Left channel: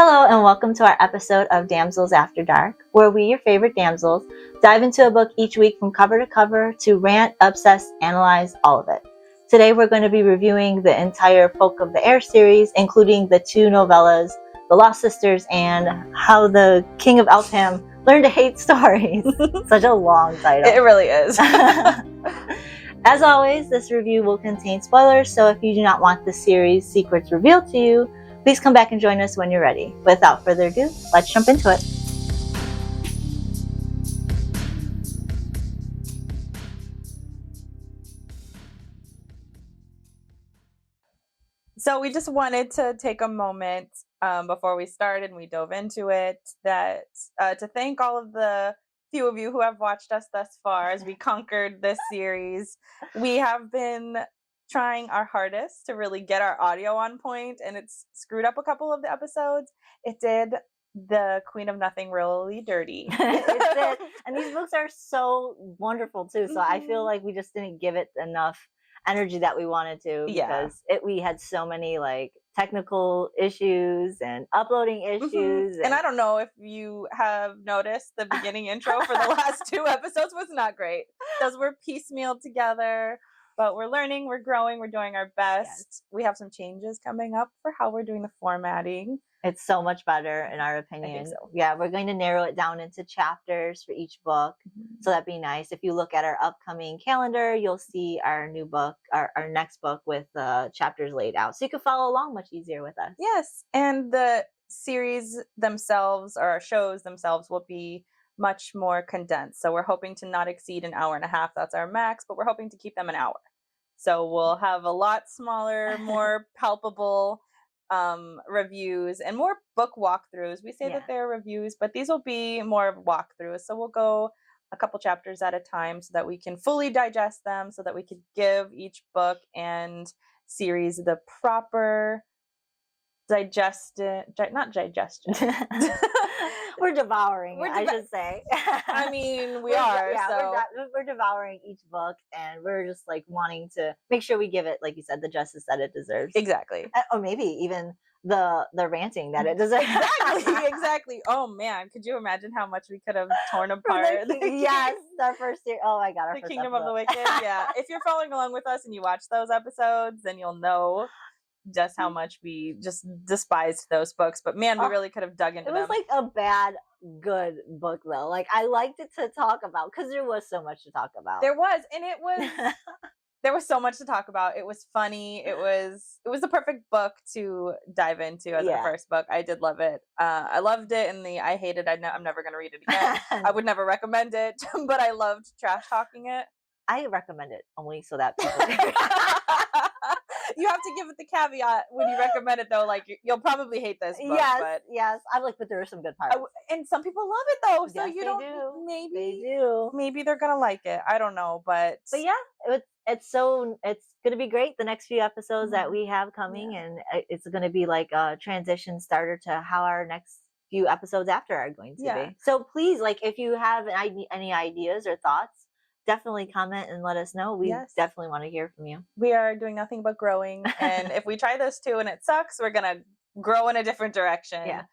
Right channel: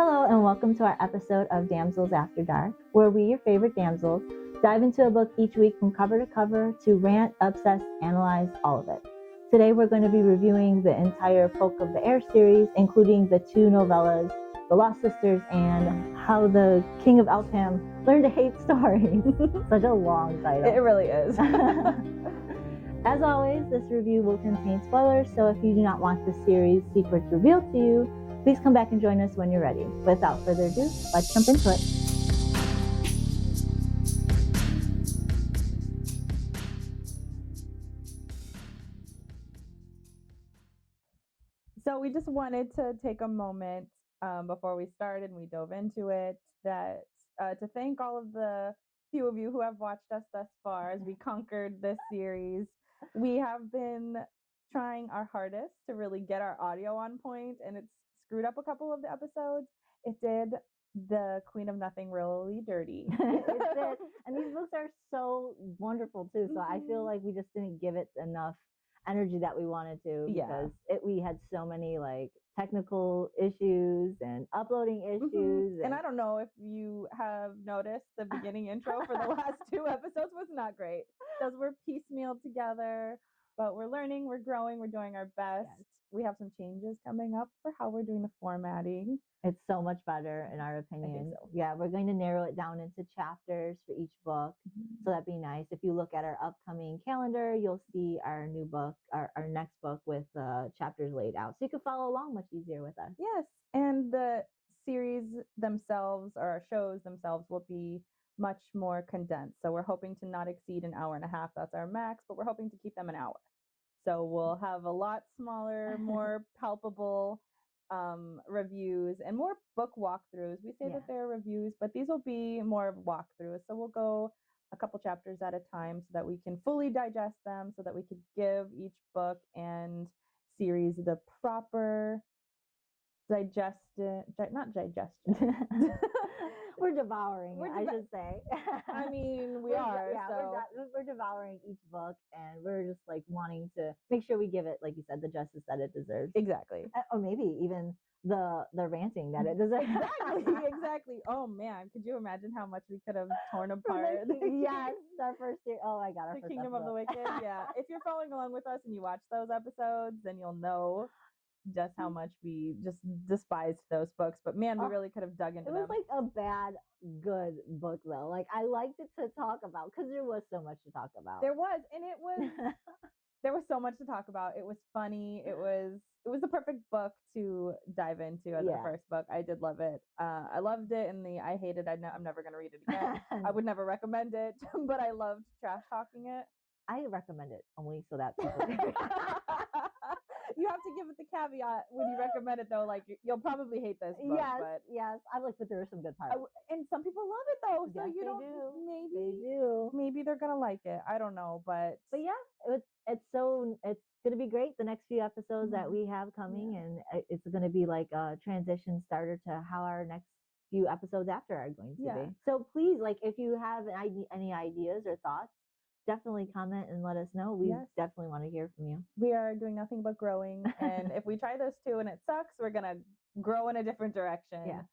Hello and welcome to our episode of Damsels After Dark, where we, your favorite damsels, dive into a book each week from cover to cover to rant, obsess, analyze, all of it. Today we're going to be reviewing the entire Folk of the Air series, including the two novellas, The Lost Sisters and How the King of Elfham Learned to Hate Stories. Such a long title. It really is. As always, this review will contain spoilers, so if you do not want the series secrets revealed to you, please come back and join us when you're ready. Without further ado, let's jump into it. So we just wanted to take a moment before we started and we dove into it to thank all of the few of you who have watched us thus far as we conquered this series. We have been trying our hardest to really get our audio on point, and it's screwed up a couple of the episodes. It did the Queen of Nothing really dirty. It did. And these books are so wonderful too, so I feel like we just didn't give it enough energy that we wanted to, because we had so many like technical issues and uploading issues. And I don't know if you have noticed, the beginning intro for the last two episodes was not great. Those were piecemealed together, but we're learning, we're growing, we're doing our best. Yes. We have some changes coming up for how we're doing the formatting. It's so much better in our opinion. I think so. Yeah, we're going to narrow it down into chapters for each book. So that'd be nice. If you look at our upcoming calendar, you'll see our new book, our next book with chapters laid out. So you can follow along much easier with us. Yes, and the series themselves, or our shows themselves, will be much more condensed. So we're hoping to not exceed an hour and a half. That's our max, but we're hoping to keep them an hour. So we'll have a lot smaller, more palpable reviews and more book walkthroughs. We say that they're reviews, but these will be more walkthroughs. So we'll go a couple chapters at a time so that we can fully digest them, so that we could give each book and series the proper not digestion. We're devouring it, I should say. I mean, we are. Yeah, so we're devouring each book, and we're just like wanting to make sure we give it, like you said, the justice that it deserves. Exactly. Or maybe even the ranting that it deserves. Exactly. Oh man, could you imagine how much we could have torn apart? Yes, our first series. Oh my god, our the first Kingdom episode. of the Wicked. Yeah. If you're following along with us and you watch those episodes, then you'll know just how much we just despised those books. But man, we really could have dug into them. It was like a bad good book though. Like I liked it to talk about because there was so much to talk about. There was, and it was there was so much to talk about. It was funny. It was the perfect book to dive into as the first book. I did love it. I loved it, and I hated it. I'm never going to read it again. I would never recommend it, but I loved trash talking it. I recommend it only so that people You have to give it the caveat when you recommend it, though. Like, you'll probably hate this book. Yes. I'm like, but there are some good parts. And some people love it, though. So yes, you don't. Maybe they do. Maybe they're gonna like it. I don't know, but yeah, it's gonna be great. The next few episodes that we have coming, and it's gonna be like a transition starter to how our next few episodes after are going to be. So please, like, if you have any ideas or thoughts, definitely comment and let us know. We definitely want to hear from you. We are doing nothing but growing. And if we try this too and it sucks, we're going to grow in a different direction. Yeah.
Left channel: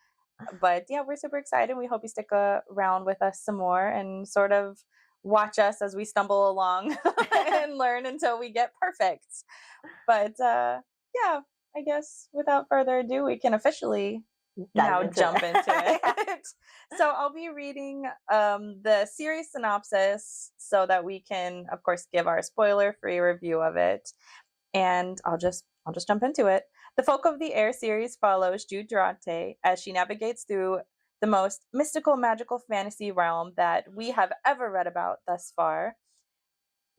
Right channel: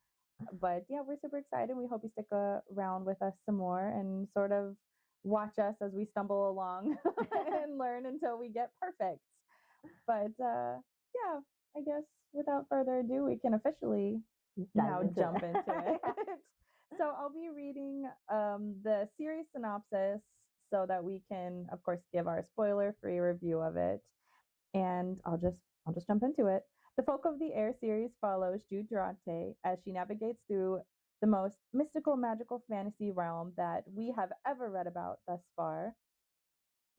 But yeah, we're super excited. We hope you stick around with us some more and sort of watch us as we stumble along and learn until we get perfect. But yeah, I guess without further ado, we can officially jump into it. So I'll be reading the series synopsis so that we can, of course, give our spoiler-free review of it. And I'll just jump into it. The Folk of the Air series follows Jude Durante as she navigates through the most mystical, magical fantasy realm that we have ever read about thus far.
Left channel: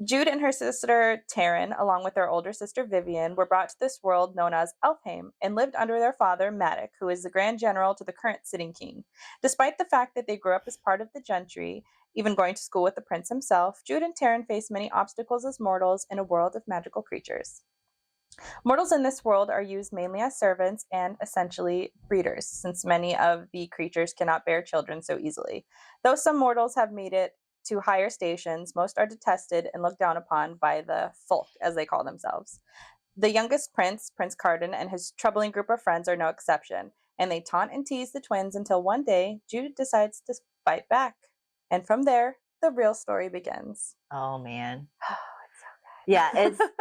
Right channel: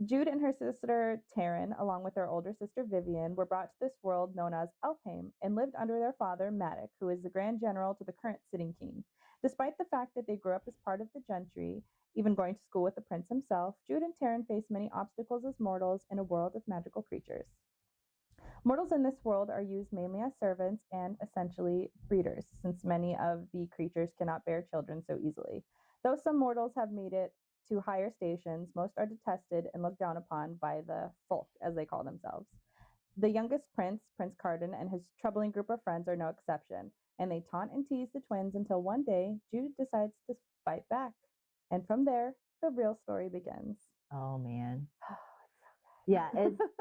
Jude and her sister Taryn, along with their older sister Vivian, were brought to this world known as Elfham and lived under their father Madoc, who is the Grand General to the current sitting king. Despite the fact that they grew up as part of the gentry, even going to school with the prince himself, Jude and Taryn face many obstacles as mortals in a world of magical creatures. Mortals in this world are used mainly as servants and essentially breeders, since many of the creatures cannot bear children so easily. Though some mortals have made it to higher stations, most are detested and looked down upon by the folk, as they call themselves. The youngest prince, Prince Carden, and his troubling group of friends are no exception. and they taunt and tease the twins until one day Jude decides to fight back. And from there, the real story begins. Oh man. Oh, it's so Yeah,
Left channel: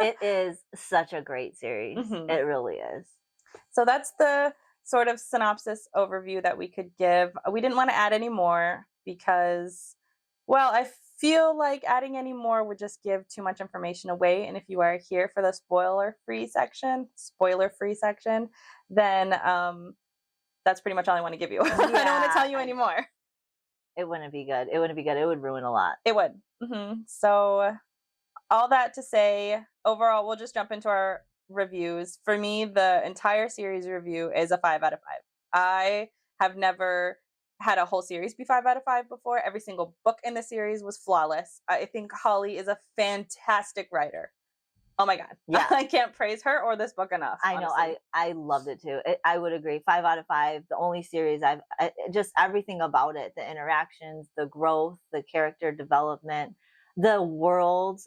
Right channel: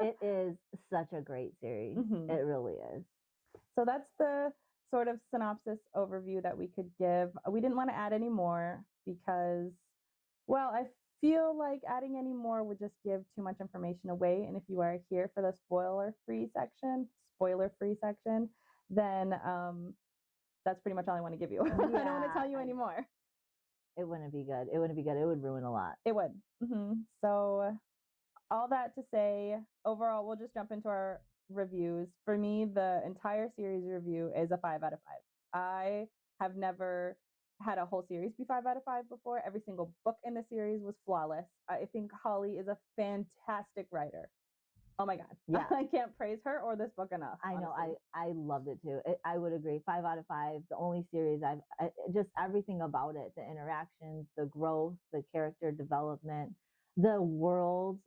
it is such a great series. Mhm. It really is. So that's the sort of synopsis overview that we could give. We didn't want to add any more because, well, I feel like adding any more would just give too much information away. And if you are here for the spoiler-free section, then that's pretty much all I want to give you. I don't want to tell you anymore. It wouldn't be good. It wouldn't be good. It would ruin a lot. It would. So all that to say, overall, we'll just jump into our reviews. For me, the entire series review is a 5 out of 5. I have never had a whole series be 5 out of 5 before. Every single book in the series was flawless. I think Holly is a fantastic writer. Oh my God. Yeah. I can't praise her or this book enough. I know. honestly. I loved it too. I would agree. 5 out of 5. The only series just everything about it, the interactions, the growth, the character development, the world.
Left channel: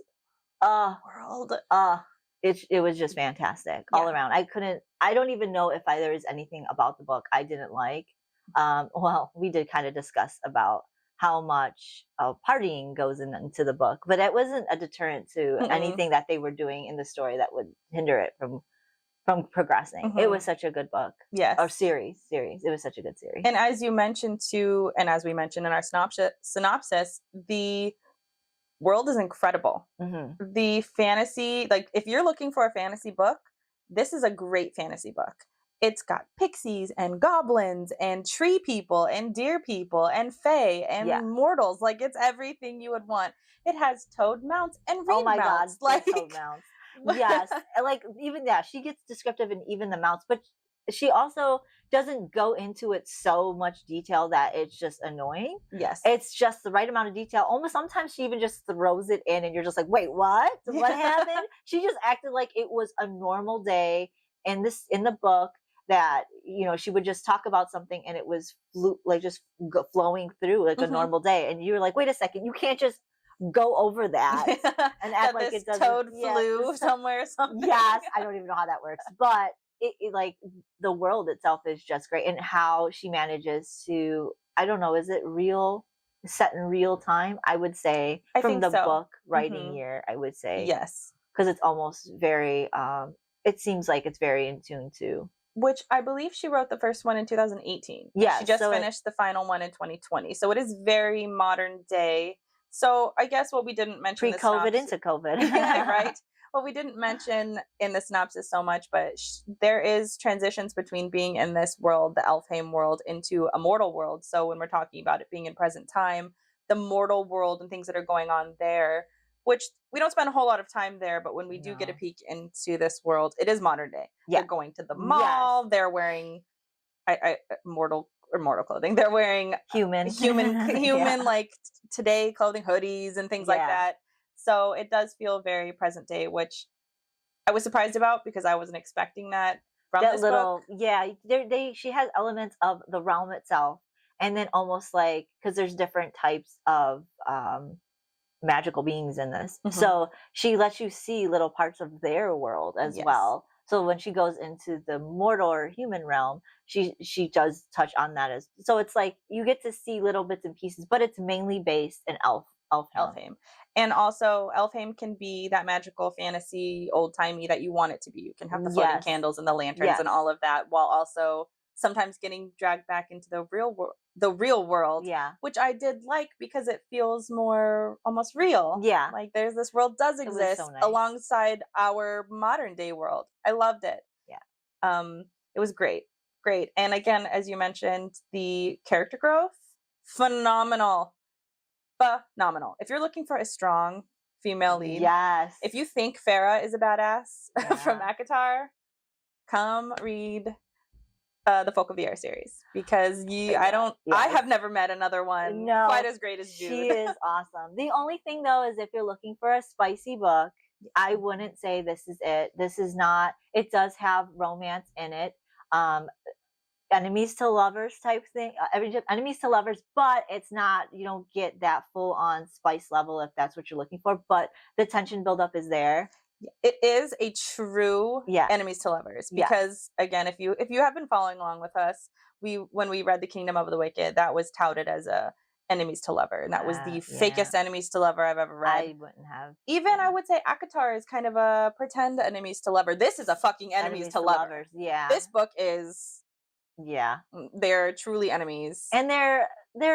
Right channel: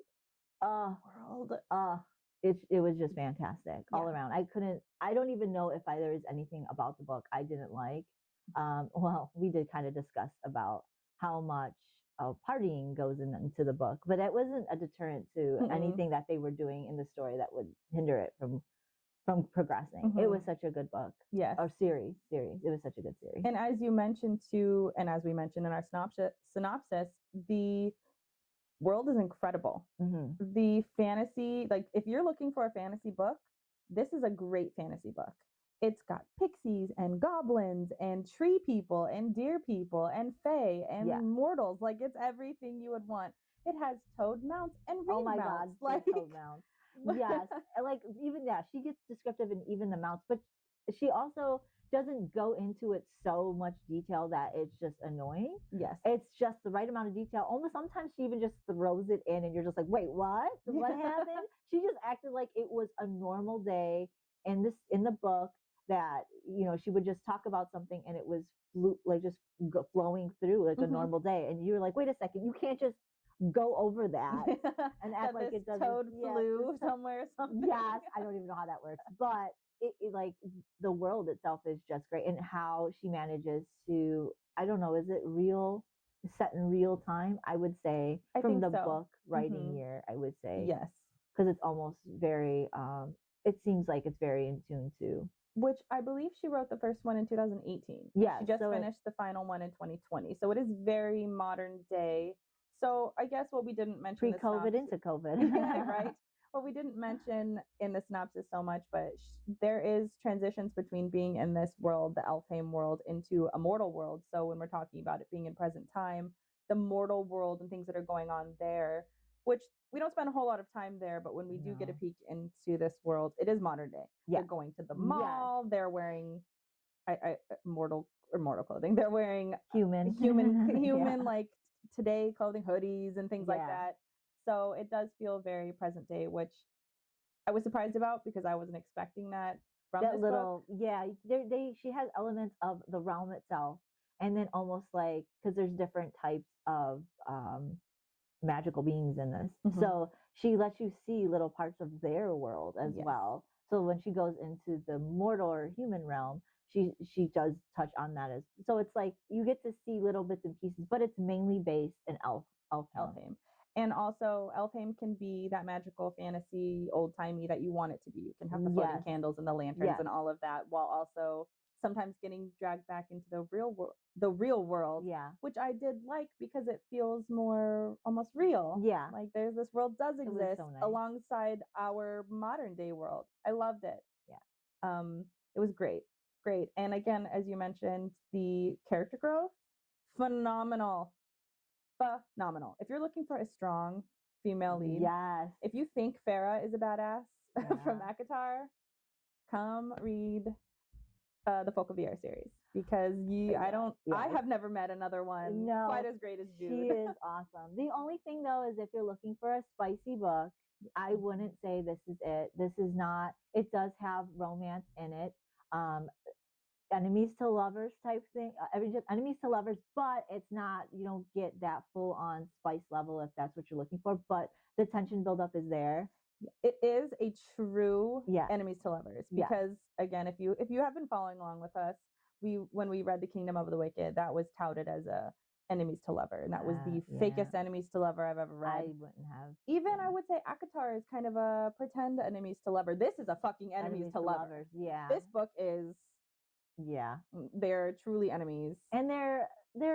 It was just fantastic all around. I don't even know if there was anything about the book I didn't like. Well, we did kind of discuss about how much partying goes into the book, but it wasn't a deterrent to anything that they were doing in the story that would hinder it from progressing. It was such a good book. Yes. Or series. It was such a good series. And as you mentioned too, and as we mentioned in our synopsis, the world is incredible. The fantasy, like if you're looking for a fantasy book, this is a great fantasy book. It's got pixies and goblins and tree people and deer people and fae and mortals. Like it's everything you would want. It has toad mounts and reed mounts. God, like toad mounts. Yes. Like even she gets descriptive in even the mounts, but she also doesn't go into it so much detail that it's just annoying. Yes. It's just the right amount of detail. Almost sometimes she even just throws it in and you're just like, wait, what? What happened? She just acted like it was a normal day in the book that, she would just talk about something and it was flowing through like a normal day. And you were like, wait a second, you can't just go over that and act like it doesn't. Toad flew somewhere or something. Yes, I don't even know how that works, but it like the world itself is just great, and how she manages to, I don't know, is it set in real time? I would say from the book writing year, I would say yes, because it's almost very. It seems like it's very in tune to. Which I believe she wrote the first one in 2018. Yeah, she just finished the final one in 2020, so it is very modern day. So I guess what we didn't mention pre-COVID into COVID, yeah, right? Well, we didn't mention in the synopsis so much, but there is transitions between being in this world, the Elfhame world, into a mortal world. So when we're talking about it being in present time, the mortal world and things that are going on there, which we don't spend a whole lot of time there, but when we do get a peek into this world, it is modern day. Yeah. They're going to the mall. Yes. They're wearing mortal clothing. They're wearing human yeah. Like today clothing, hoodies and things like that. So it does feel very present day, which I was surprised about because I wasn't expecting that from this book. Yeah, she has elements of the realm itself, and then almost like, because there's different types of magical beings in this, so she lets you see little parts of their world as well. So when she goes into the mortal or human realm, she does touch on that so it's like you get to see little bits and pieces, but it's mainly based in Elfhame. And also, Elfhame can be that magical fantasy, old-timey that you want it to be. You can have the floating candles and the lanterns and all of that, while also sometimes getting dragged back into the real world. Yeah. Which I did like because it feels more almost real. Yeah. Like this world does exist alongside our modern day world. I loved it. Yeah. It was great. Great. And again, as you mentioned, the character growth, phenomenal. If you're looking for a strong female lead, yes. If you think Farah is a badass from ACOTAR, come read the Folk of the Air series, because I have never met another one quite as great as Jude. She is awesome. The only thing though is if you're looking for a spicy book, I wouldn't say this is it. This is not. It does have romance in it. Enemies to lovers type thing, enemies to lovers, but it's not, you don't get that full on spice level if that's what you're looking for, but the tension buildup is there. It is a true enemies to lovers, because again, if you have been following along with us, when we read The Kingdom of the Wicked, that was touted as a enemies to lover, and that was the fakest enemies to lover I've ever read. I wouldn't have. Even I would say Akatar is kind of a pretend enemies to lover. This is a fucking enemies to lovers. Yeah. This book is, yeah, they're truly enemies. And they're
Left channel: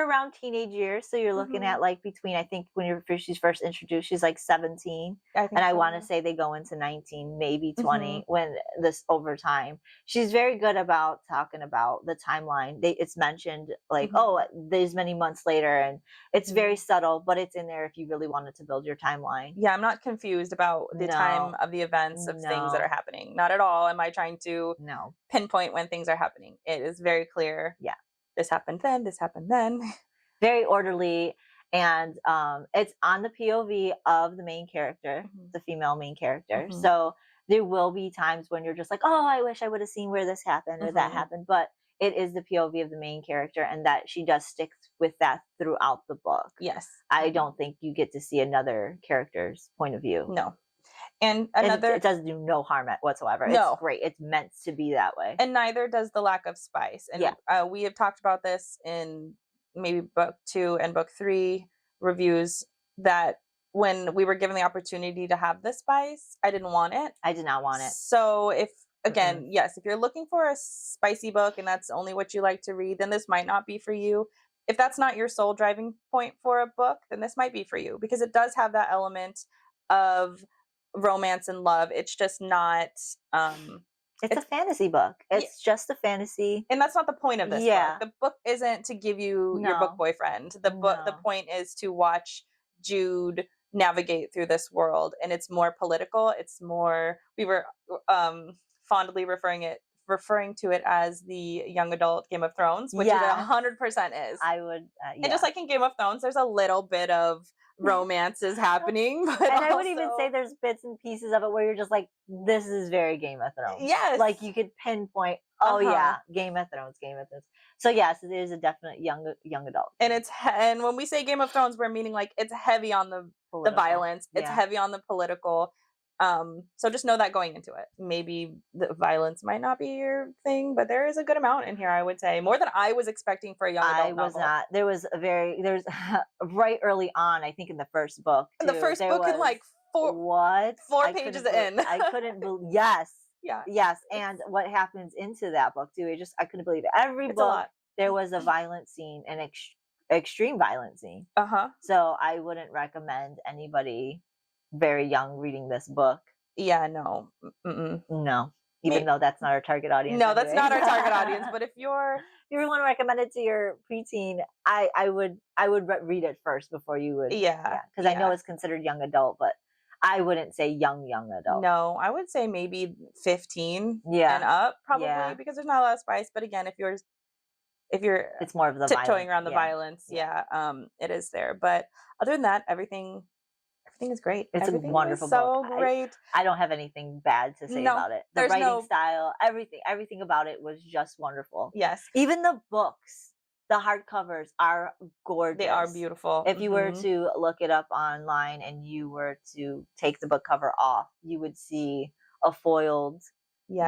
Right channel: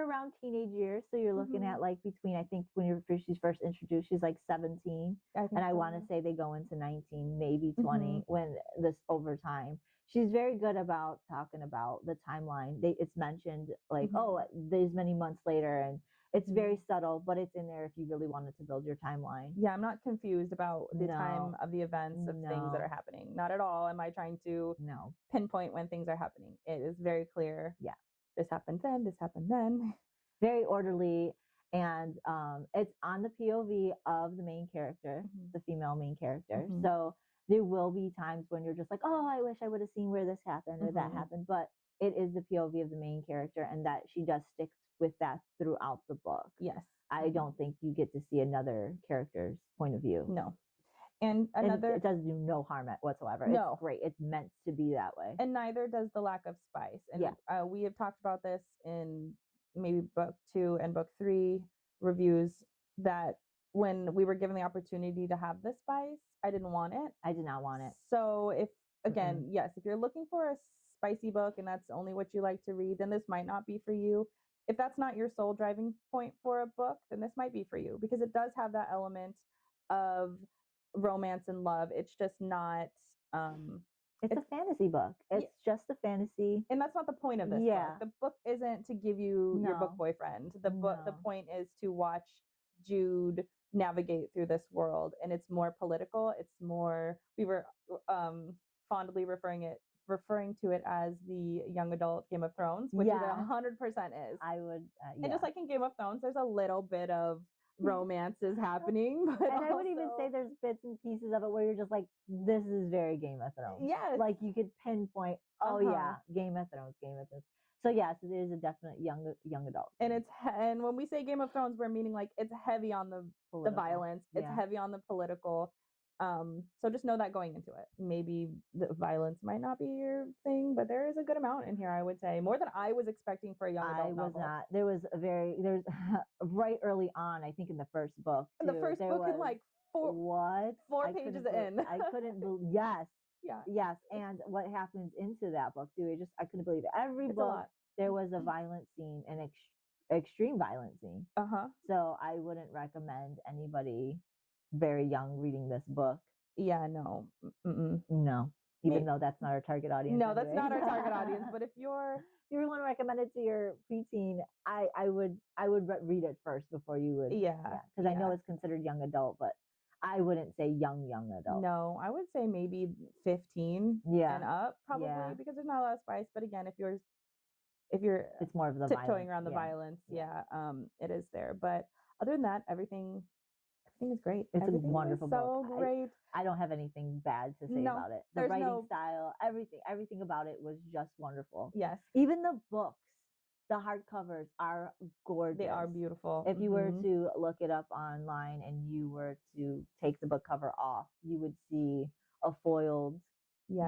around teenage years, so you're looking at like between, I think when she's first introduced, she's like 17, I want to say they go into 19, maybe 20 when this over time. She's very good about talking about the timeline. It's mentioned like, oh, there's many months later, and it's very subtle, but it's in there if you really wanted to build your timeline. Yeah, I'm not confused about the time of the events of things that are happening. Not at all. Am I trying to pinpoint when things are happening? It is very clear. Yeah. This happened then, this happened then. Very orderly, and it's on the POV of the main character, the female main character. So there will be times when you're just like, oh, I wish I would have seen where this happened or that happened, but it is the POV of the main character, and that she does stick with that throughout the book. Yes. I don't think you get to see another character's point of view. No. And another, it does do no harm whatsoever. No. It's great. It's meant to be that way. And neither does the lack of spice. And we have talked about this in maybe book 2 and book 3 reviews, that when we were given the opportunity to have the spice, I didn't want it. I did not want it. So if you're looking for a spicy book and that's only what you like to read, then this might not be for you. If that's not your sole driving point for a book, then this might be for you, because it does have that element of romance and love. It's just not it's a fantasy book. It's just a fantasy, and that's not the point of this book. The book isn't to give you your book boyfriend. The point is to watch Jude navigate through this world, and it's more political. It's more, we were fondly referring to it as the young adult Game of Thrones, which it 100% is. I would and just like in Game of Thrones, there's a little bit of romance is happening, but I would even say there's bits and pieces of it where you're just like, this is very Game of Thrones. Yes, like you could pinpoint, Game of Thrones. So yes, it is a definite young adult, and when we say Game of Thrones, we're meaning like it's heavy on the violence, it's heavy on the political. So just know that going into it. Maybe the violence might not be your thing, but there is a good amount in here, I would say. More than I was expecting for a young adult novel. Not. There's right early on, I think in the first book. Too, the first book in like 4 pages in. I couldn't believe, yes. And what happens into that book too, I couldn't believe it. Every book, there was a violent scene, an extreme violent scene. So I wouldn't recommend anybody very young reading this book. No. No. Even though that's not our target audience. No, that's not our target audience. But if you want to recommend it to your preteen, I would read it first before you would. Because I know it's considered young adult, but I wouldn't say young adult. No, I would say maybe 15 and up, probably, because there's not a lot of spice. But again, if you're it's more of the tiptoeing around the violence, it is there. But other than that, everything is great. It's everything a wonderful book. So great. I don't have anything bad to say about it. The writing style, everything about it was just wonderful. Yes. Even the books, the hardcovers are gorgeous. They are beautiful. If you were to look it up online and you were to take the book cover off, you would see a foiled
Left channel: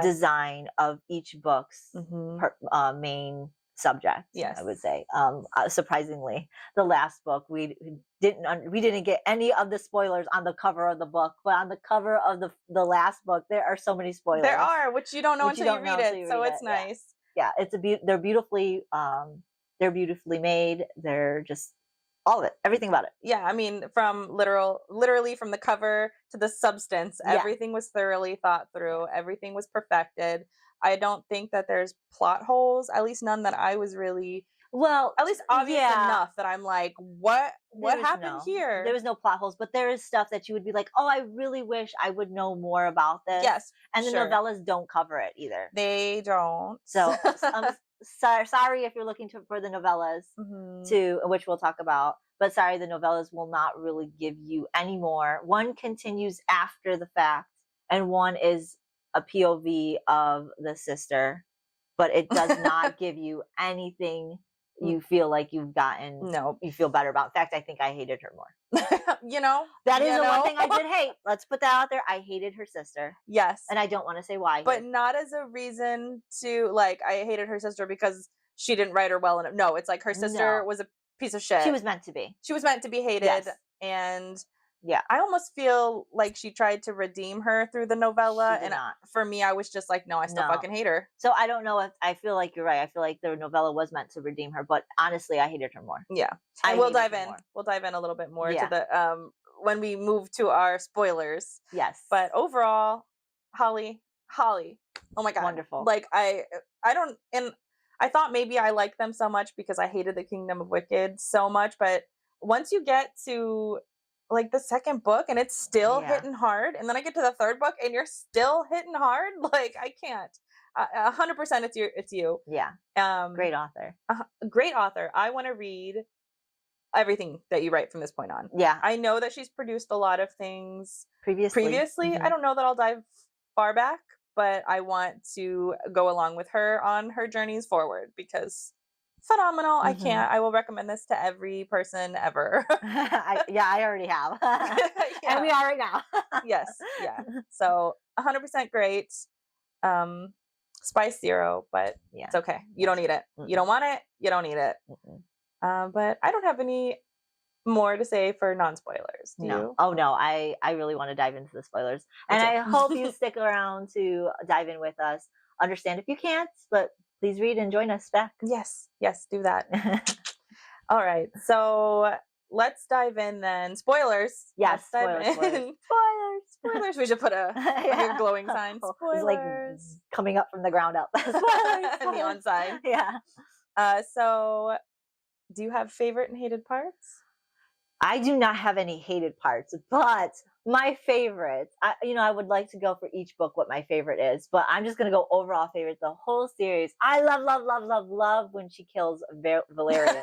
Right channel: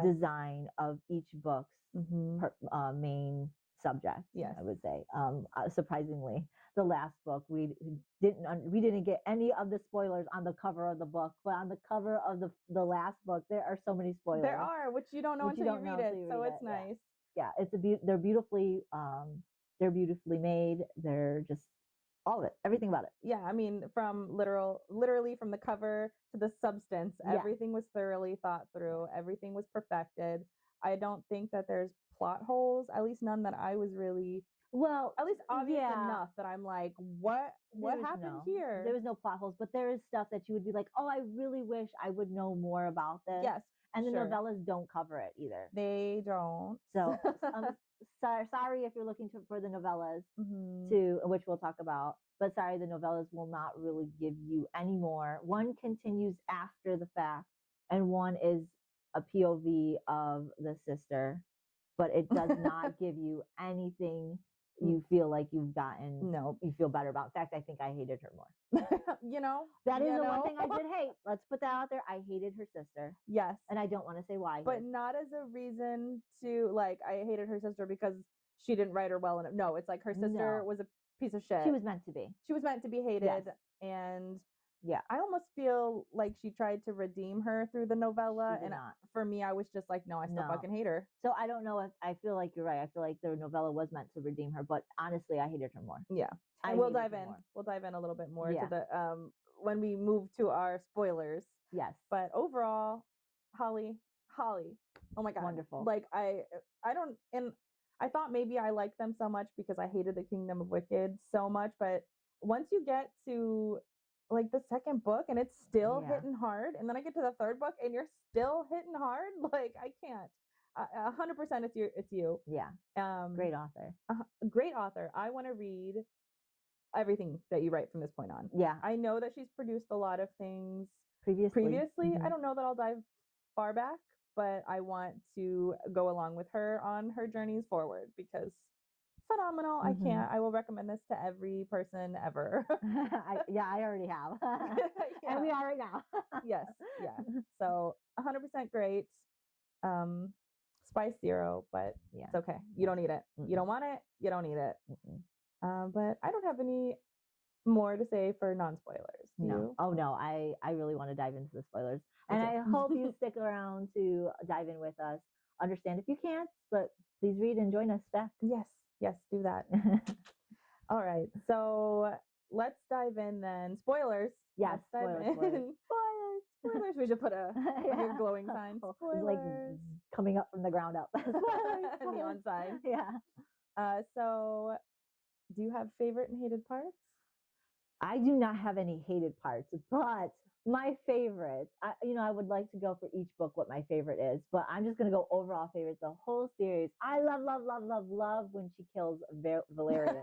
design of each book's main subject. I would say. Surprisingly, the last book we didn't get any of the spoilers on the cover of the book, but on the cover of the last book there are so many spoilers. There are, which you don't know until you read it. So it's nice. It's they're beautifully made. They're just all of it, everything about it. I mean, from literally from the cover to the substance, everything was thoroughly thought through. Everything was perfected. I don't think that there's plot holes, at least none that I was really, at least obvious enough that I'm like, what happened here? There was no plot holes, but there is stuff that you would be like, oh, I really wish I would know more about this. Yes. And the novellas don't cover it either. They don't. So sorry if you're looking for the novellas which we'll talk about, but sorry, the novellas will not really give you any more. One continues after the fact, and one is a POV of the sister, but it does not give you anything you feel like you've gotten. No, you feel better about. In fact, I think I hated her more. That is the one thing I did hate. Let's put that out there. I hated her sister. Yes. And I don't want to say why. But not as a reason to, like, I hated her sister because she didn't write her well enough. No, it's like her sister No. was a piece of shit. She was meant to be. She was meant to be hated. Yes. And Yeah. I almost feel like she tried to redeem her through the novella. She did And not. for me, I was just like, no, I still No. fucking hate her. So I don't know if I feel like you're right. I feel like the novella was meant to redeem her, but honestly, I hated her more. Yeah. I And we'll hated dive her in. more. We'll dive in a little bit more Yeah. to the when we move to our spoilers. Yes. But overall, Holly. Oh my God. Wonderful. Like I don't, and I thought maybe I liked them so much because I hated the Kingdom of Wicked so much, but once you get to like the second book and it's still Yeah. hitting hard, and then I get to the third book and you're still hitting hard, like I can't. 100% it's you. Yeah. Great author. Great author. I want to read everything that you write from this point on. Yeah. I know that she's produced a lot of things Previously. I don't know that I'll dive far back, but I want to go along with her on her journeys forward because phenomenal. I can't. I will recommend this to every person ever. I already have. And we are right now. Yes. Yeah. So 100% great. Spice zero, but Yeah. it's okay. You don't need it. You don't want it. You don't need it. But I don't have any more to say for non-spoilers. Do you? Oh no, I really want to dive into the spoilers, and I hope you stick around to dive in with us. Understand if you can't, but please read and join us back. Yes, do that. All right, so let's dive in then. Spoilers. Yes, Let's dive in. Spoilers. We should put a glowing sign. Spoilers. It's like coming up from the ground up. Spoilers. Neon sign. Yeah. So, do you have favorite and hated parts? I do not have any hated parts, but my favorites, I would like to go for each book what my favorite is, but I'm just going to go overall favorite, the whole series. I love when she kills Valerian.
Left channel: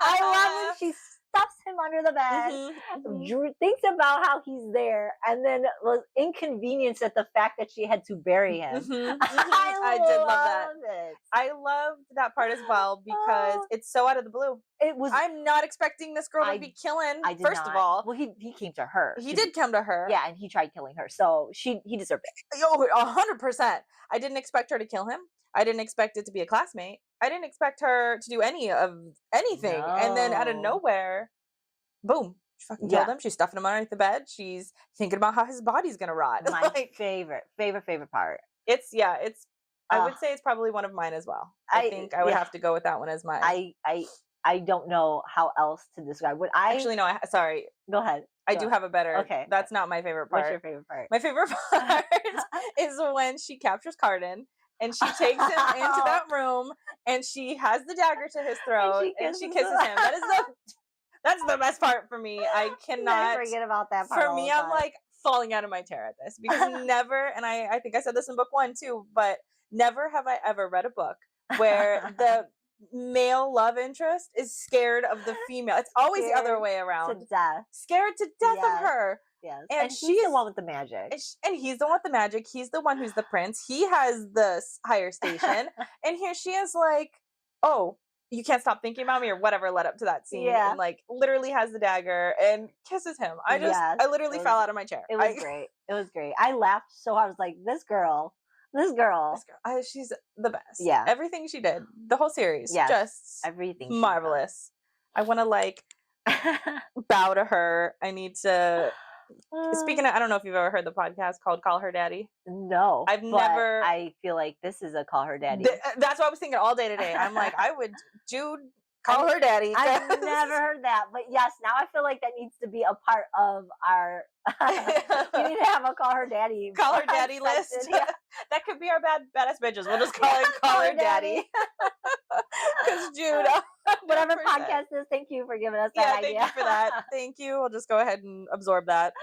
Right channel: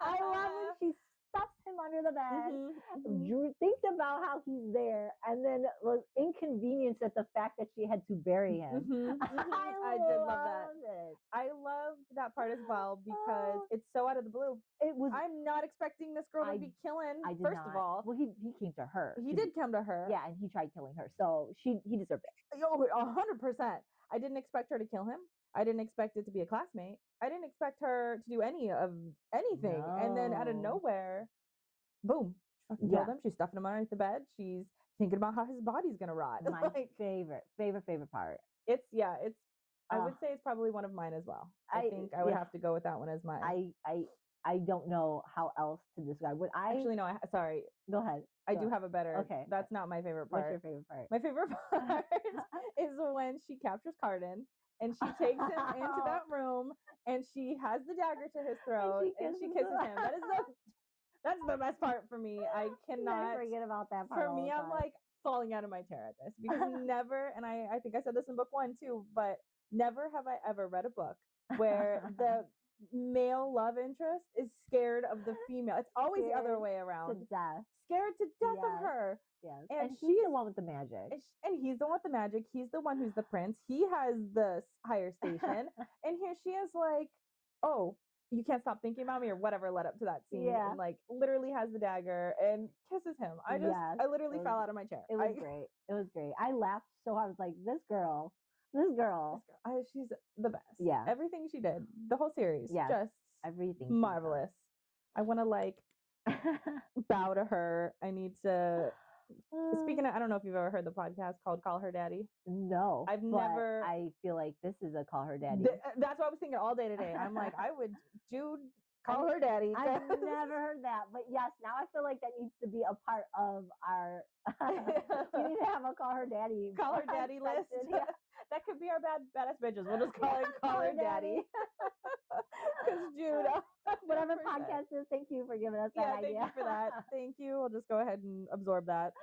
I love when she stuffs him under the bed, thinks about how he's there, and then was inconvenienced at the fact that she had to bury him. I did love that. It. I loved that part as well because it's so out of the blue. It was. I'm not expecting this girl to be killing. First of all, well, he came to her. He did come to her. Yeah, and he tried killing her, so he deserved it. Oh, 100%. I didn't expect her to kill him. I didn't expect it to be a classmate. I didn't expect her to do anything. No. And then out of nowhere, boom, she fucking killed him. She's stuffing him underneath the bed. She's thinking about how his body's gonna rot. My favorite part. I would say it's probably one of mine as well. I think I would have to go with that one as mine. I don't know how else to describe what I actually no. Sorry. Go ahead. I do have a better. Okay. That's not my favorite part. What's your favorite part? My favorite part is when she captures Carden and she takes him into that room and she has the dagger to his throat and she kisses him. That's the best part for me. I cannot forget about that part. For me, I'm like falling out of my chair at this because never, and I think I said this in book 1 too, but never have I ever read a book where the male love interest is scared of the female. It's always the other way around. To death. Scared to death of her. Yes. And she's the one with the magic. And he's the one with the magic. He's the one who's the prince. He has the higher station. And here she is like, oh, you can't stop thinking about me or whatever led up to that scene. Yeah. And like literally has the dagger and kisses him. I literally fell out of my chair. It was great. It was great. I laughed so hard. I was like, this girl, she's the best. Yeah. Everything she did, the whole series, just everything marvelous. I want to like bow to her. I need to. Speaking of, I don't know if you've ever heard the podcast called "Call Her Daddy." No, I've never. I feel like this is a "Call Her Daddy." That's what I was thinking all day today. I'm like, I would, Jude, call her daddy. I've never heard that, but yes, now I feel like that needs to be a part of our. We need to have a "Call Her Daddy." Call her daddy list. Yeah. That could be our badass bitches. We'll just call it "Call Her Daddy." Because Jude, whatever podcast is, thank you for giving us that idea. Thank you for that. Thank you. We'll just go ahead and absorb that.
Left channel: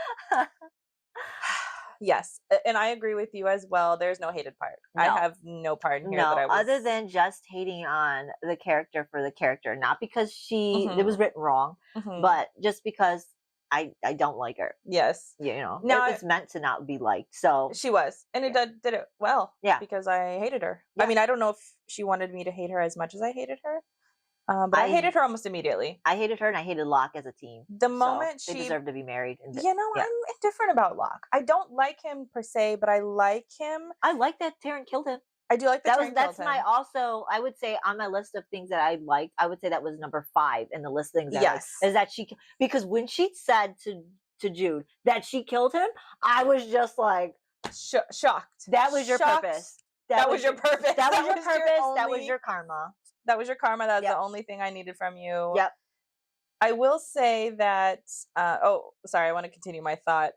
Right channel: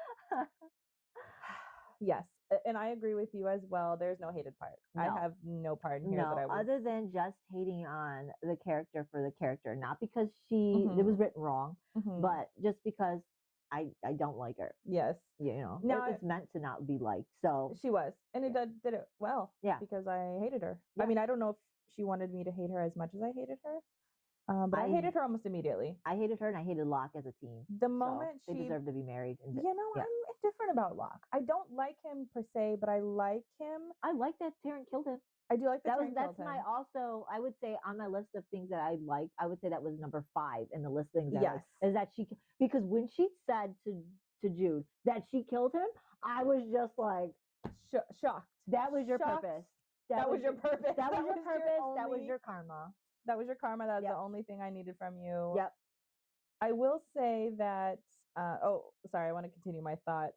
Yes, and I agree with you as well. There's no hated part. No. I have no part in here that I was... other than just hating on the character for the character, not because it was written wrong, but just because I don't like her. Yes, it was meant to not be liked. So she was, and it did it well. Yeah, because I hated her. Yeah. I mean, I don't know if she wanted me to hate her as much as I hated her. But I hated her almost immediately. I hated her and I hated Locke as a team. The moment they deserve to be married. I'm indifferent about Locke. I don't like him per se, but I like him. I like that Tarrant killed him. I do like that Tyrion That's killed my him. also, I would say, on my list of things that I liked, I would say that was number 5 in the list of things that I liked, Yes. is that because when she said to Jude that she killed him, I was just like, Shocked. that was your Shocked. purpose. That was your purpose. That was your was purpose. That was only- your karma. That was your karma. That's Yep. the only thing I needed from you. Yep. I will say that, sorry, I want to continue my thought.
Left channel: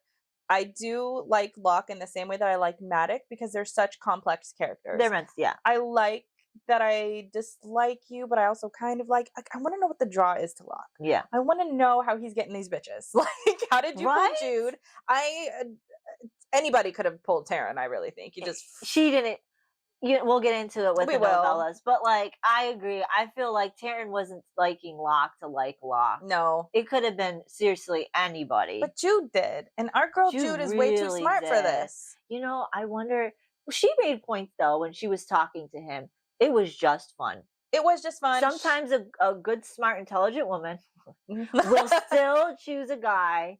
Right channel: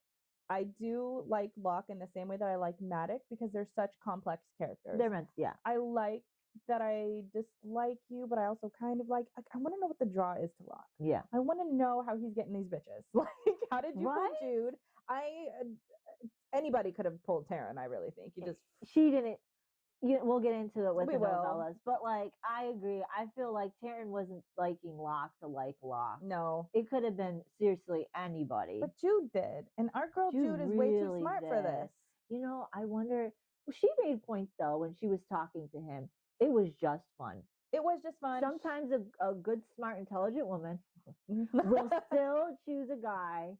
I do like Locke in the same way that I like Maddox because they're such complex characters. They're meant, yeah. I like that I dislike you, but I also kind of like, I want to know what the draw is to Locke. Yeah. I want to know how he's getting these bitches. Like, how did you Right? pull Jude? Anybody could have pulled Taryn, I really think. You just... She didn't. We'll get into it with We the will. novellas, but like, I agree. I feel like Taryn wasn't liking Locke to like Locke. No. It could have been seriously anybody. But Jude did. And our girl Jude is way too really smart for did. this. You know, I wonder. She made points though when she was talking to him. It was just fun. It was just fun. Sometimes a good, smart, intelligent woman will still choose a guy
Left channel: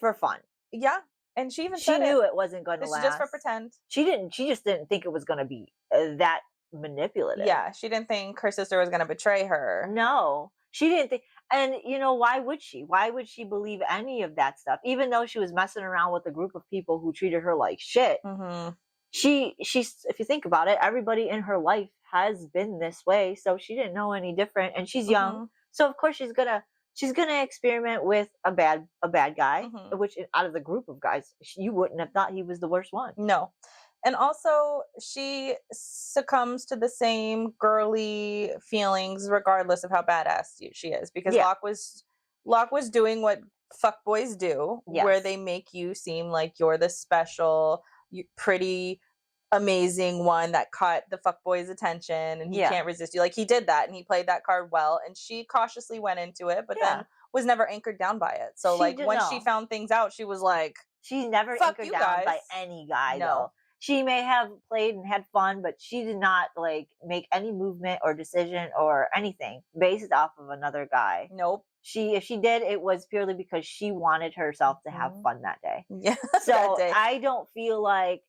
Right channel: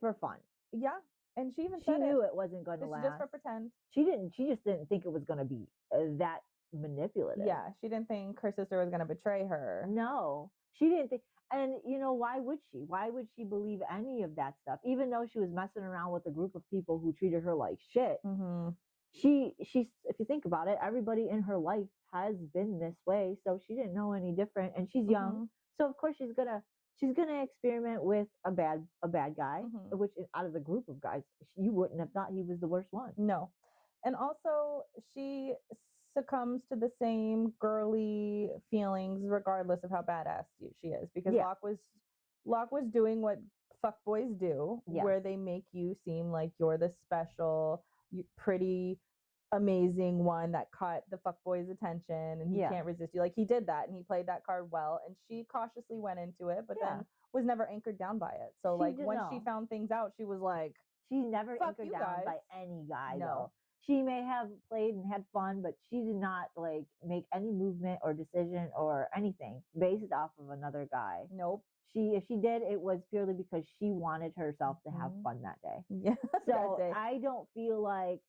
for fun. Yeah. And she even She said knew it wasn't going to It's last. just for pretend. She just didn't think it was going to be that manipulative. Yeah, she didn't think her sister was going to betray her. No, she didn't think. And you know, why would she? Why would she believe any of that stuff? Even though she was messing around with a group of people who treated her like shit. Mm-hmm. She's, if you think about it, everybody in her life has been this way, so she didn't know any different. And she's young, so of course she's gonna experiment with a bad guy, which out of the group of guys, you wouldn't have thought he was the worst one. No. And also she succumbs to the same girly feelings regardless of how badass she is, because Locke was doing what fuckboys do, where they make you seem like you're the special, pretty, amazing one that caught the fuckboy's attention and he can't resist you. Like, he did that and he played that card well, and she cautiously went into it, but then was never anchored down by it. So when she found things out, she was like, she's never anchored down by any guy. Though she may have played and had fun, but she did not like make any movement or decision or anything based off of another guy. Nope. If she did, it was purely because she wanted herself to have fun that day. Yeah. So I don't feel like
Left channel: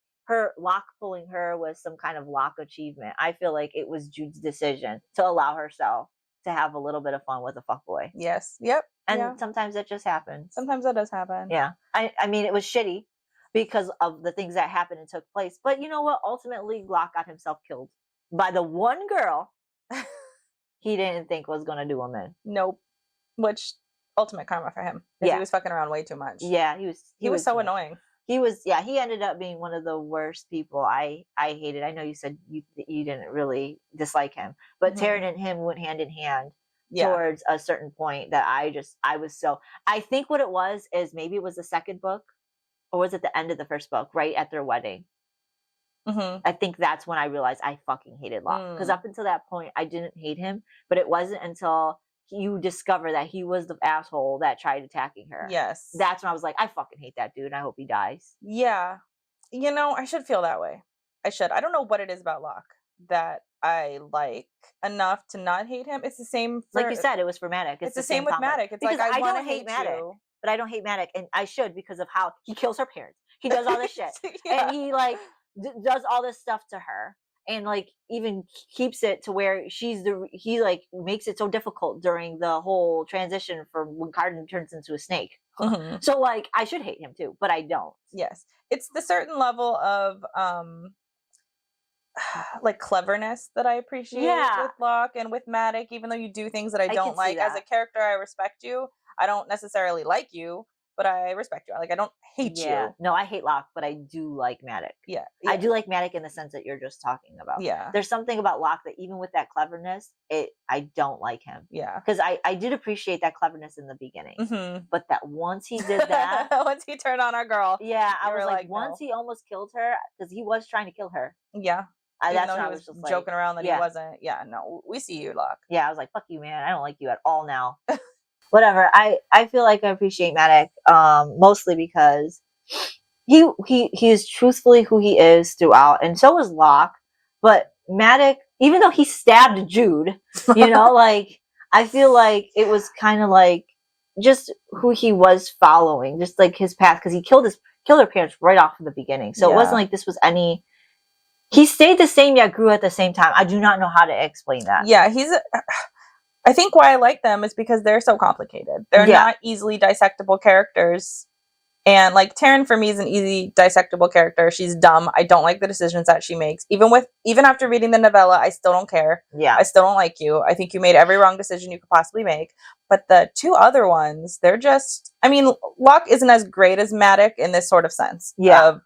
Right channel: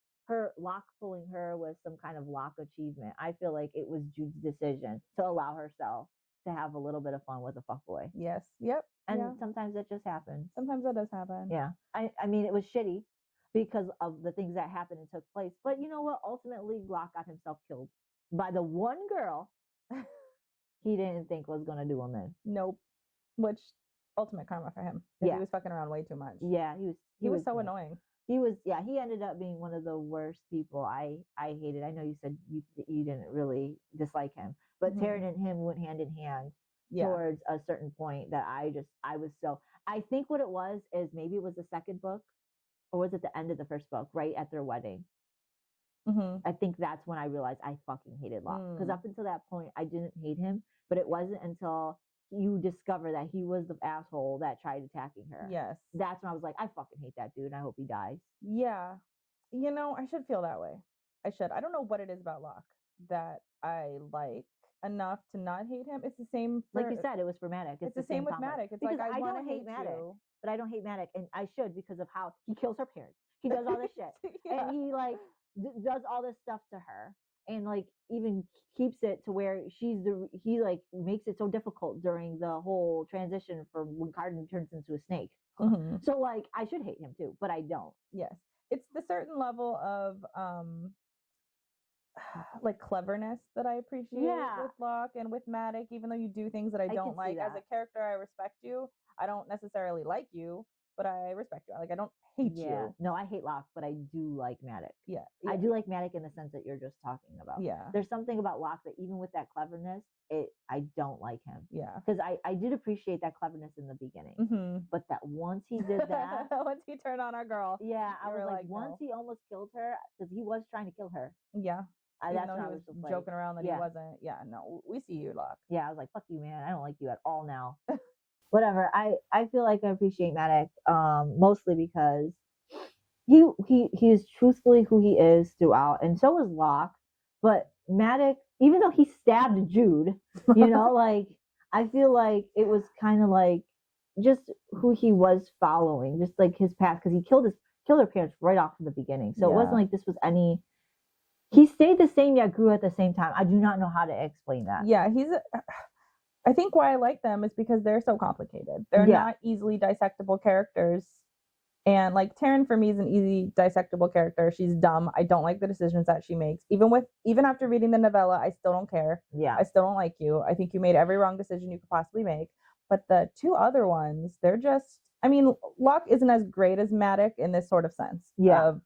Locke pulling her was some kind of Locke achievement. I feel like it was Jude's decision to allow herself to have a little bit of fun with a fuckboy. Yes. Yep. And sometimes that just happens. Sometimes that does happen. Yeah. I mean, it was shitty because of the things that happened and took place. But you know what? Ultimately, Locke got himself killed by the one girl he didn't think was going to do him in. Nope. Which, ultimate karma for him. Because he was fucking around way too much. Yeah, he was so annoying. He ended up being one of the worst people I hated. I know you said you didn't really dislike him, but Taryn and him went hand in hand towards a certain point that I think what it was is maybe it was the second book, or was it the end of the first book, right at their wedding? I think that's when I realized I fucking hated Locke, because up until that point I didn't hate him, but it wasn't until you discover that he was the asshole that tried attacking her. Yes. That's when I was like, I fucking hate that dude and I hope he dies. Yeah. You know, I should feel that way. I should. I don't know what it is about Locke that I like enough to not hate him. It's the same like you said, it was for Maddox. It's the same with Maddox. It's because like I want to hate Maddox, but I don't hate Maddox, and I should, because of how he kills her parents. He does all this shit. And he like does all this stuff to her. And like even keeps it to where he like makes it so difficult during the whole transition from when Carden turns into a snake. So like I should hate him too, but I don't. Yes, it's the certain level of like cleverness that I appreciate with Locke and with Maddox. Even though you do things that I don't like as a character, I respect you. I don't necessarily like you, but I respect you. Like, I don't hate you. No, I hate Locke, but I do like Maddox. Yeah. I do like Maddox in the sense that you're just talking about. Yeah. There's something about Locke that even with that cleverness, I don't like him. Yeah. Because I did appreciate that cleverness in the beginning. But that once he did that. Once he turned on our girl. Yeah. I was like, once he almost killed her, because he was trying to kill her. Yeah. That's when I was just joking around that he wasn't. Yeah, no, we see you, Locke. Yeah, I was like, fuck you, man. I don't like you at all now. Whatever. I feel like I appreciate Maddox, mostly because he is truthfully who he is throughout, and so is Locke. But Maddox, even though he stabbed Jude, you know, like I feel like it was kind of like just who he was following, just like his path, because he killed her parents right off in the beginning. So it wasn't like this was any He stayed the same yet grew at the same time. I do not know how to explain that. Yeah, I think why I like them is because they're so complicated. They're not easily dissectable characters. And like Taryn for me is an easy dissectable character. She's dumb. I don't like the decisions that she makes. Even after reading the novella, I still don't care. Yeah. I still don't like you. I think you made every wrong decision you could possibly make. But the two other ones, they're just, I mean, Locke isn't as great as Maddox in this sort of sense of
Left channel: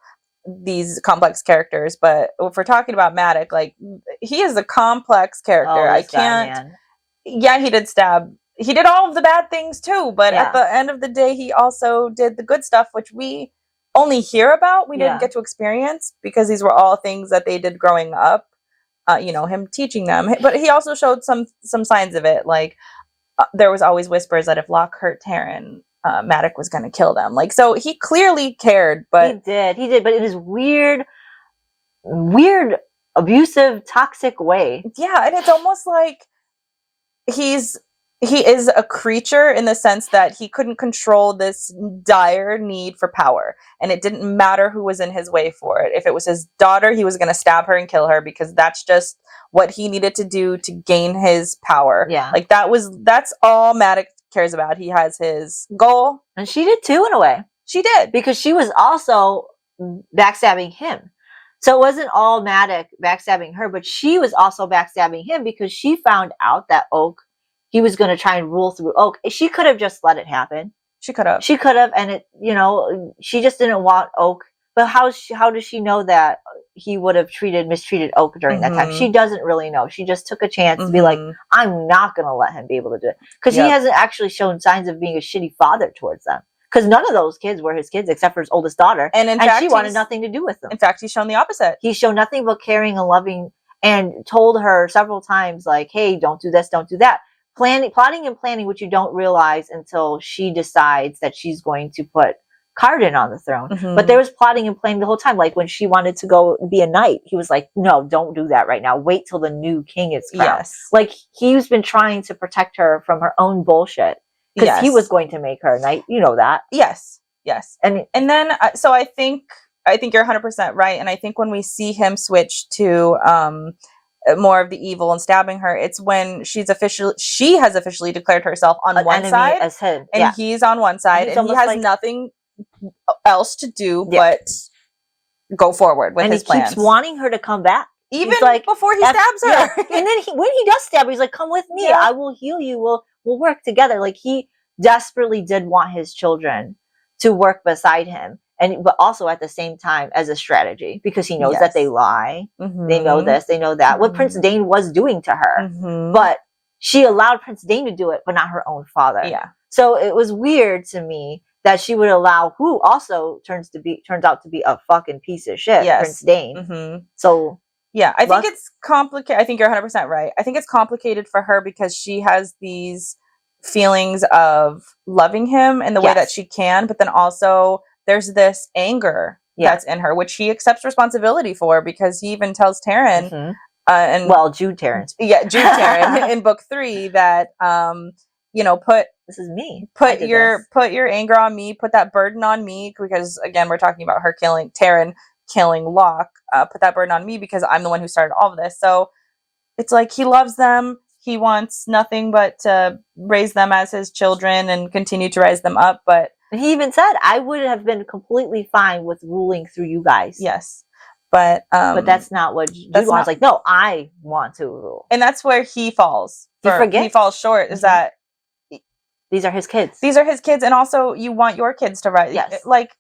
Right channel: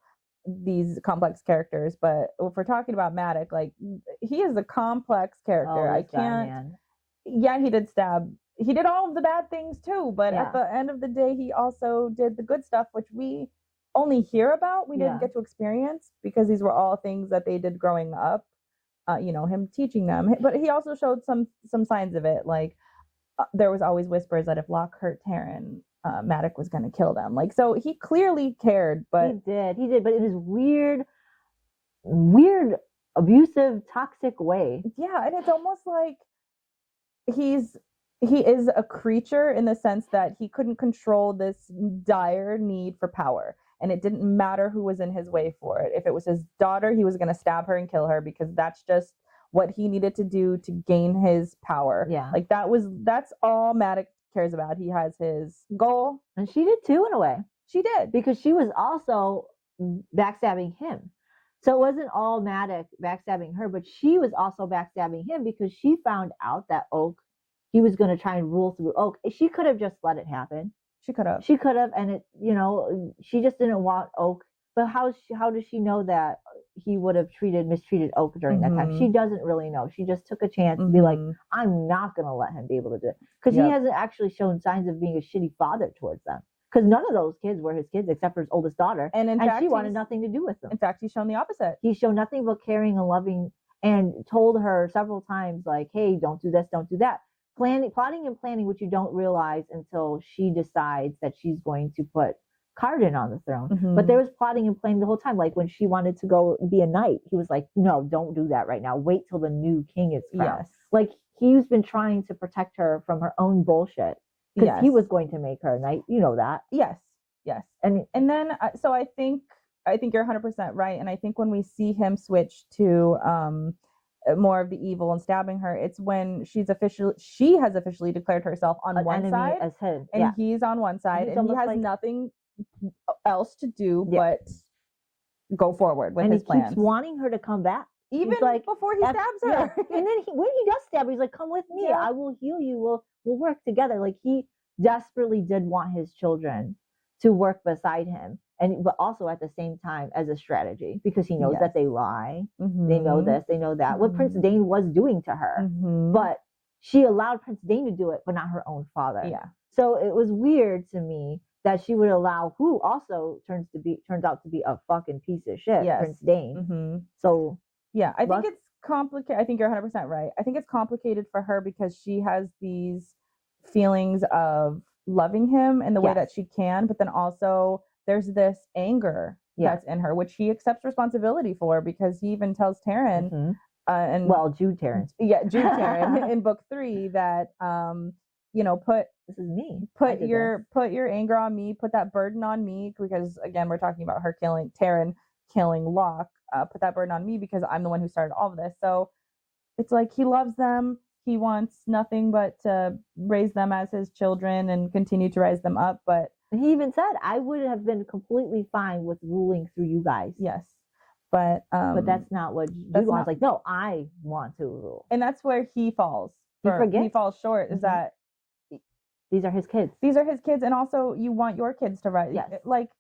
these complex characters. But if we're talking about Maddox, like he is a complex character. I can't. Yeah, he did stab. He did all of the bad things too, but at the end of the day, he also did the good stuff, which we only hear about. We didn't get to experience because these were all things that they did growing up. Him teaching them, but he also showed some signs of it. Like there was always whispers that if Locke hurt Taryn, Maddox was going to kill them. Like, so he clearly cared, but he did, but in his weird, abusive, toxic way. Yeah, and it's almost like he is a creature in the sense that he couldn't control this dire need for power, and it didn't matter who was in his way for it. If it was his daughter, he was going to stab her and kill her because that's just what he needed to do to gain his power. Yeah, like that's all Maddox cares about. He has his goal, and she did too in a way. She did, because she was also backstabbing him. So it wasn't all Maddox backstabbing her, but she was also backstabbing him because she found out that he was going to try and rule through Oak. She could have just let it happen. She could have. And it, she just didn't want Oak. But how does she know that he would have mistreated Oak during that time? She doesn't really know. She just took a chance to be like, I'm not going to let him be able to do it. Because he hasn't actually shown signs of being a shitty father towards them. Because none of those kids were his kids except for his oldest daughter. And she wanted nothing to do with them. In fact, he's shown the opposite. He showed nothing but caring and loving, and told her several times, like, hey, don't do this, don't do that. Plotting and planning, which you don't realize until she decides that she's going to put Carden on the throne. But there was plotting and planning the whole time. Like when she wanted to go be a knight, he was like, no, don't do that right now. Wait till the new king is crowned. Yes. Like he's been trying to protect her from her own bullshit. Because he was going to make her a knight. You know that. Yes. And then, so I think you're 100% right. And I think when we see him switch to more of the evil and stabbing her, it's when she has officially declared herself on one side as him. And he's on one side, and he has nothing else to do but go forward with his plans. He keeps wanting her to come back. Even like, before he stabs her. Yeah. And then when he does stab her, he's like, come with me. Yeah. I will heal you. We'll work together. Like he desperately did want his children to work beside him. But also at the same time as a strategy, because he knows that they lie. They know this, they know that. What Prince Dane was doing to her. But she allowed Prince Dane to do it, but not her own father. Yeah. So it was weird to me that she would allow who also turns out to be a fucking piece of shit, Prince Dane. So yeah, I think it's complicated. I think you're 100% right. I think it's complicated for her because she has these feelings of loving him in the way that she can, but then also there's this anger that's in her, which he accepts responsibility for, because he even tells Taryn, Jude Taryn. Yeah, Jude Taryn in book 3 that, this is me. Put your anger on me, put that burden on me, because again, we're talking about her Taryn killing Locke. Put that burden on me because I'm the one who started all of this. So it's like he loves them. He wants nothing but to raise them as his children and continue to raise them up. But he even said, I would have been completely fine with ruling through you guys. Yes. But that's not what Jude wants. Like, no, I want to rule. And that's where he falls. He falls short, is that these are his kids. And also you want your kids to rise. Yes. Like,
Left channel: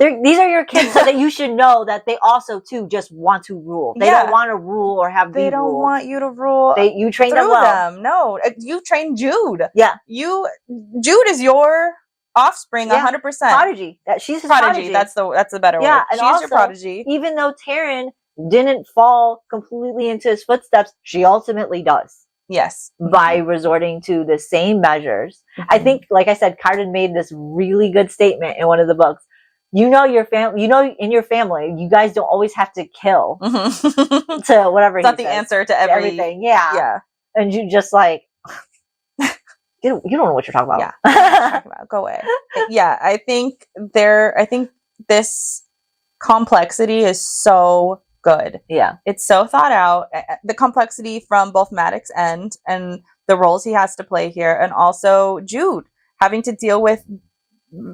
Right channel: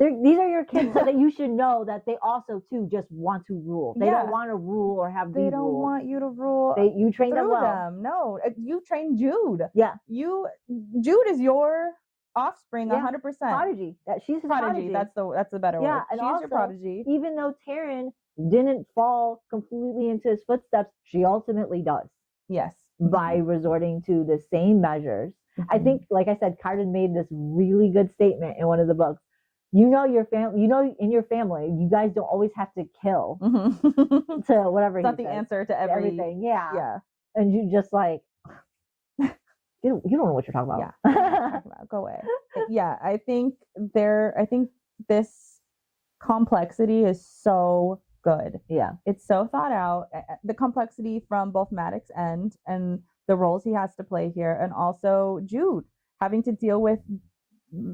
these are your kids, so that you should know that they also too just want to rule. They don't want to rule or have they don't rule. Want you to rule. You train them well. No, you train Jude. Yeah, Jude is your offspring, 100%. Prodigy. She's his prodigy. That's the better word. And she's also, your prodigy. Even though Taryn didn't fall completely into his footsteps, she ultimately does. Yes, by resorting to the same measures. I think, like I said, Carden made this really good statement in one of the books. Your family. In your family, you guys don't always have to kill to whatever. It's not the answer to everything. Yeah. And you just like, you don't know what you're talking about. Yeah, go away. Yeah, I think this complexity is so good. Yeah. It's so thought out. The complexity from both Maddox and the roles he has to play here, and also Jude having to deal with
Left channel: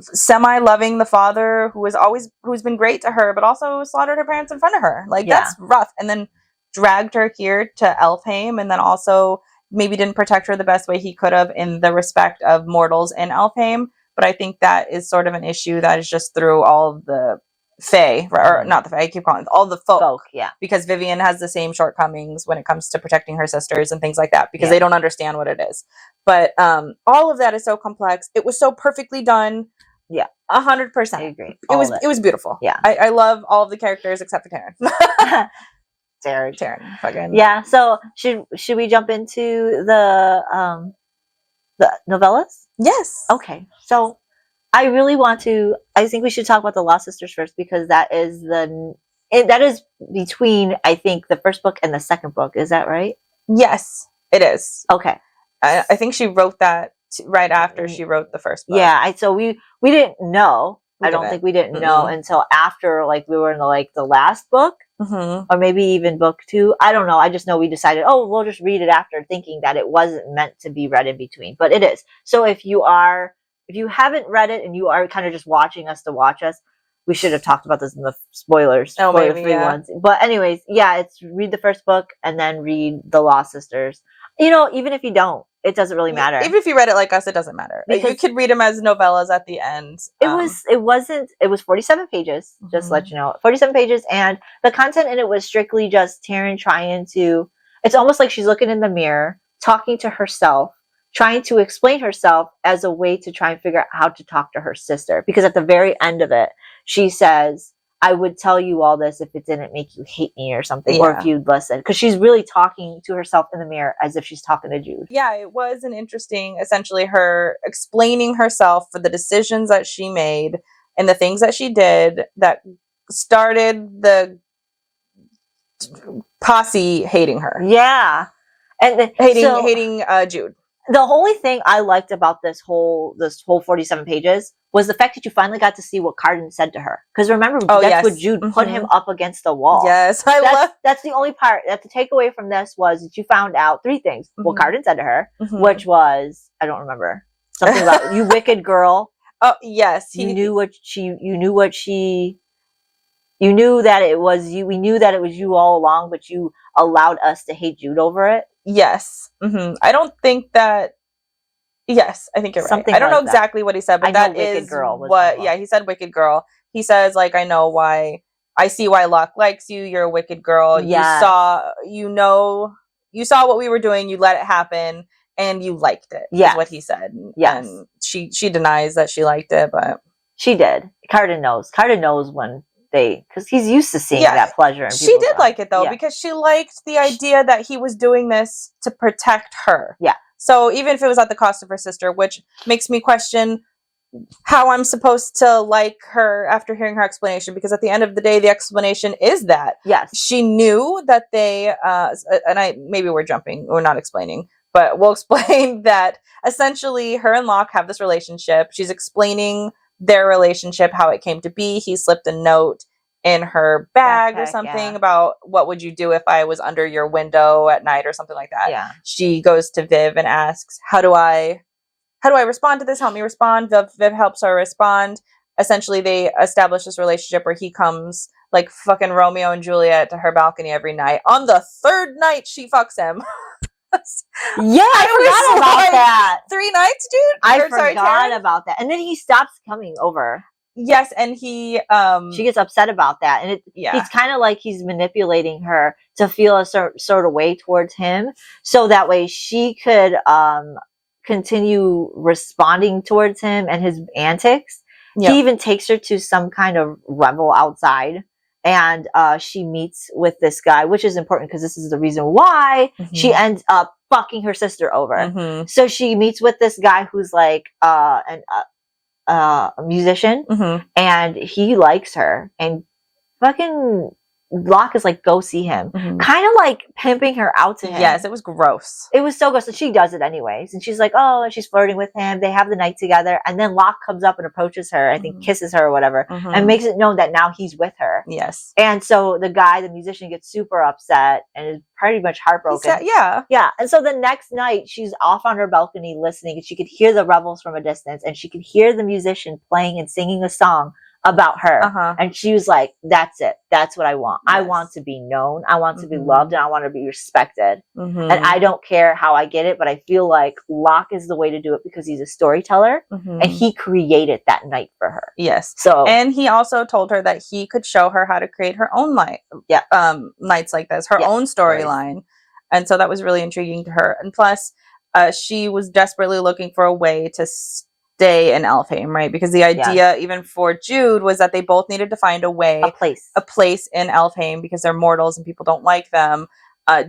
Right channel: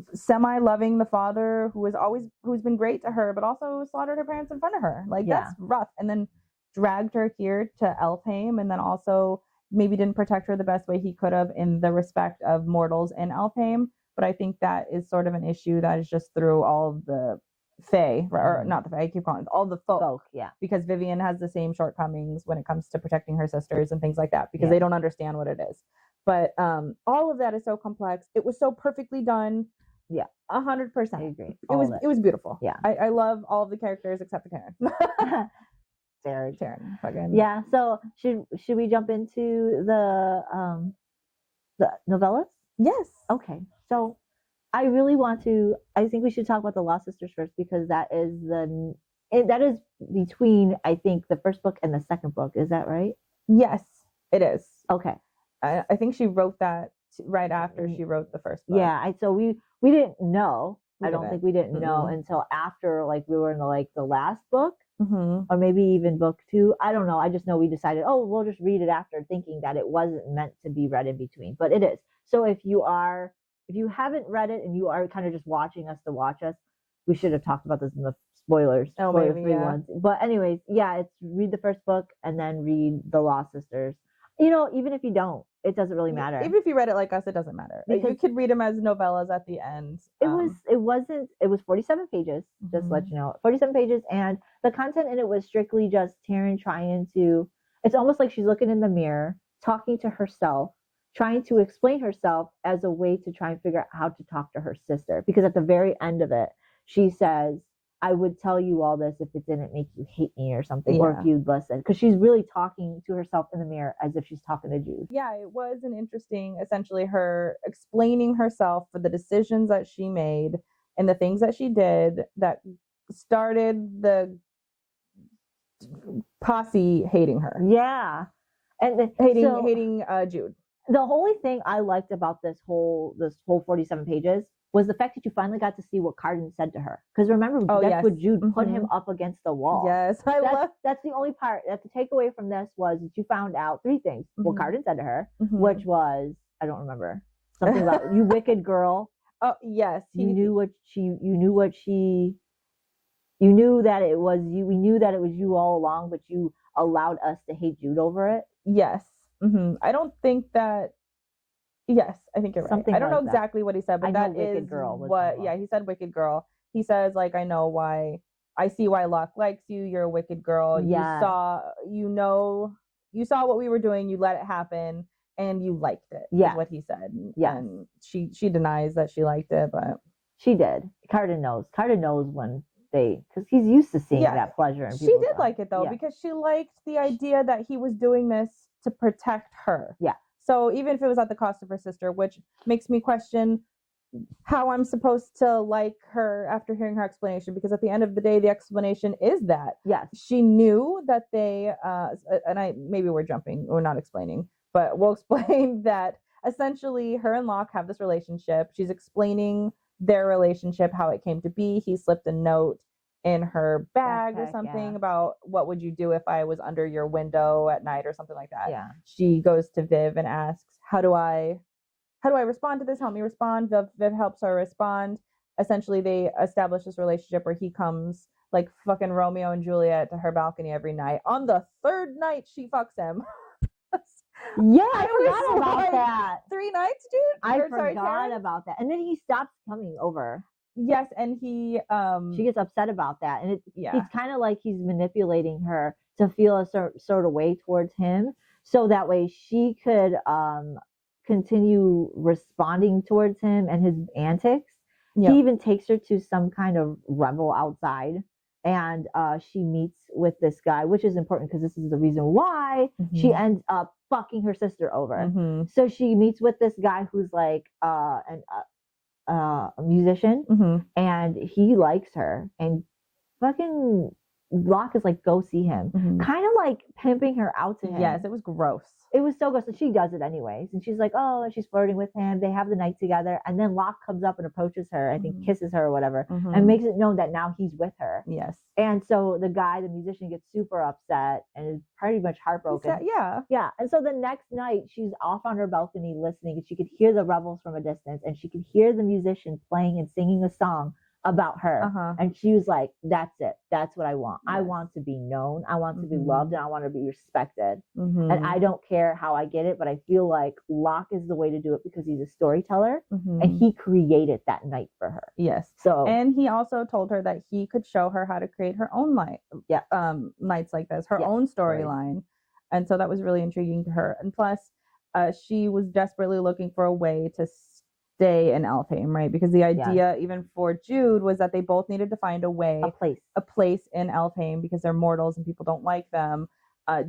semi-loving the father who's been great to her, but also slaughtered her parents in front of her. Like, that's rough. And then dragged her here to Elfheim, and then also maybe didn't protect her the best way he could have in the respect of mortals in Elfheim. But I think that is sort of an issue that is just through all of the Fae, or not the Fae, I keep calling it all the folk. Yeah. Because Vivian has the same shortcomings when it comes to protecting her sisters and things like that, because they don't understand what it is. But all of that is so complex. It was so perfectly done. Yeah. 100%. I agree. It was beautiful. Yeah. I love all of the characters except for Taryn. Taryn. Fucking. Yeah. So should we jump into the novellas? Yes. Okay. So I think we should talk about the Lost Sisters first, because that is between, I think, the first book and the second book. Is that right? Yes, it is. Okay. I think she wrote that right after she wrote the first book. Yeah. So we didn't know. I don't think we didn't know until after, like, we were in the last book, or maybe even book 2. I don't know. I just know we decided, we'll just read it after, thinking that it wasn't meant to be read in between, but it is. So if you haven't read it and you are kind of just watching us to watch us, we should have talked about this in the spoiler-free ones. But anyways, it's read the first book and then read the Lost Sisters. Even if you don't, it doesn't really matter. Even if you read it like us, it doesn't matter. Because you could read them as novellas at the end. It was 47 pages, just to let you know. 47 pages, and the content in it was strictly just Taryn trying to, it's almost like she's looking in the mirror, talking to herself, trying to explain herself as a way to try and figure out how to talk to her sister. Because at the very end of it, she says, I would tell you all this if it didn't make you hate me or something, or if you'd listen. Because she's really talking to herself in the mirror as if she's talking to Jude. Yeah, it was an interesting, essentially, her explaining herself for the decisions that she made and the things that she did that started the posse hating her. Yeah. And hating Jude. The only thing I liked about this whole 47 pages was the fact that you finally got to see what Carden said to her. Because remember, that's what Jude put him up against the wall. Yes, that's the only part. That the takeaway from this was that you found out 3 things. What Carden said to her, which was, I don't remember, something about you wicked girl. Oh yes, you knew that it was you. We knew that it was you all along, but you allowed us to hate Jude over it. Yes. I don't think that. Yes, I think you're right. I don't know exactly what he said, but that is what. Yeah, he said wicked girl. He says, like, I know why. I see why Locke likes you. You're a wicked girl. Yes. You saw what we were doing. You let it happen, and you liked it. Yes. Is what he said. Yes. And she denies that she liked it, but she did. Carden knows. Carden knows when. Because he's used to seeing that pleasure. She did like it though, because she liked the idea that he was doing this to protect her. Yeah. So even if it was at the cost of her sister, which makes me question how I'm supposed to like her after hearing her explanation, because at the end of the day, the explanation is that she knew that they, maybe we're not explaining, but we'll explain that essentially her and Locke have this relationship. She's explaining their relationship, how it came to be. He slipped a note in her bag or something about what would you do if I was under your window at night or something like that. Yeah. She goes to Viv and asks, how do I respond to this? Help me respond. Viv helps her respond. Essentially, they establish this relationship where he comes like fucking Romeo and Juliet to her balcony every night. On the 3rd night, she fucks him. Yeah, I forgot about that. 3 nights, dude? I forgot about that. And then he stops coming over. Yes, and she gets upset about that. And it's kind of like he's manipulating her to feel a sort of way towards him, so that way she could continue responding towards him and his antics. Yep. He even takes her to some kind of revel outside. And she meets with this guy, which is important because this is the reason why she ends up fucking her sister over. So she meets with this guy who's like a musician, and he likes her and fucking Locke is like, go see him. Kind of like pimping her out to him. Yes, it was gross. It was so gross. And she does it anyways. And she's like, oh, and she's flirting with him. They have the night together. And then Locke comes up and approaches her, I think kisses her or whatever, and makes it known that now he's with her. Yes. And so the guy, the musician, gets super upset and is pretty much heartbroken. Yeah. And so the next night, she's off on her balcony listening, and she could hear the revels from a distance, and she could hear the musician playing and singing a song about her. And she was like, that's it. That's what I want. Yes. I want to be known. I want to be loved, and I want to be respected. And I don't care how I get it, but I feel like Locke is the way to do it because he's a storyteller and he created that night for her. Yes. So, and he also told her that he could show her how to create her own nights like this, her own storyline. And so that was really intriguing to her. And plus, she was desperately looking for a way to stay in Elfhame, right? Because the idea, even for Jude, was that they both needed to find a way, a place in Elfhame, because they're mortals and people don't like them.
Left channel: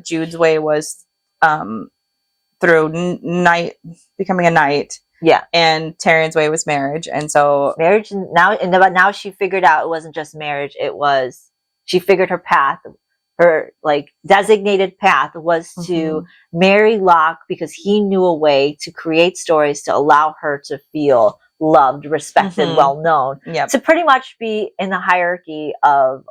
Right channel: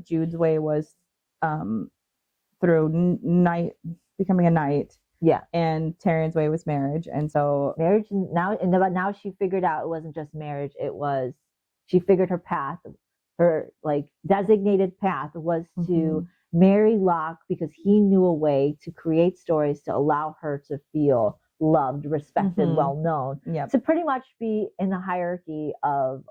Jude's way was through becoming a knight. Yeah. And Tyrion's way was marriage. And so marriage now she figured out it wasn't just marriage, it was she figured her path. Her like designated path was to marry Locke because he knew a way to create stories to allow her to feel loved, respected, well known, to pretty much be in the hierarchy of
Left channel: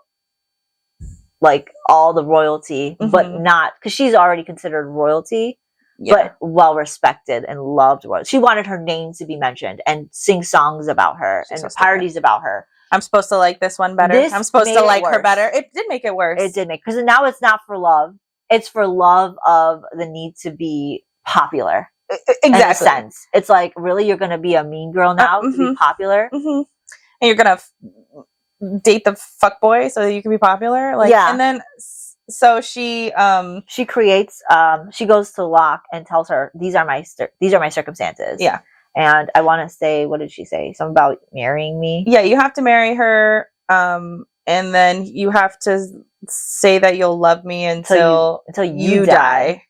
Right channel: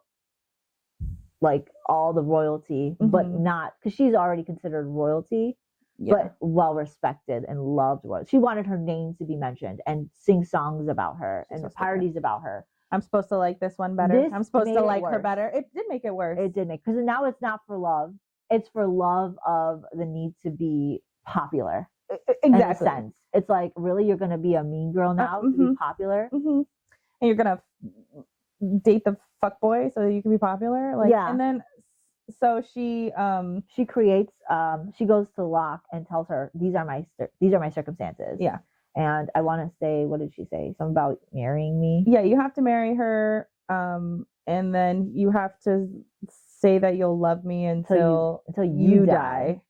like all the royalty, but not because she's already considered royalty, but well respected and loved. She wanted her name to be mentioned and sing songs about her and parodies about her. I'm supposed to like this one better. I'm supposed to like her better. It did make it worse. It did make, because now it's not for love. It's for love of the need to be popular. Exactly. In a sense. It's like, really, you're going to be a mean girl now to be popular? And you're going to date the fuckboy so that you can be popular? Like, and then, so she creates, she goes to Locke and tells her, these are my circumstances. Yeah. And I want to say, what did she say? Something about marrying me? Yeah, you have to marry her, and then you have to say that you'll love me until you die.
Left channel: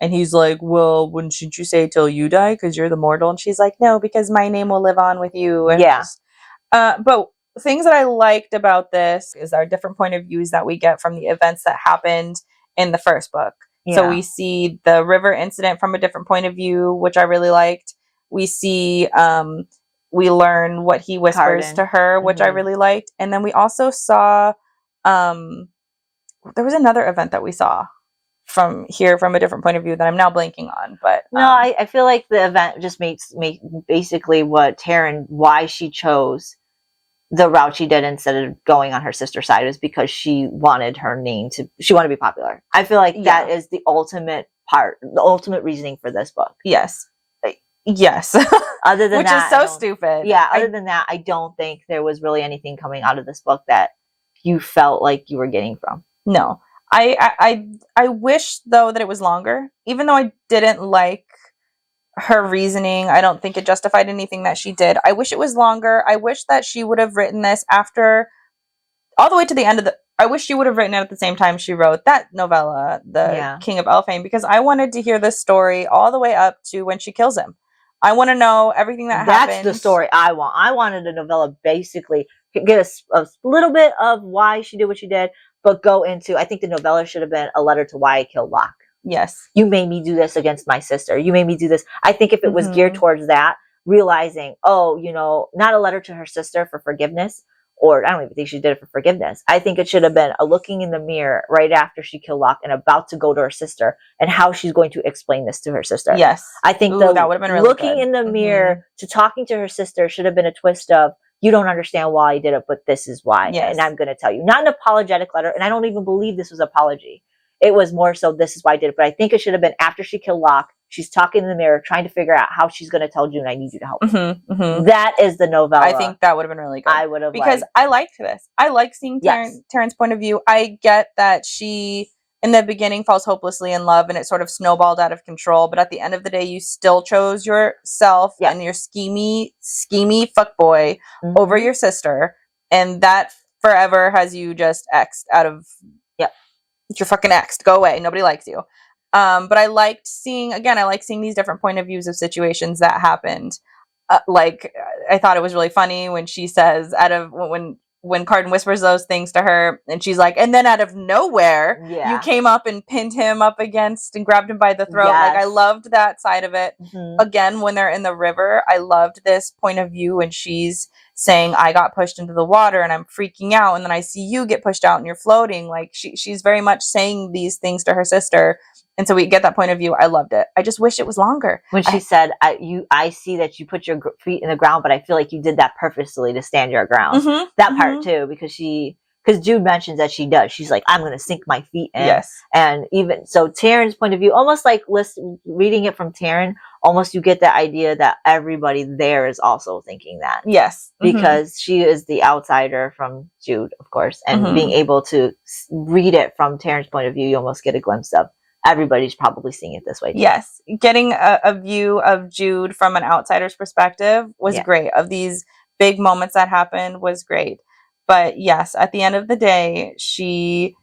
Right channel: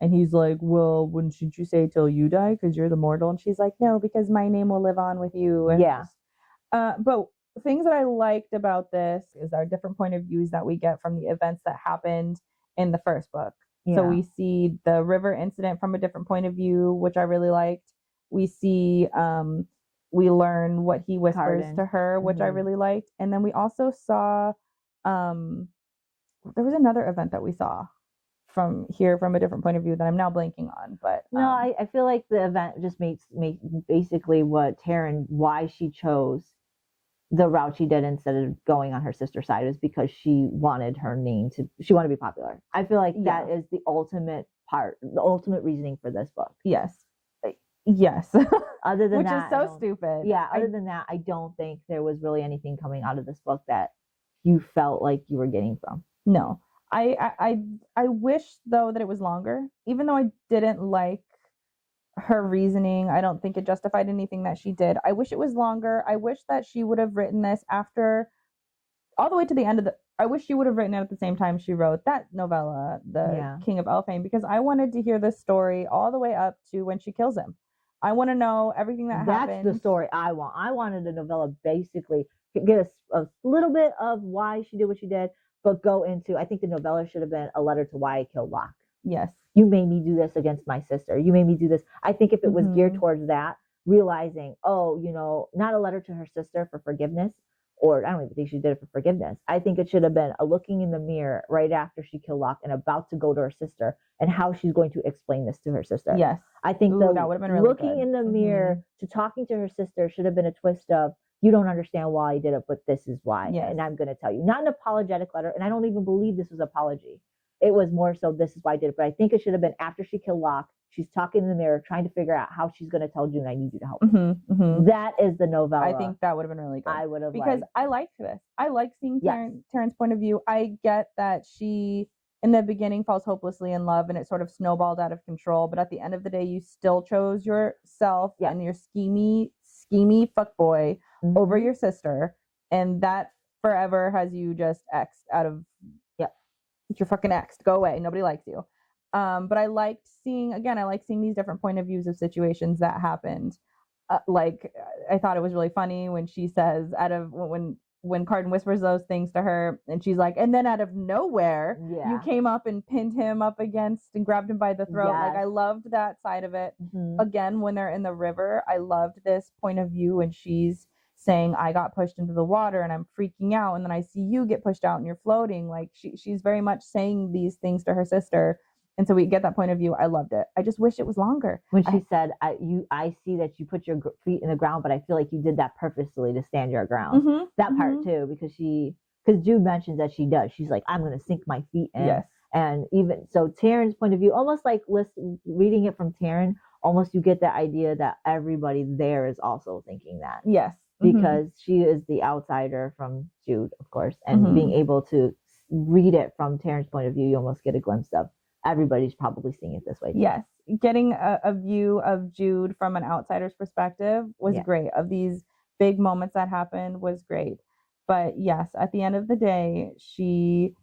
And he's like, well, shouldn't you say till you die because you're the mortal? And she's like, no, because my name will live on with you. And but things that I liked about this is our different point of views that we get from the events that happened in the first book. Yeah. So we see the river incident from a different point of view, which I really liked. We see, we learn what he whispers to her, which I really liked. And then we also saw, there was another event that we saw from a different point of view that I'm now blanking on. But no, I feel like the event just makes basically what Taryn, why she chose the route she did instead of going on her sister's side, is because she wanted her name she wanted to be popular. I feel like that is the ultimate reasoning for this book. Yes. Yes. Other than which that, is so stupid. Yeah. Other than that, I don't think there was really anything coming out of this book that you felt like you were getting from. No, I wish though that it was longer, even though I didn't like her reasoning. I don't think it justified anything that she did. I wish it was longer. I wish that she would have written this after all the way to the end of I wish she would have written it at the same time she wrote that novella, The King of Elfhame, because I wanted to hear this story all the way up to when she kills him. I want to know everything that happened. That's the story I want. I wanted a novella basically get a little bit of why she did what she did, but go into, I think the novella should have been a letter to why I killed Locke. Yes. You made me do this against my sister. You made me do this. I think if it was geared towards that, realizing, not a letter to her sister for forgiveness, or I don't even think she did it for forgiveness. I think it should have been a looking in the mirror right after she killed Locke and about to go to her sister and how she's going to explain this to her sister. Yes. I think that would have been really looking good. In the mirror to talking to her sister should have been a twist of, you don't understand why I did it, but this is why. Yes. And I'm going to tell you. Not an apologetic letter. And I don't even believe this was an apology. It was more so, this is why I did it. But I think it should have been after she killed Locke. She's talking in the mirror, trying to figure out how she's going to tell June, I need you to help me. That is the novella. I think that would have been really good. I would have, because I liked this. I like seeing Taryn's point of view. I get that she, in the beginning, falls hopelessly in love and it sort of snowballed out of control. But at the end of the day, you still chose yourself and your schemy fuckboy over your sister. And that forever has you just X'd out of, you're fucking X'd. Go away. Nobody likes you. But I liked seeing these different point of views of situations that happened. I thought it was really funny when she says, when when Carden whispers those things to her, and she's like, and then out of nowhere, you came up and pinned him up against and grabbed him by the throat. Like, I loved that side of it. Again, when they're in the river, I loved this point of view, and she's saying, I got pushed into the water and I'm freaking out, and then I see you get pushed out and you're floating. Like, she's very much saying these things to her sister. And so we get that point of view. I loved it. I just wish it was longer. When she said, I see that you put your feet in the ground, but I feel like you did that purposely to stand your ground. That part too, because Jude mentions that she does. She's like, I'm going to sink my feet in. Yes. And even so, Taryn's point of view, almost like reading it from Taryn, almost you get the idea that everybody there is also thinking that. Yes. Because she is the outsider from Jude, of course. And being able to read it from Taryn's point of view, you almost get a glimpse of everybody's probably seeing it this way too. Yes. Getting a view of Jude from an outsider's perspective was great. Of these big moments that happened was great. But yes, at the end of the day, she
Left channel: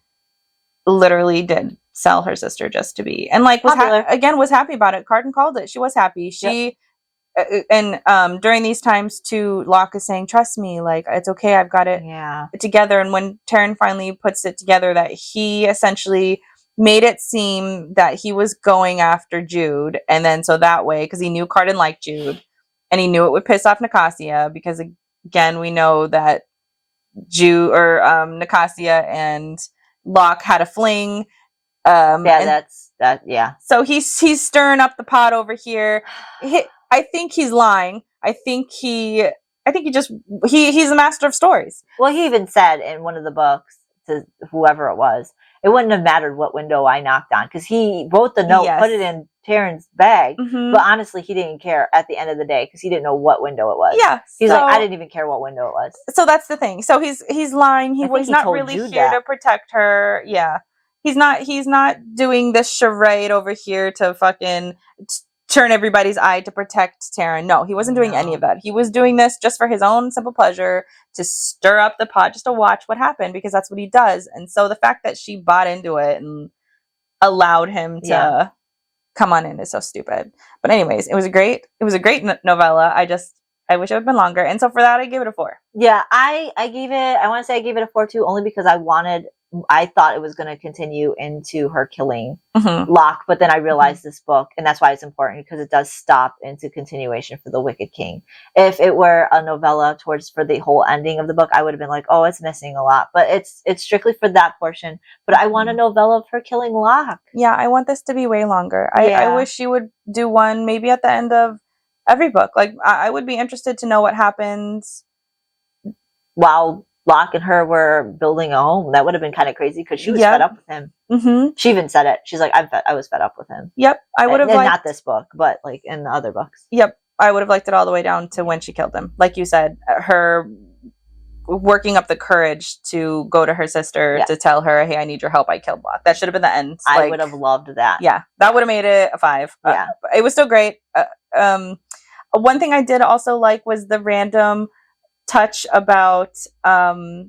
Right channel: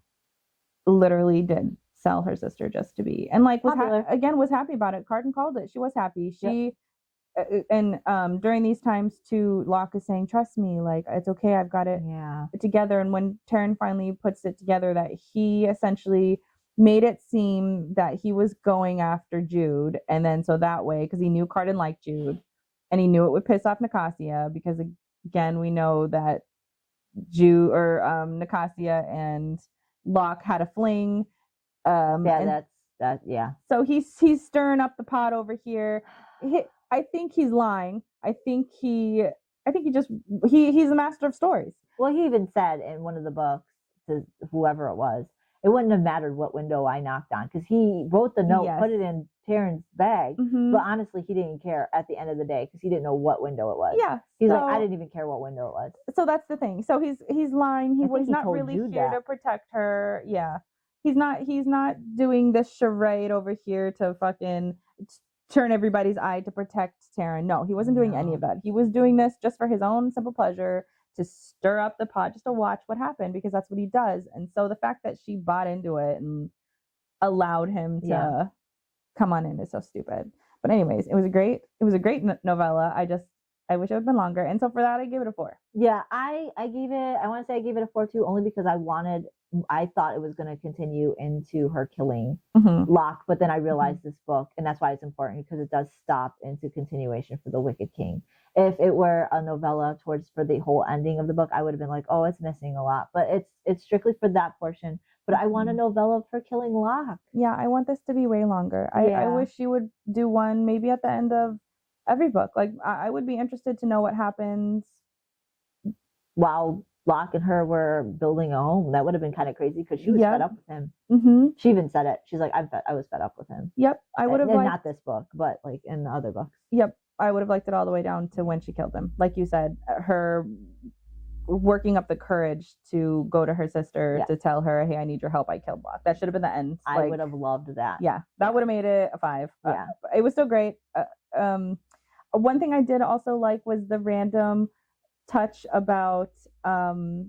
literally did sell her sister just to be. And like, was happy about it. Carden called it. She was happy. And during these times too, Locke is saying, trust me, like, it's okay. I've got it together. And when Taryn finally puts it together that he essentially made it seem that he was going after Jude. And then so that way, because he knew Carden liked Jude and he knew it would piss off Nicasia, because again, we know that Jude or Nicasia and Locke had a fling. So he's stirring up the pot over here. I think he's lying. I think he's a master of stories. Well, he even said in one of the books to whoever it was, it wouldn't have mattered what window I knocked on, because he wrote the note, put it in Taryn's bag, but honestly, he didn't care at the end of the day because he didn't know what window it was. Yeah, he's like, I didn't even care what window it was. So that's the thing. So he's lying. He's not really here to protect her. Yeah, he's not doing this charade over here to fucking turn everybody's eye to protect Taryn. No, he wasn't doing any of that. He was doing this just for his own simple pleasure, to stir up the pot, just to watch what happened, because that's what he does. And so the fact that she bought into it and allowed him to come on in is so stupid. But anyways, it was a great novella. I wish it had been longer. And so for that, I gave it a 4. Yeah, I want to say I gave it a 4 too, only because I thought it was going to continue into her killing Locke, but then I realized this book, and that's why it's important, because it does stop into continuation for the Wicked King. If it were a novella for the whole ending of the book, I would have been like, oh, it's missing a lot, but it's strictly for that portion. But I want a novella of her killing Locke. Yeah, I want this to be way longer. I wish she would do one maybe at the end of every book. Like, I would be interested to know what happens while Locke and her were building a home. That would have been kind of crazy, because she was fed up with him. She even said it. She's like, I was fed up with him. Yep. I would have liked, not this book, but like in the other books. Yep. I would have liked it all the way down to when she killed him. Like you said, her working up the courage to go to her sister to tell her, hey, I need your help. I killed Locke. That should have been the end. I would have loved that. Yeah. That would have made it a 5. Yeah. It was still great. One thing I did also like was the random touch about the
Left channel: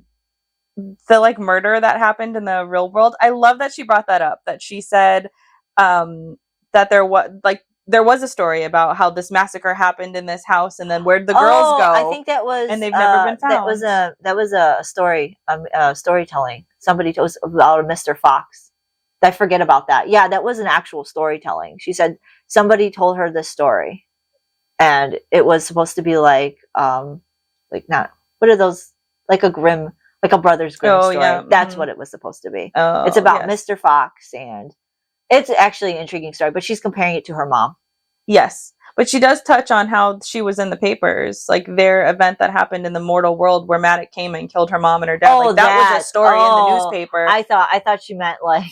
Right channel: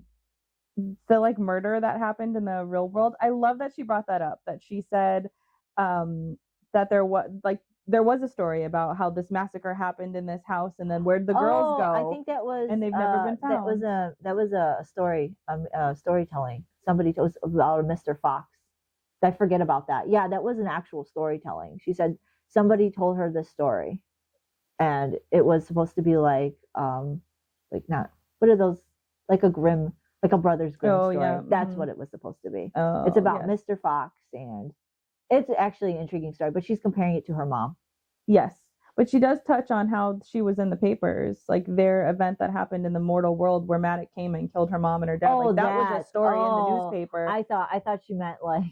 like murder that happened in the real world. I love that she brought that up, that she said that there was a story about how this massacre happened in this house, and then where'd the girls go? I think that was, and they've never been found. That was a story, storytelling. Somebody told us about Mr. Fox. I forget about that. Yeah, that was an actual storytelling. She said somebody told her this story, and it was supposed to be like not, what are those, like a Brothers Grimm story. Yeah. That's what it was supposed to be. It's about Mr. Fox, and it's actually an intriguing story, but she's comparing it to her mom. Yes. But she does touch on how she was in the papers, like their event that happened in the mortal world where Maddox came and killed her mom and her dad. Like that was a story in the newspaper. I thought she meant like,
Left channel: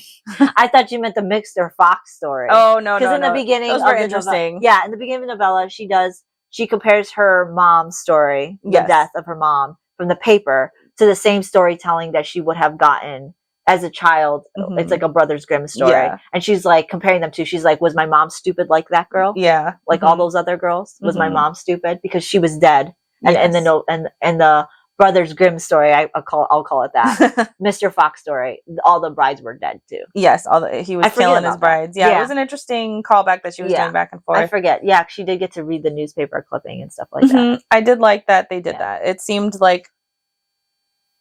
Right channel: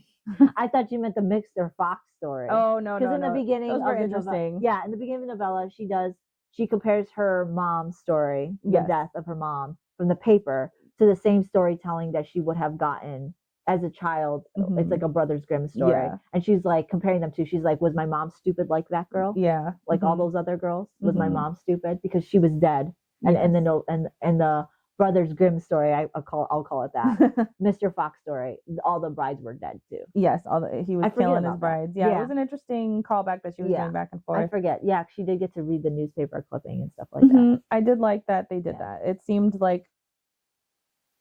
I thought you meant the Mr. Fox story. Oh, no, because in the beginning, those were interesting. In the beginning of the novella, she compares her mom's story, the death of her mom, from the paper to the same storytelling that she would have gotten as a child. It's like a Brothers Grimm story. And she's like comparing them to, she's like, was my mom stupid like that girl? Yeah. Like all those other girls? Was my mom stupid? Because she was dead. And the Brothers Grimm story, I'll call it that. Mr. Fox story, all the brides were dead too. Yes, he was killing his brides. Yeah, it was an interesting callback that she was doing back and forth. I forget. Yeah, she did get to read the newspaper clipping and stuff like that. I did like that they did that. It seemed like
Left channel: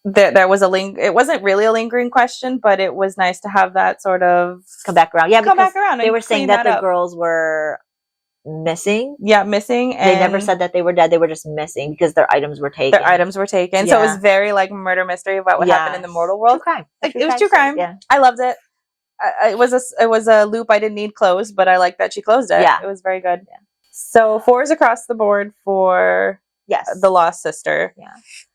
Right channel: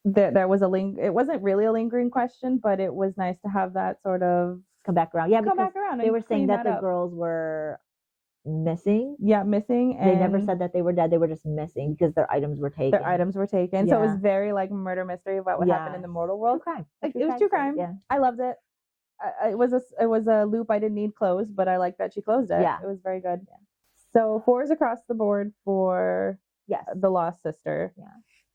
there was it wasn't really a lingering question, but it was nice to have that sort of come back around. Yeah, come because back around. they And were saying clean that the up. girls were missing. Yeah, missing. And they never said that they were dead. They were just missing because their items were taken. Their items were taken. So it was very like murder mystery about what happened in the mortal world. True crime. It was true crime. Yeah, I loved it. It was a loop I didn't need closed, but I like that she closed it. Yeah, it was very good. Yeah. So 4s across the board for The Lost Sister. Yeah,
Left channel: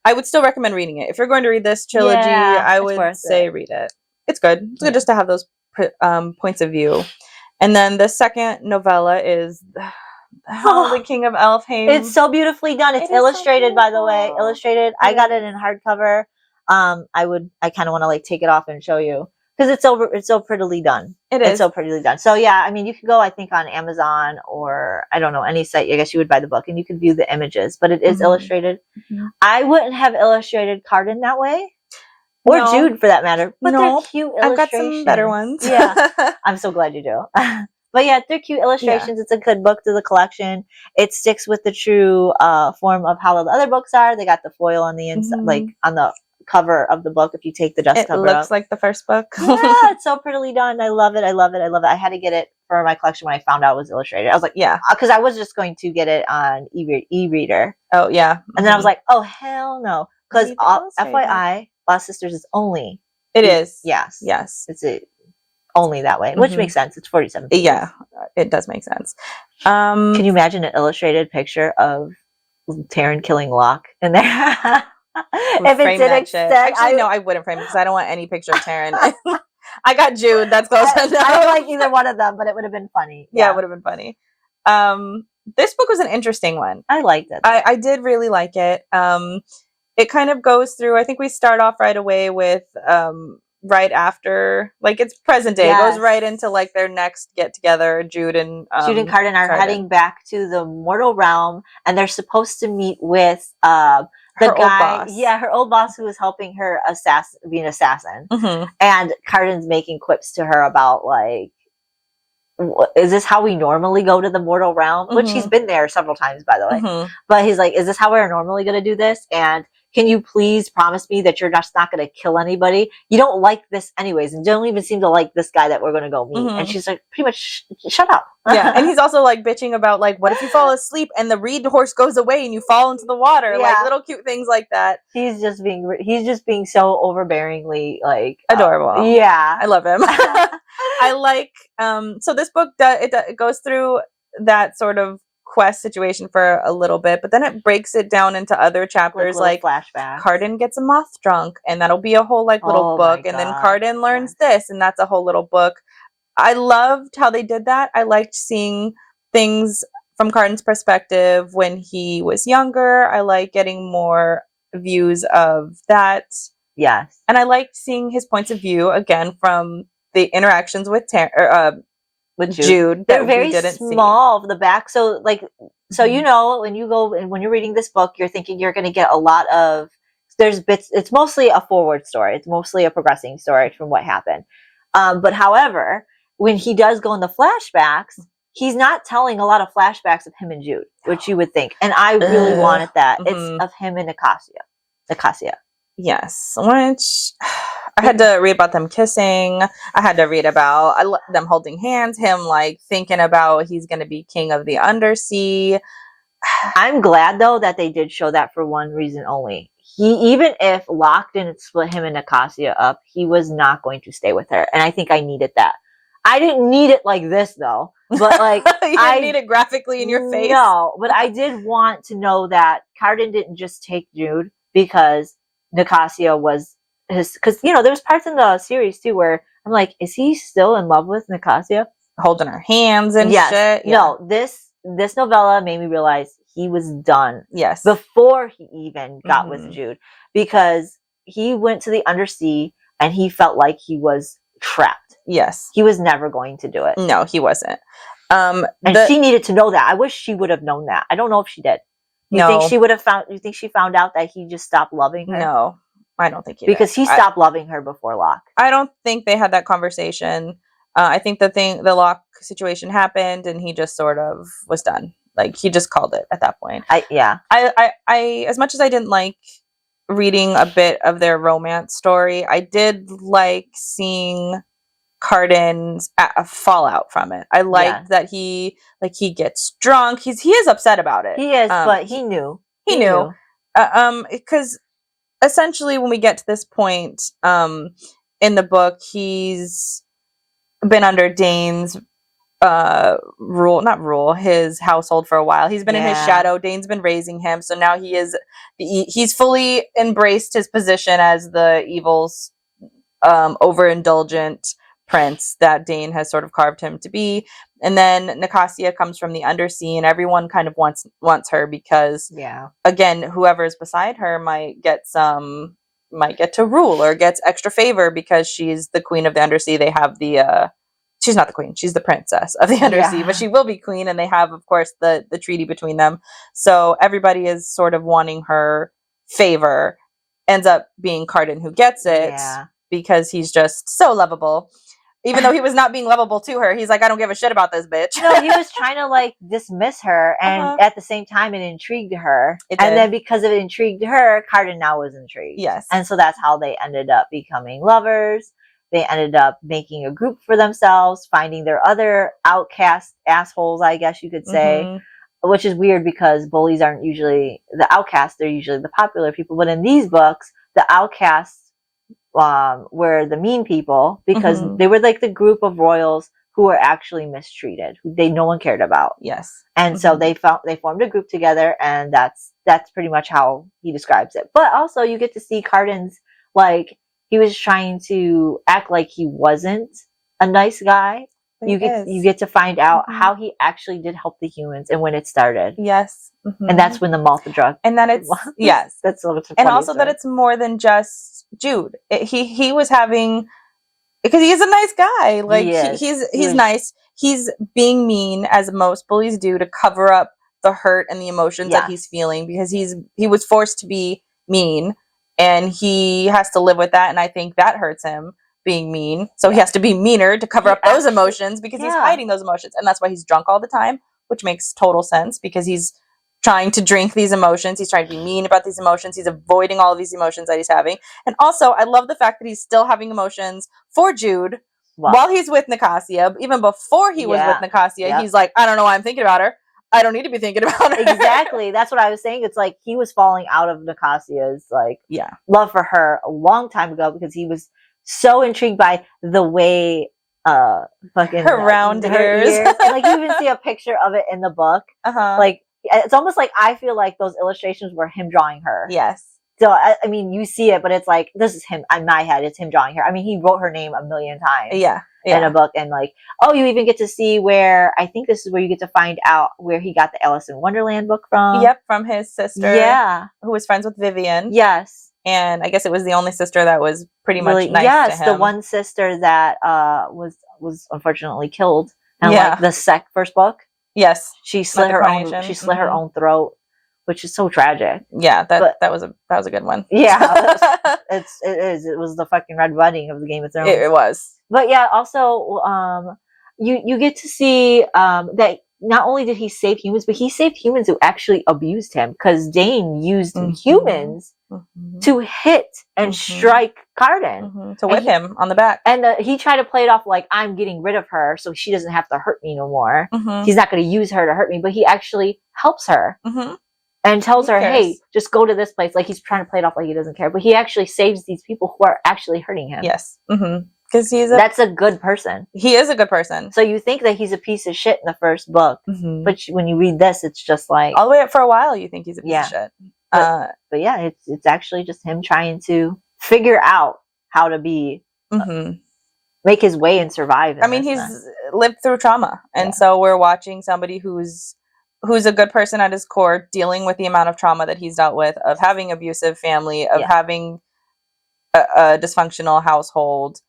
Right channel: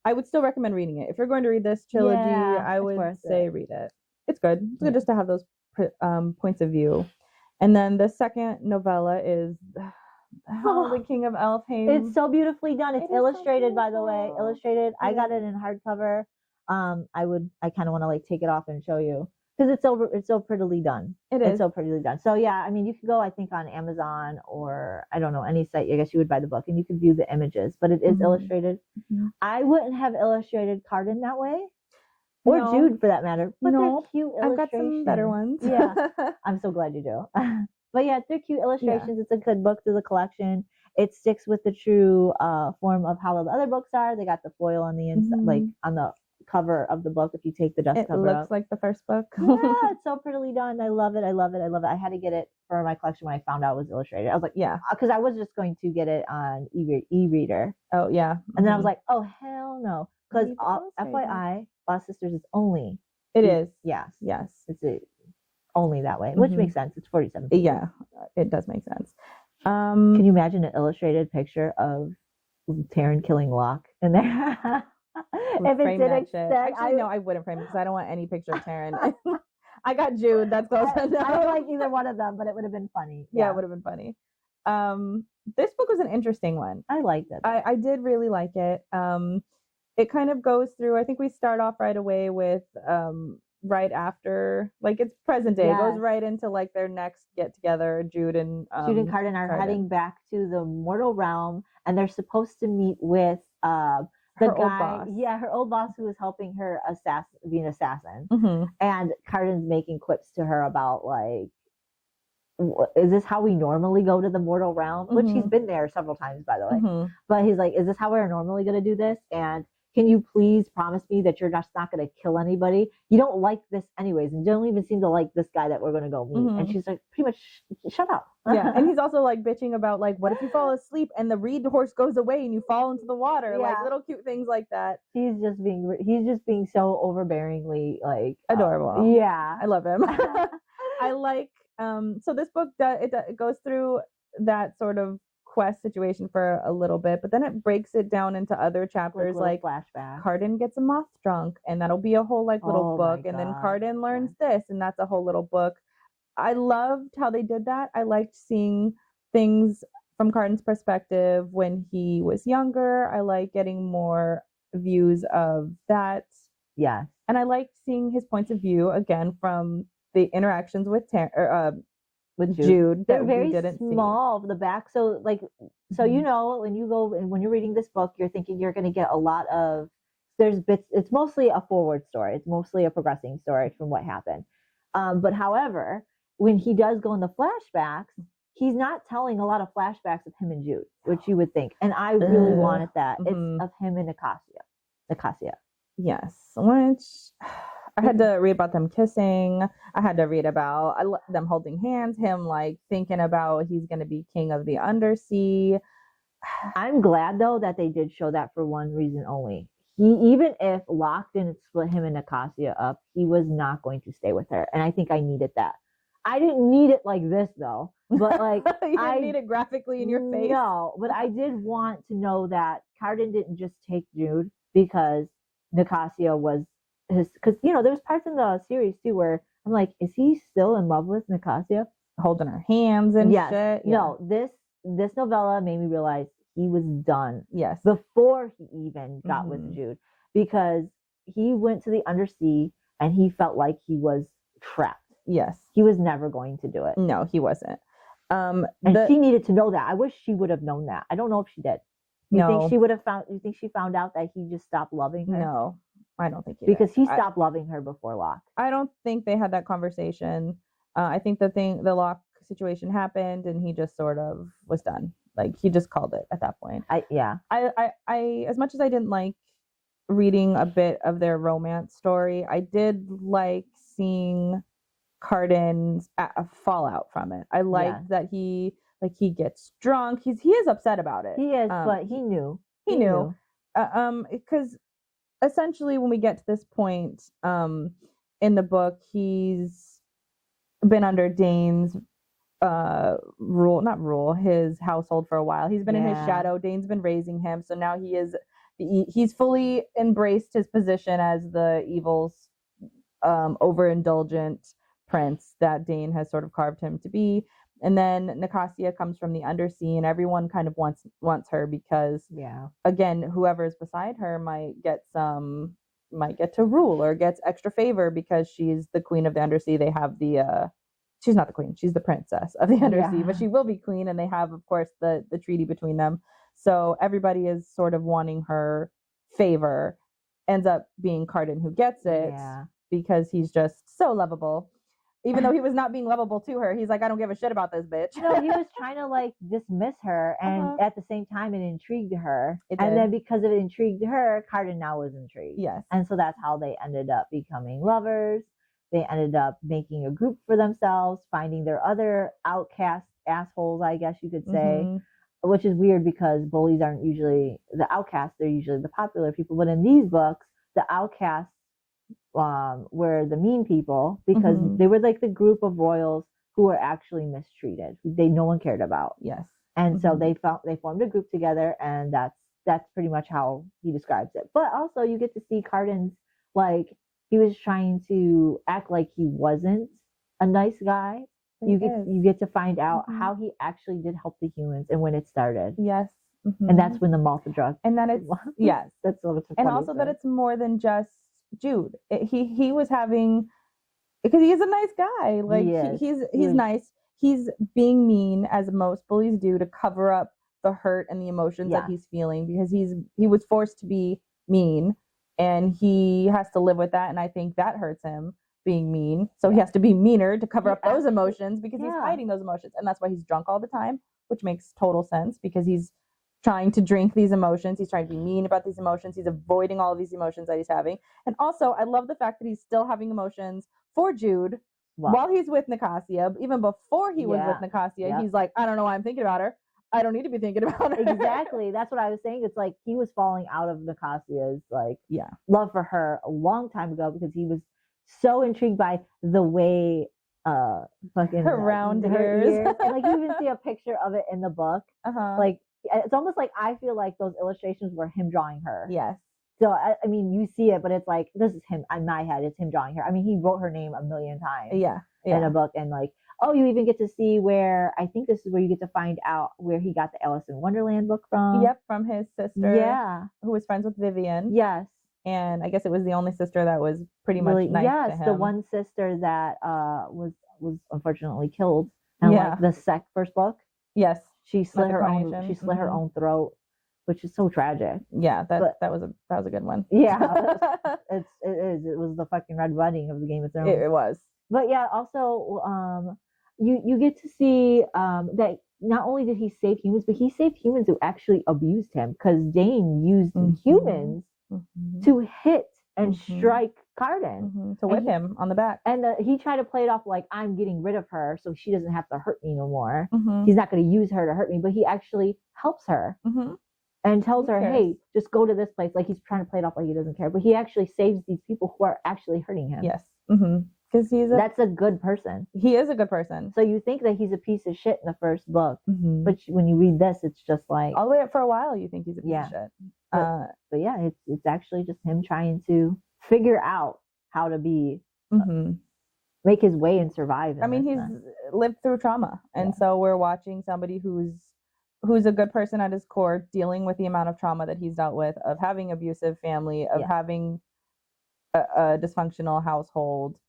I would still recommend reading it if you're going to read this trilogy. I would say read it. It's good. It's good just to have those points of view. And then the second novella is The King of Elfheim. It's so beautifully done. It's illustrated, by the way. Illustrated. I got it in hardcover. I kind of want to like take it off and show you because it's so prettily done. It's so prettily done. So yeah, I mean, you could go, I think, on Amazon or I don't know, any site. I guess you would buy the book and you could view the images, but it is illustrated. Mm-hmm. I wouldn't have illustrated Carden that way. Or Jude, for that matter. But they're cute illustrations. I've got some better ones. Yeah. I'm so glad you do. But yeah, they're cute illustrations. Yeah. It's a good book to the collection. It sticks with the true form of how the other books are. They got the foil on the inside, like on the cover of the book. If you take the dust cover it looks like the first book. Yeah, it's so prettily done. I love it. I love it. I love it. I had to get it for my collection when I found out it was illustrated. I was like, yeah, because I was just going to get it on e-reader. Oh yeah. And then I was like, oh hell no, because FYI, Lost Sisters is only. It is. Yes. Yes. It's only that way, which makes sense. It's 47 pages. Yeah, it does make sense. Can you imagine an illustrated picture of Taryn killing Locke in there? If it did extend, actually, no, I wouldn't frame it because I don't want any picture of Taryn. I got Jude. That's close enough. I don't like either one of them, but it would have been funny. Yeah, it would have been funny. This book was an interesting one. I liked it. I did really like it. It kind of goes through. I think we start off right away with right after, like, it's present day. It goes right into like their next get together. Jude and Carden are heading back to the mortal realm, and they're supposed to meet with the guy, old boss. Her old boss who was helping her be an assassin. Mm-hmm. And Carden's making quips to her about like, is this how we normally go to the mortal realm? Mm-hmm. Which he's been there several times, by the way. Mm-hmm. But he's like, is this how we're normally going to do this? And can you please promise me that you're just not going to kill anybody? You don't like this anyways, and don't even seem to like this guy that we're going to go meet. Mm-hmm. And she's like, pretty much, shut up. Yeah, and he's also like bitching about like, what if you fall asleep and the reed horse goes away and you fall into the water? Yeah. Like little cute things like that. He's just being so overbearingly like adorable. Yeah, I love him. I like. So this book it goes through that sort of quest situation for a little bit, but then it breaks it down into other chapters, like flashbacks. Carden gets a moth drunk, and that'll be a whole like little book, and then Carden learns this, and that's a whole little book. I loved how they did that. I liked seeing things from Carden's perspective when he was younger. I like getting more views of that. Yes, and I liked seeing his points of view again from the interactions with with Jude. They're very small of the back. So like, you know, when you're reading this book, you're thinking you're going to get a lot of, there's bits, it's mostly a forward story. It's mostly a progressing story from what happened. But however, when he does go in the flashbacks, he's not telling a lot of flashbacks of him and Jude, which you would think. And I really wanted that. Mm-hmm. It's of him and Nicasia. Yes. Which I had to read about them kissing. I had to read about them holding hands, him like thinking about he's going to be king of the undersea. I'm glad though that they did show that for one reason only. Even if Locke didn't split him and Nicasia up, he was not going to stay with her. And I think I needed that. I didn't need it like this though, but like you didn't need it graphically in your face. No, but I did want to know that Carden didn't just take Jude because Nicasia was because you know there was parts in the series too where I'm like, is he still in love with Nicasia? Holding her hands and shit. Yeah. No, this novella made me realize he was done. Yes. Before he even got with Jude, because he went to the undersea and he felt like he was trapped. Yes. He was never going to do it. No, he wasn't. And she needed to know that. I wish she would have known that. I don't know if she did. You think she found out that he just stopped loving her? No, I don't think he did. Because he stopped loving her before Locke. I don't think they had that conversation. I think the Locke situation happened and he just sort of was done. Like he just called it at that point. I as much as I didn't like reading a bit of their romance story, I did like seeing Cardin's fallout from it. I liked that he gets drunk. He is upset about it. He is, but he knew. He knew. Because essentially when we get to this point in the book, he's been under Dane's his household for a while. He's been in his shadow. Dane's been raising him, so now he's fully embraced his position as the evil's overindulgent prince that Dane has sort of carved him to be. And then Nicasia comes from the undersea, and everyone kind of wants her because, again, whoever's beside her might get to rule or gets extra favor because she's the queen of the undersea. They have she's not the queen, she's the princess of the undersea, but she will be queen, and they have, of course, the treaty between them. So everybody is sort of wanting her favor. Ends up being Cardin who gets it because he's just so lovable. Even though he was not being lovable to her, he's like, I don't give a shit about this bitch. No, he was trying to like dismiss her, and at the same time, it intrigued her. And then because it intrigued her, Cardin now was intrigued. Yes. And so that's how they ended up becoming lovers. They ended up making a group for themselves, finding their other outcast assholes, I guess you could say, which is weird because bullies aren't usually the outcasts. They're usually the popular people. But in these books, the outcasts were the mean people because they were like the group of royals who were actually mistreated, who no one cared about. Yes. And so they formed a group together, and that's pretty much how he describes it. But also you get to see Cardin's, like, he was trying to act like he wasn't a nice guy. You get to find out how he actually did help the humans and when it started. Yes. And that's when the malt drug. And then it's that's a little bit. And also that it's more than just Jude. He was having, because he is a nice guy. Like he's nice. He's being mean, as most bullies do, to cover up the hurt and the emotions that he's feeling, because he was forced to be mean, and he has to live with that. And I think that hurts him, being mean. So he has to be meaner to cover up those emotions, because he's hiding those emotions. And that's why he's drunk all the time, which makes total sense, because he's trying to drink these emotions. He's trying to be mean about these emotions. He's avoiding all of these emotions that he's having. And also, I love the fact that he's still having emotions for Jude while he's with Nicasia. Even before he was with Nicasia, he's like, I don't know why I'm thinking about her. I don't need to be thinking about her. Exactly. That's what I was saying. It's like he was falling out of Nicasia's love for her a long time ago, because he was so intrigued by the way fucking her round ears. And, like, you even see a picture of it in the book. Like, it's almost like I feel like those illustrations were him drawing her. Yes. So I mean, you see it, but it's like, this is him. In my head, it's him drawing her. I mean, he wrote her name a million times. In a book. And like, you even get to see where, I think this is where you get to find out where he got the Alice in Wonderland book from. Yep, from his sister. Yeah. Who was friends with Vivian. Yes. And I guess it was the only sister that was pretty much nice to him. Yes, the one sister that was unfortunately killed. And like the first book. Yes. She slit her own throat, which is so tragic. Yeah, that was a good one. Yeah. it is. It was the fucking Red Wedding of the Game of Thrones. It was. But yeah, also you get to see that not only did he save humans, but he saved humans who actually abused him, because Dane used humans to hit and strike Cardin. To whip him on the back. And he tried to play it off like, I'm getting rid of her so she doesn't have to hurt me no more. He's not going to use her to hurt me, but he actually helps her. And tells her, hey, just go to this place. Like, he's trying to play it off like he doesn't care. But he actually saves these people who are actually hurting him. Yes. Because that's a good person. He is a good person. So you think that he's a piece of shit in the first book. But when you read this, it's just like, all the way up for a while, you think he's a piece of shit. But yeah, it's actually just him trying to figure out how to be, make his way and survive. I mean, he's lived through trauma. And so we're watching somebody who's a good person at his core, dealing with the amount of trauma that he's dealt with, of having abusive family, of having a dysfunctional household,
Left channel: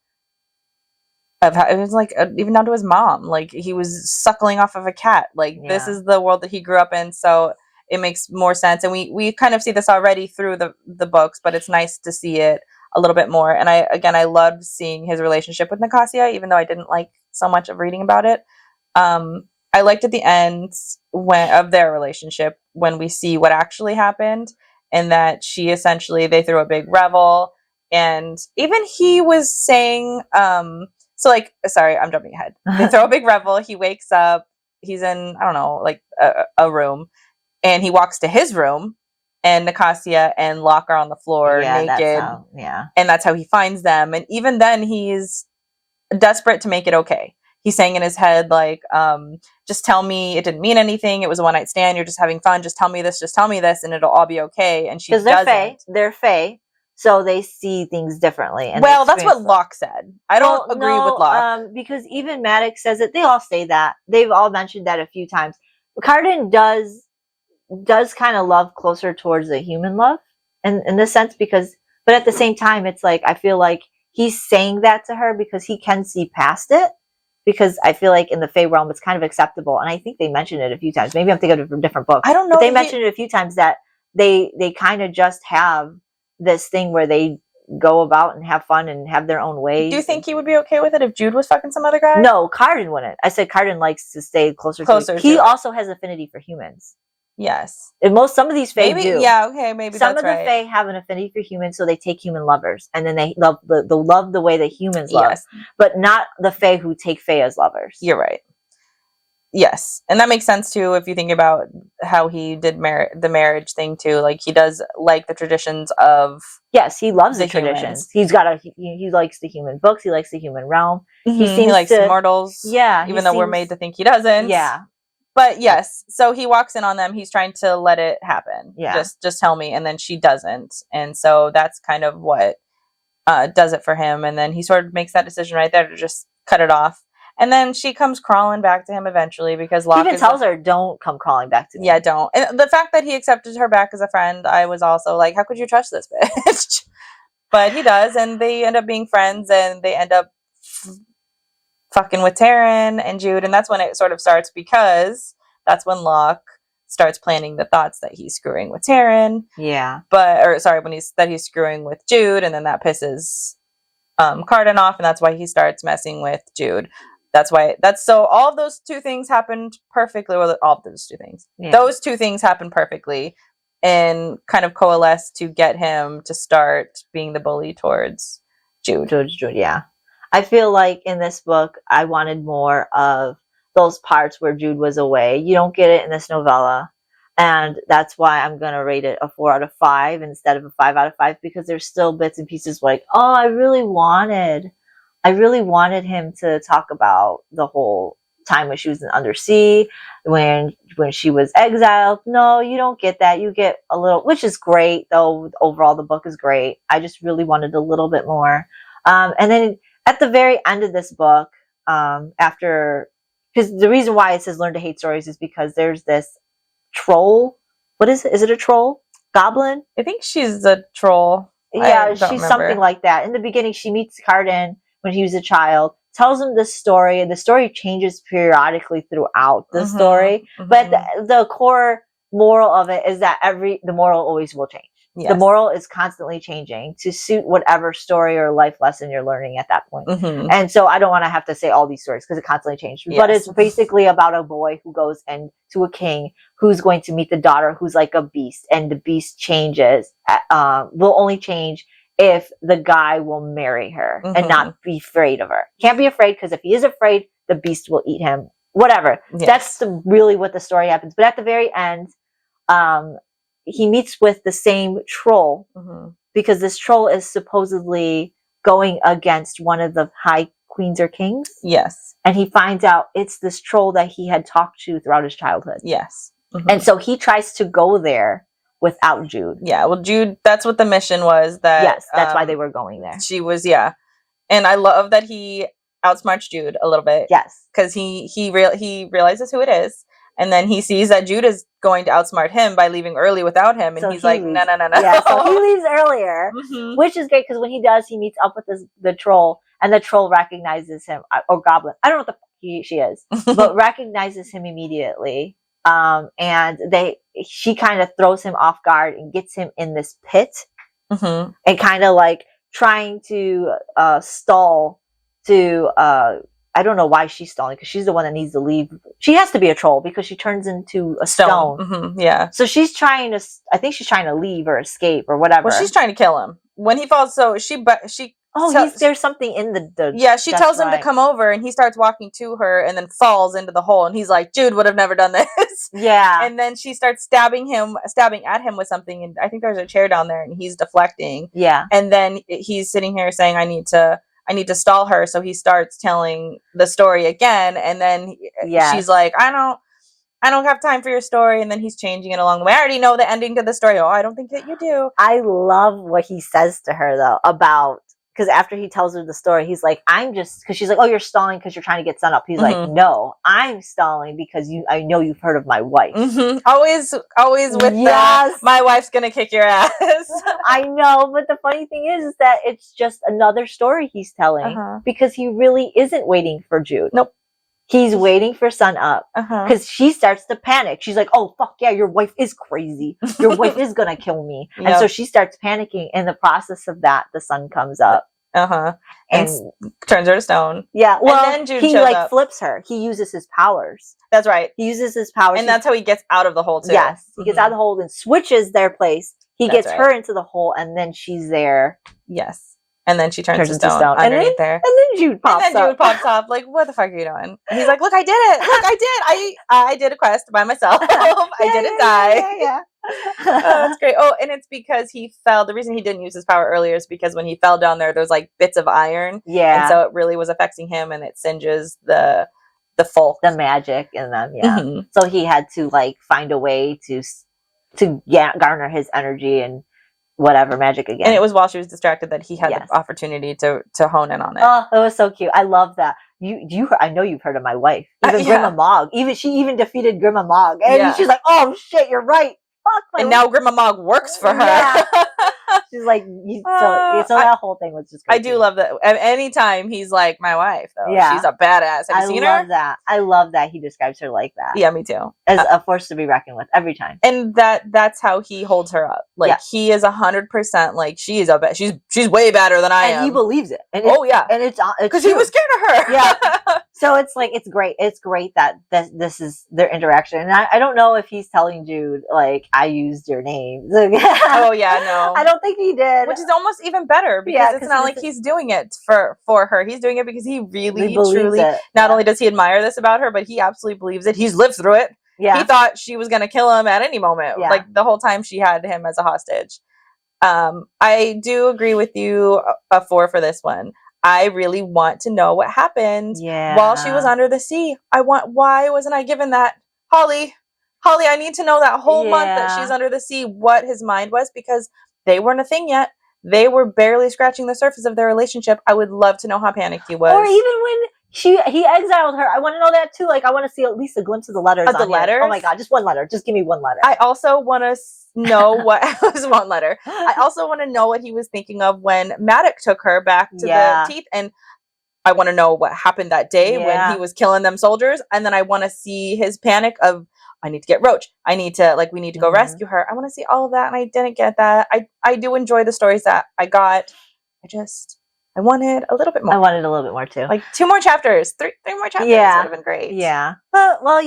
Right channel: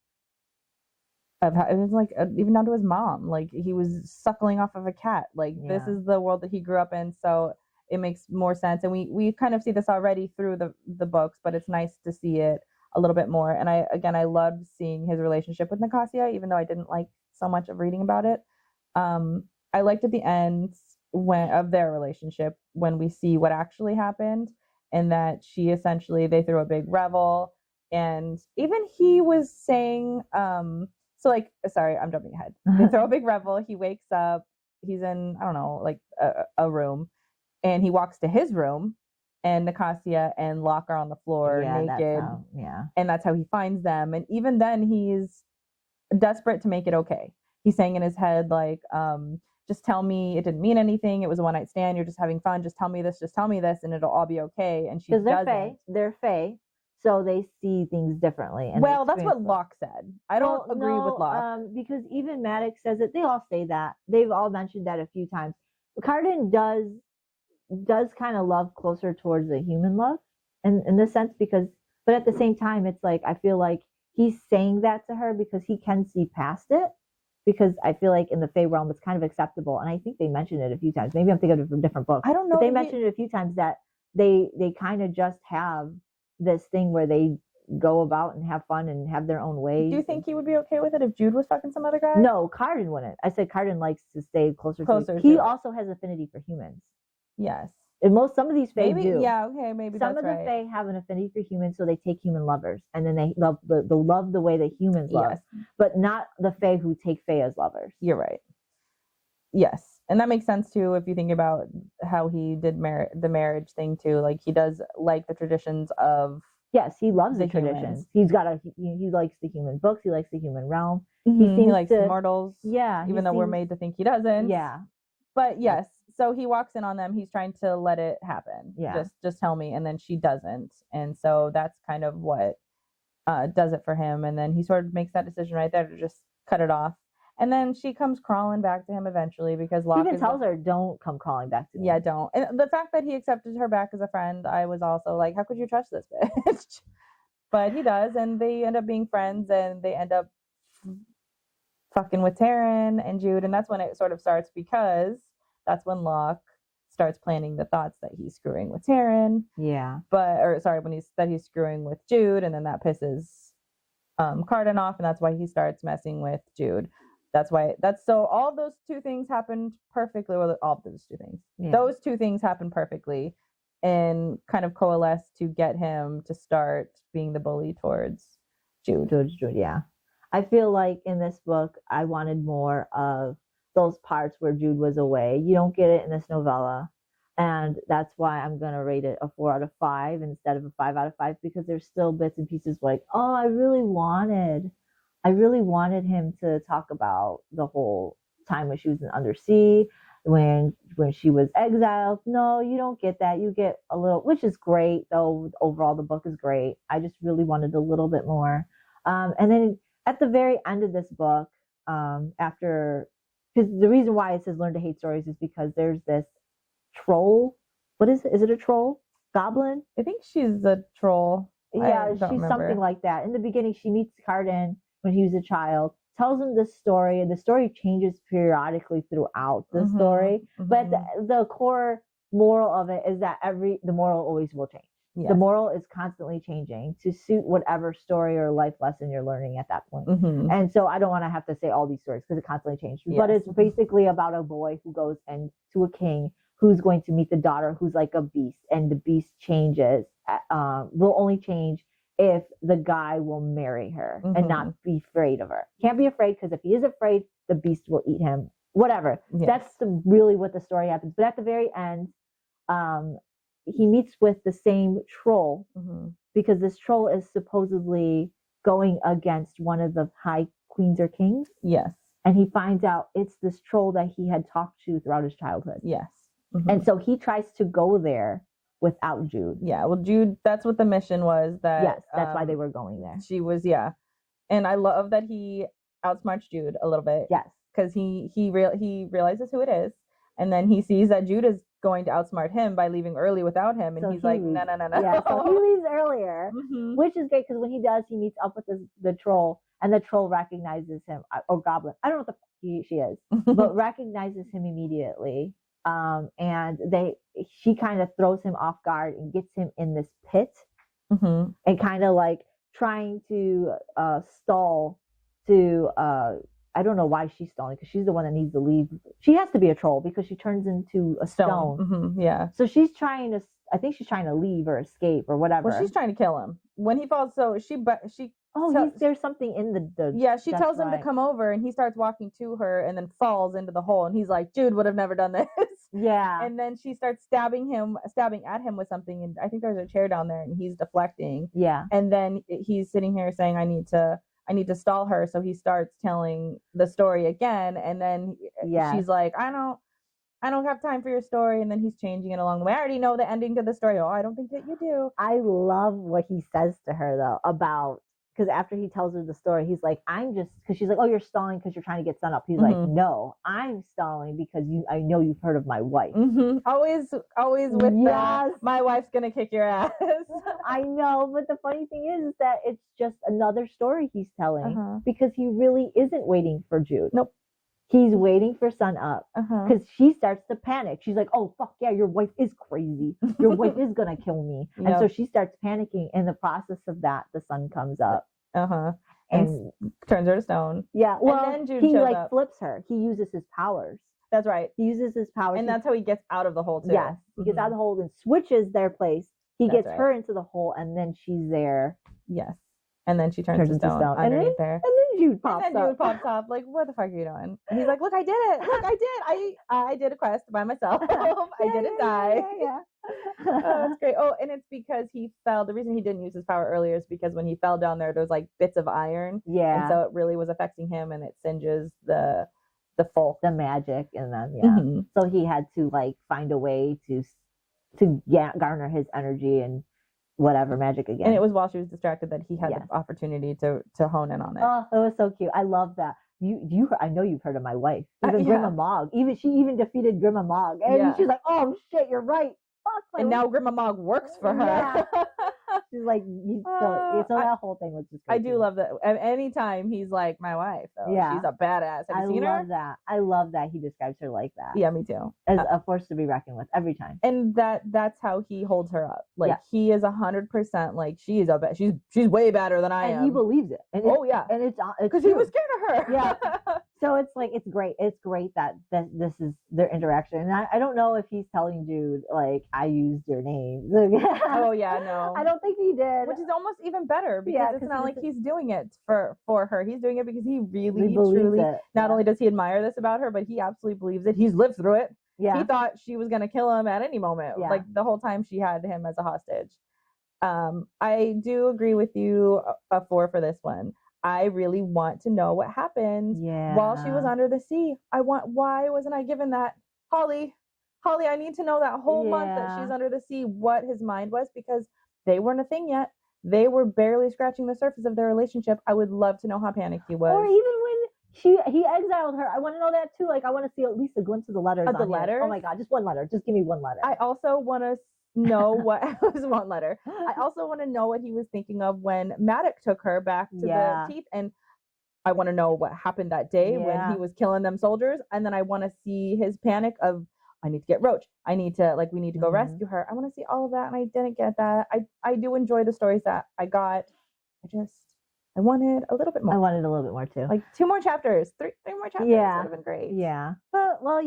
it was like even down to his mom. Like, he was suckling off of a cat. Like, this is the world that he grew up in. So it makes more sense. And we kind of see this already through the books, but it's nice to see it a little bit more. And I loved seeing his relationship with Nicasia, even though I didn't like so much of reading about it. I liked at the end of their relationship when we see what actually happened. and that she essentially, they threw a big revel, and even he was saying, so like, sorry, I'm jumping ahead. They throw a big revel. He wakes up. He's in, I don't know, like a room, and he walks to his room, and Nicasia and Locke are on the floor naked. And that's how he finds them. And even then, he's desperate to make it okay. He's saying in his head, like, just tell me it didn't mean anything. It was a one night stand. You're just having fun. Just tell me this, and it'll all be okay. And she doesn't. Because they're fae, so they see things differently. And well, that's what Locke said. I don't agree with Locke. Because even Maddox says it. They all say that. They've all mentioned that a few times. Cardan does kind of love closer towards the human love in this sense, but at the same time, it's like, I feel like he's saying that to her because he can see past it, because I feel like in the Fae realm, it's kind of acceptable. And I think they mentioned it a few times. Maybe I'm thinking of a different book. I don't know. But they mentioned it a few times that they kind of just have this thing where they go about and have fun and have their own ways. Do you think he would be okay with it if Jude was fucking some other guy? No, Cardan wouldn't. I said Cardan likes to stay closer to he also has affinity for humans. Yes. And some of these Fae do. Yeah, okay, maybe some that's of the Fae have an affinity for humans, so they take human lovers, and then they love the way that humans love, but not the Fae who take Fae as lovers. You're right. Yes, and that makes sense too if you think about how he did the marriage thing too. Like, he does like the traditions of. Yes, he loves the traditions. He likes the human books. He likes the human realm. Mm-hmm. He likes immortals. Yeah, even though we're made to think he doesn't. Yeah. But yes, so he walks in on them. He's trying to let it happen. Yeah. Just tell me. And then she doesn't. And so that's kind of what does it for him. And then he sort of makes that decision right there to just cut it off. And then she comes crawling back to him eventually because Locke even tells her, don't come crawling back to me. Yeah, don't. And the fact that he accepted her back as a friend, I was also like, how could you trust this bitch? But he does. And they end up being friends, and they end up fucking with Taryn and Jude, and that's when it sort of starts, because that's when Locke starts planning the thoughts that he's screwing with Taryn. Yeah. When he's screwing with Jude, and then that pisses Cardan off, and that's why he starts messing with Jude. So all of those two things happened perfectly. Well, all of those two things. Yeah. Those two things happened perfectly and kind of coalesce to get him to start being the bully towards Jude. Jude, yeah. I feel like in this book, I wanted more of those parts where Jude was away. You don't get it in this novella. And that's why I'm going to rate it a 4 out of 5 instead of a 5 out of 5, because there's still bits and pieces like, oh, I really wanted him to talk about the whole time when she was in undersea, when she was exiled. No, you don't get that. You get a little, which is great, though. Overall, the book is great. I just really wanted a little bit more. And then at the very end of this book, because the reason why it says learn to hate stories is because there's this troll. What is it? Is it a troll? Goblin? I think she's a troll. Yeah, she's remember. Something like that. In the beginning, she meets Cardan when he was a child, tells him this story, and the story changes periodically throughout the story. Mm-hmm. But the core moral of it is that the moral always will change. Yes. The moral is constantly changing to suit whatever story or life lesson you're learning at that point. Mm-hmm. And so I don't want to have to say all these stories because it constantly changes. Yes. But it's basically about a boy who goes to a king who's going to meet the daughter who's like a beast. And the beast changes, will only change if the guy will marry her and not be afraid of her. Can't be afraid, because if he is afraid, the beast will eat him. Whatever. Yes. That's really what the story happens. But at the very end, he meets with the same troll, because this troll is supposedly going against one of the high queens or kings. Yes. And he finds out it's this troll that he had talked to throughout his childhood. Yes. Mm-hmm. And so he tries to go there without Jude. Yeah, well, Jude, that's what the mission was. Yes, that's why they were going there. She was, yeah. And I love that he outsmarts Jude a little bit. Yes. Because he realizes who it is. And then he sees that Jude is going to outsmart him by leaving early without him. And so he's like, no. Yeah, so he leaves earlier, which is great, because when he does, he meets up with the troll, and the troll recognizes him, or goblin. I don't know what she is, but recognizes him immediately. And she kind of throws him off guard and gets him in this pit, and kind of like trying to stall to I don't know why she's stalling, because she's the one that needs to leave. She has to be a troll because she turns into a stone. Mm-hmm, yeah. So she's trying to, I think she's trying to leave or escape or whatever. Well, she's trying to kill him when he falls. So there's something in the yeah, she tells him to come over, and he starts walking to her and then falls into the hole, and he's like, Jude would have never done this. Yeah. And then she starts stabbing at him with something, and I think there's a chair down there, and he's deflecting. Yeah. And then he's sitting here saying, I need to stall her. So he starts telling the story again, and then she's like, I don't have time for your story. And then he's changing it along the way. I already know the ending to the story. Oh, I don't think that you do. I love what he says to her, though, about, because after he tells her the story, he's like, because she's like, oh, you're stalling because you're trying to get Sun up. He's like, no, I'm stalling because I know you've heard of my wife. Mm-hmm. Always with my wife's going to kick your ass. I know. But the funny thing is that it's just another story he's telling because he really isn't waiting for Jude. Nope. He's waiting for Sun up because she starts to panic. She's like, oh, fuck yeah, your wife is crazy. Your wife is going to kill me. Yep. And so she starts panicking. In the process of that, the sun comes up. And turns her to stone. Yeah. Well, and then Jude he shows up. Flips her. He uses his powers. That's right. He uses his powers. And that's how he gets out of the hole, too. Yes. He gets out of the hole and switches their place. He gets her into the hole, and then she's there. Yes. And then she turns to stone underneath there. And then Jude pops up. Jude pops up like, what the fuck are you doing? And he's like, look, I did it. Look, I did. I did a quest by myself. I didn't die. Yeah. Oh, that's great. Oh, and it's because he fell. The reason he didn't use his power earlier is because when he fell down there's like bits of iron. Yeah. And so it really was affecting him, and it singes the folk. The magic in them, yeah. Mm-hmm. So he had to like find a way to garner his energy and whatever magic again. And it was while she was distracted that he had the opportunity to hone in on it. Oh, it was so cute. I love that. I know you've heard of my wife. Even Grima Mog. She even defeated Grima Mog. And she's like, oh shit, you're right. Fuck my and now Grima Mog works for her. Yeah. She's like, so that whole thing was just great. I do love that. Anytime he's like, my wife, though. Yeah. She's a badass. Have you seen her? I love that he describes her like that. Yeah, me too. As a force to be reckoned with every time. And that's how he holds her up. Like, he is 100% like, she's way better than I am. And he believes it. And yeah. And it's because he was scared of her. Yeah. So it's like, it's great. It's great that this is their interaction. And I don't know if he's telling Jude, like, I used your name. Oh, yeah, no. I don't think he did. Which is almost even better because it's not like he's doing it for her. He's doing it because he really, truly, not only does he admire this about her, but he absolutely believes it. He's lived through it. Yeah. He thought she was going to kill him at any moment. Yeah. Like the whole time she had him as a hostage. I do agree with you, a 4 for this one. I really want to know what happened while she was under the sea. Why wasn't I given that? Holly, I need to know that whole month that she's under the sea, what his mind was, because they weren't a thing yet. They were barely scratching the surface of their relationship. I would love to know how panicked he was. Or even when he exiled her. I want to know that too. Like, I want to see at least a glimpse of the letters. The letters? Oh my God, just one letter. Just give me one letter. I also want to know what was one letter. I also want to know what he was thinking of when Maddox took her back to the teeth, and I want to know what happened that day when he was killing them soldiers. And then I want to see his panic of, I need to get Roach. We need to go rescue her. I want to see all of that, and I didn't get that. I do enjoy the stories that I got. I wanted a little bit more. I wanted a little bit more too. Like 2 more chapters, 3 more chapters would have been great. Yeah. But, well,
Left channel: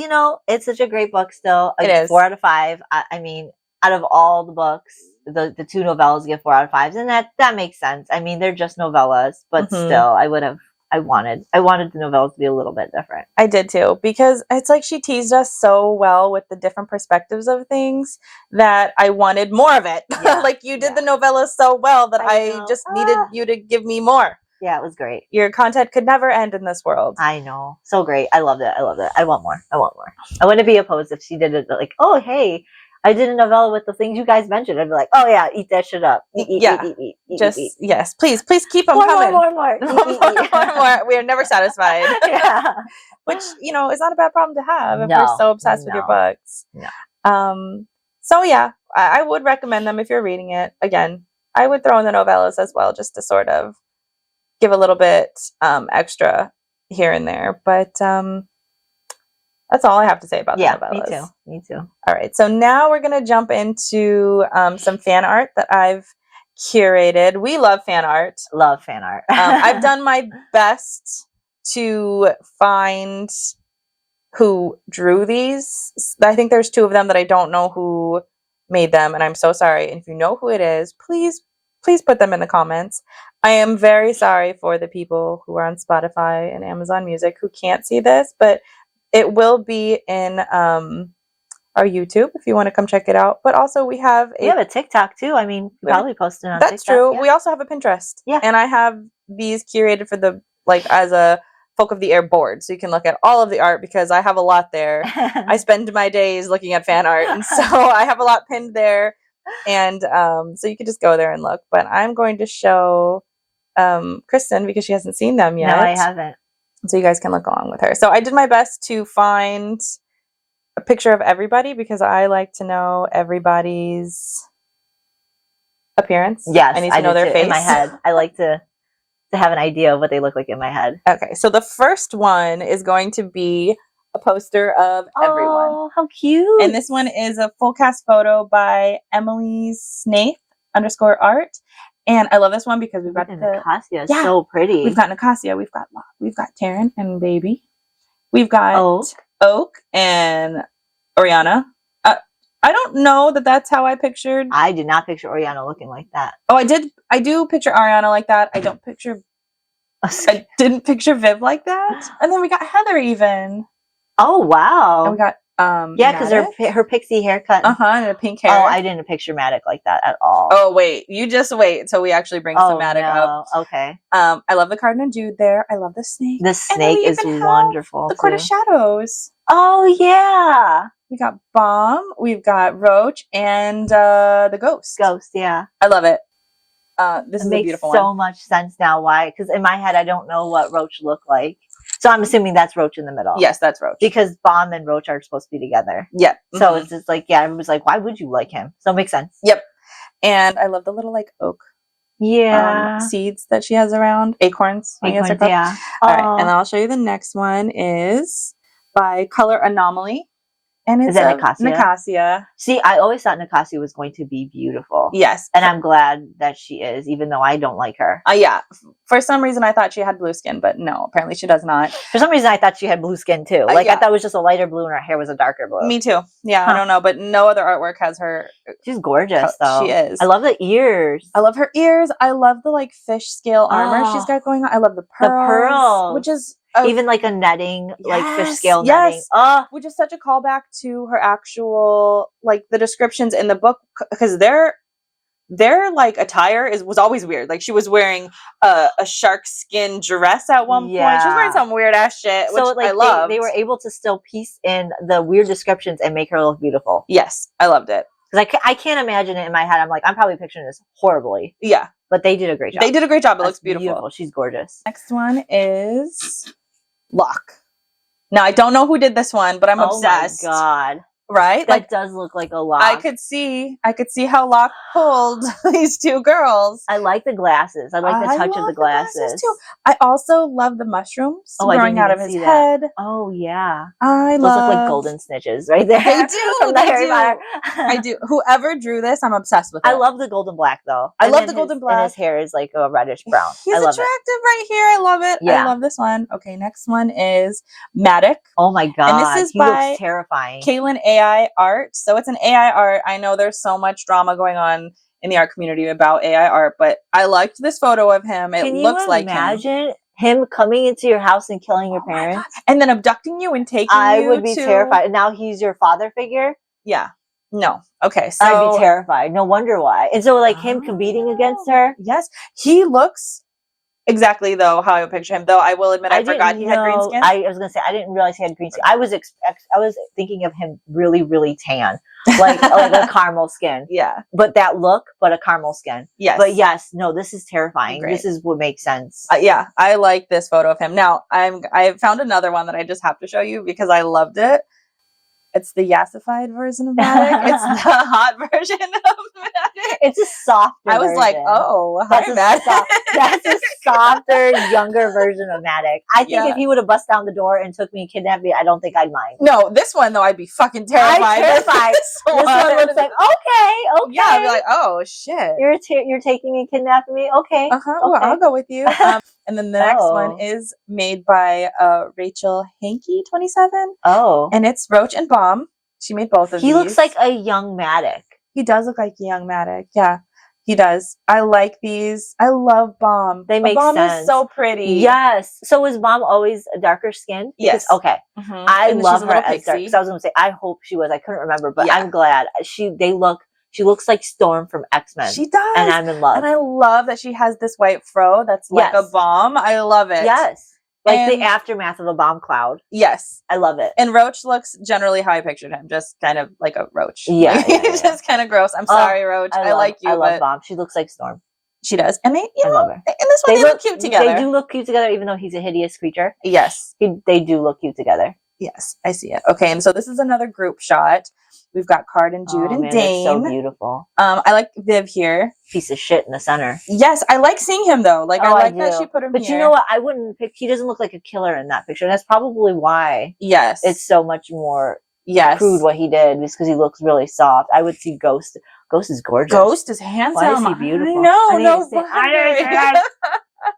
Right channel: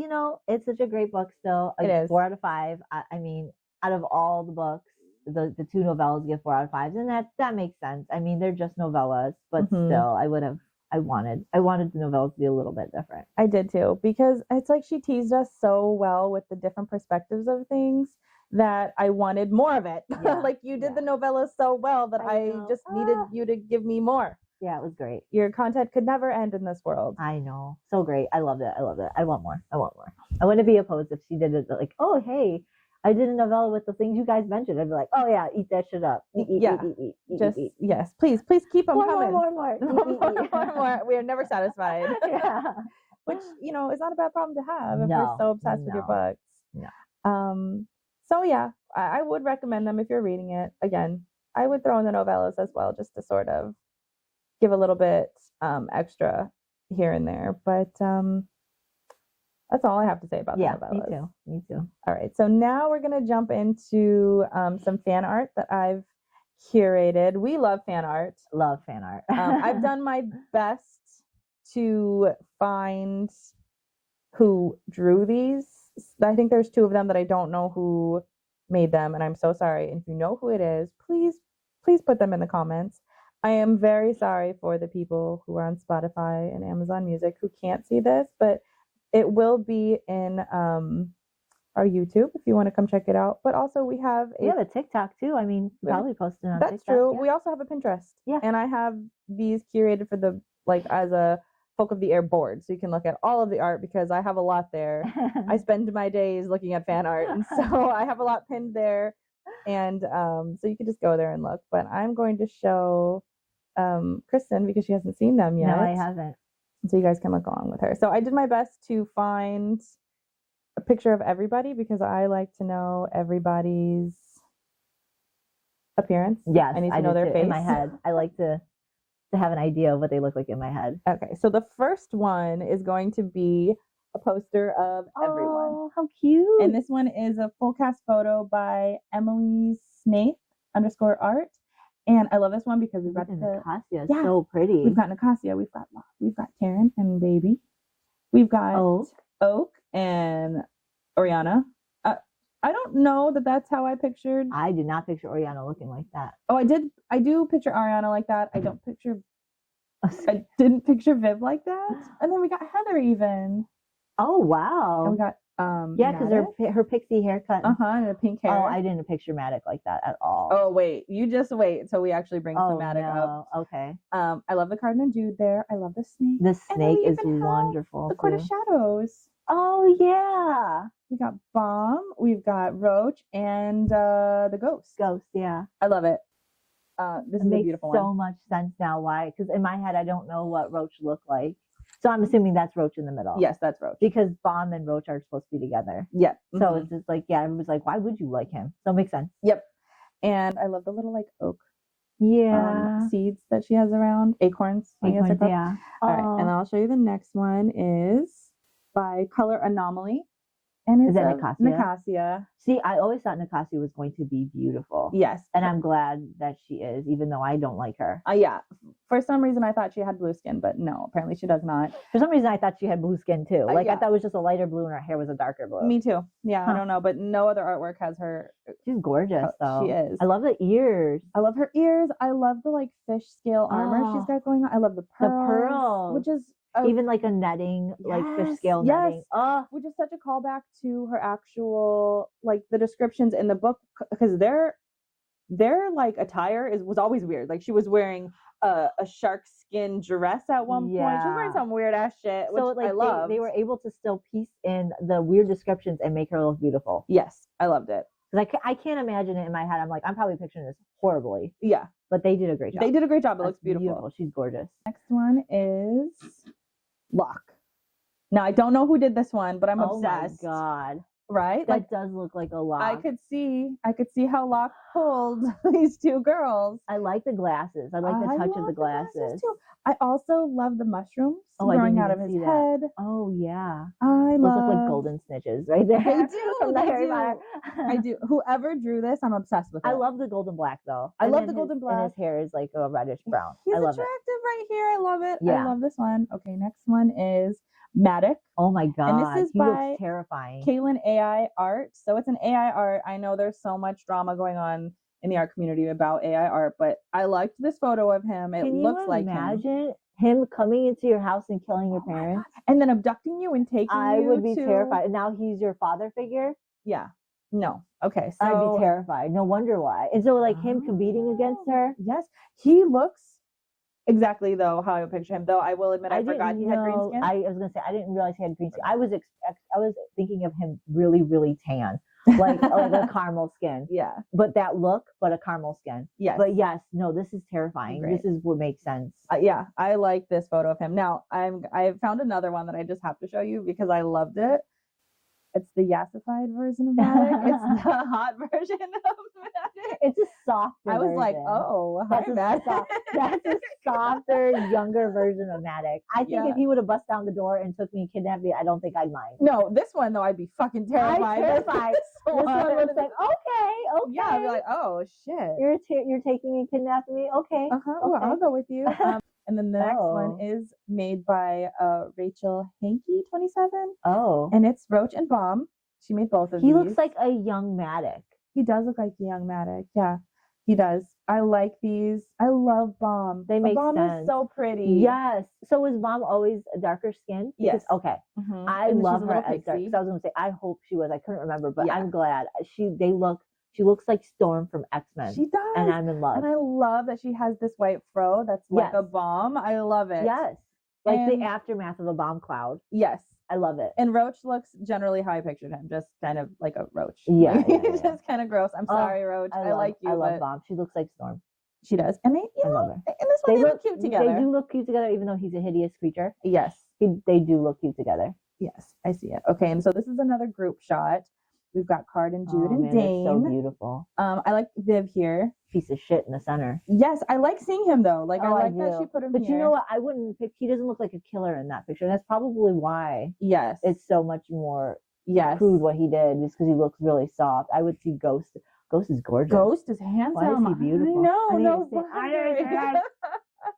it's such a great book still. It is. 4 out of 5. I mean, out of all the books, the 2 novellas get 4 out of 5s, and that makes sense. I mean, they're just novellas, but still, I wanted the novellas to be a little bit different. I did too, because it's like she teased us so well with the different perspectives of things that I wanted more of it. Yeah. Like you did the novellas so well that I just needed you to give me more. Yeah, it was great. Your content could never end in this world. I know. So great. I loved it. I want more. I wouldn't be opposed if she did it like, oh, hey, I did a novella with the things you guys mentioned. I'd be like, oh yeah, eat that shit up. Eat. Yes, please keep them coming. More. more. We are never satisfied. Yeah. Which, is not a bad problem to have if you're so obsessed with your books. No. So yeah, I would recommend them if you're reading it. Again, I would throw in the novellas as well, just to sort of give a little bit extra here and there. But that's all I have to say about the novellas. Me too. All right. So now we're going to jump into some fan art that I've curated. We love fan art. Love fan art. I've done my best to find who drew these. I think there's 2 of them that I don't know who made them, and I'm so sorry. And if you know who it is, please put them in the comments. I am very sorry for the people who are on Spotify and Amazon Music who can't see this, but it will be in our YouTube if you want to come check it out. But also we have a TikTok too. I mean, we probably posted on that's TikTok. true. Yeah. We also have a Pinterest. Yeah. And I have these curated for the as a Folk of the Air board, so you can look at all of the art because I have a lot there. I spend my days looking at fan art, and so I have a lot pinned there, and so you can just go there and look. But I'm going to show Kristen because she hasn't seen them yet. No, I haven't. So you guys can look along with her. So I did my best to find a picture of everybody because I like to know everybody's appearance. Yes, I need to know their face in my head. I like to have an idea of what they look like in my head. Okay, so the first one is going to be a poster of everyone. Oh, how cute. And this one is a full cast photo by Emily Snaith _art. And I love this one because we've got Nicasia is so pretty. We've got Nicasia, we've got Taryn and Baby. We've got Oak and Oriana. I don't know that that's how I pictured. I did not picture Oriana looking like that. Oh, I do picture Ariana like that. I didn't picture Viv like that. And then we got Heather even. Oh, wow. And we got because her pixie haircut. And a pink hair. Oh, I didn't picture Matic like that at all. Oh, wait. You just wait until we actually bring some Matic up. Okay. I love the Cardinal Jude there. I love the snake. The snake is wonderful. The Court of Shadows. Oh, yeah. We got Bomb, we've got Roach, and the Ghost. Ghost, yeah. I love it. This is a beautiful one. Makes so much sense now. Why? Because in my head, I don't know what Roach looked like. So I'm assuming that's Roach in the middle. Yes, that's Roach. Because Bomb and Roach are supposed to be together. Yep. So it's just like, it was like, why would you like him? So it makes sense. Yep. And I love the little oak seeds that she has around. Acorns. Yeah. All right. And I'll show you the next one is by Color Anomaly. And it's Nicasia. See, I always thought Nicasia was going to be beautiful. Yes. And I'm glad that she is, even though I don't like her. Yeah. For some reason, I thought she had blue skin, but no, apparently she does not. For some reason, I thought she had blue skin too. I thought it was just a lighter blue and her hair was a darker blue. Me too. Yeah, I don't know, but no other artwork has her. She's gorgeous, though. She is. I love the ears. I love her ears. I love the fish scale armor she's got going on. I love the pearls. Which is even like a netting, like fish scale netting. Which is such a callback to her actual, the descriptions in the book, because their attire was always weird. Like she was wearing a shark skin dress at one point. She was wearing some weird ass shit, which I loved. They were able to still piece in the weird descriptions and make her look beautiful. Yes, I loved it. Because I can't imagine it in my head. I'm like, I'm probably picturing this horribly. Yeah. But they did a great job. They did a great job. It looks beautiful. She's gorgeous. Next one is Locke. Now, I don't know who did this one, but I'm obsessed. Oh, my God. Right? That does look like a Locke. I could see how Locke pulled these 2 girls. I like the glasses. I like the touch of the glasses. Too. I also love the mushrooms growing out of his head. Oh, yeah. Those look like golden snitches right there. They do. I do. Whoever drew this, I'm obsessed with it. I love the golden black, though. I love the golden black. And his hair is like a reddish brown. He's attractive right here. I love it. Yeah. I love this one. Okay, next one is Matic. Oh, my God. And this is he by looks terrifying. Kaylin AI art. So it's an AI art. I know there's so much drama going on in the art community about AI art, but I liked this photo of him. It looks like him. Can you imagine him coming into your house and killing your parents? And then abducting you and taking you I would be terrified. And now he's your father figure? Yeah. No. Okay. So I'd be terrified. No wonder why. And so him competing against her? Yes. He looks exactly how I would picture him. Though I will admit I forgot he had green skin. I was gonna say I didn't realize he had green skin. I was thinking of him really, really tan, like a caramel skin. Yeah. But that look, but a caramel skin. Yes. But yes, no, this is terrifying. Great. This is what makes sense. Yeah, I like this photo of him. Now I found another one that I just have to show you because I loved it. It's the yassified version of Matic. It's the hot version of Matic. It's a softer I was like, version. oh, That's hi, a Matt. that's a softer, younger version of Matic. I think Yeah. if he would have bust down the door and took me and kidnapped me, I don't think I'd mind. No, this one though, I'd be fucking terrified. I'm terrified. This one looks like okay. Yeah, I'd be like, oh shit. You're taking me, kidnapping me. Okay. Well, okay. I'll go with you. And then the next one is made by Rachel Hankey 27. Oh. And it's Roach and Bomb. She made both of these. He looks like a young Matic. He does look like a young Matic. Yeah, he does. I like these. I love Bomb. They make Bomb sense. Is so pretty. Yes. So was Mom always a darker skinned? Yes. Okay. Mm-hmm. I love her as dark. Because I was going to say, I hope she was. I couldn't remember, but I'm glad. She looks like Storm from X-Men. She does. And I'm in love. And I love that she has this white fro that's like a bomb. I love it. Yes. Like the aftermath of a bomb cloud. Yes. I love it. And Roach looks generally how I pictured him, just kind of like a roach. Yeah. Just kind of gross. I'm sorry, Roach. I like you. I love Bomb. She looks like Storm. She does. And I love her. In this one, they look cute together. They do look cute together, even though he's a hideous creature. Yes. They do look cute together. Yes, I see it. Okay, and so this is another group shot. We've got Card and Jude and Dane. So beautiful. I like Viv here. Piece of shit in the center. Yes, I like seeing him though. Like I like that she put him here. But you know what? I wouldn't pick. He doesn't look like a killer in that picture. And that's probably why. Yes. It's so much more crude what he did, just because he looks really soft. I would see Ghost. Ghost is gorgeous. Ghost is handsome. Why is he beautiful? I know. No wonder.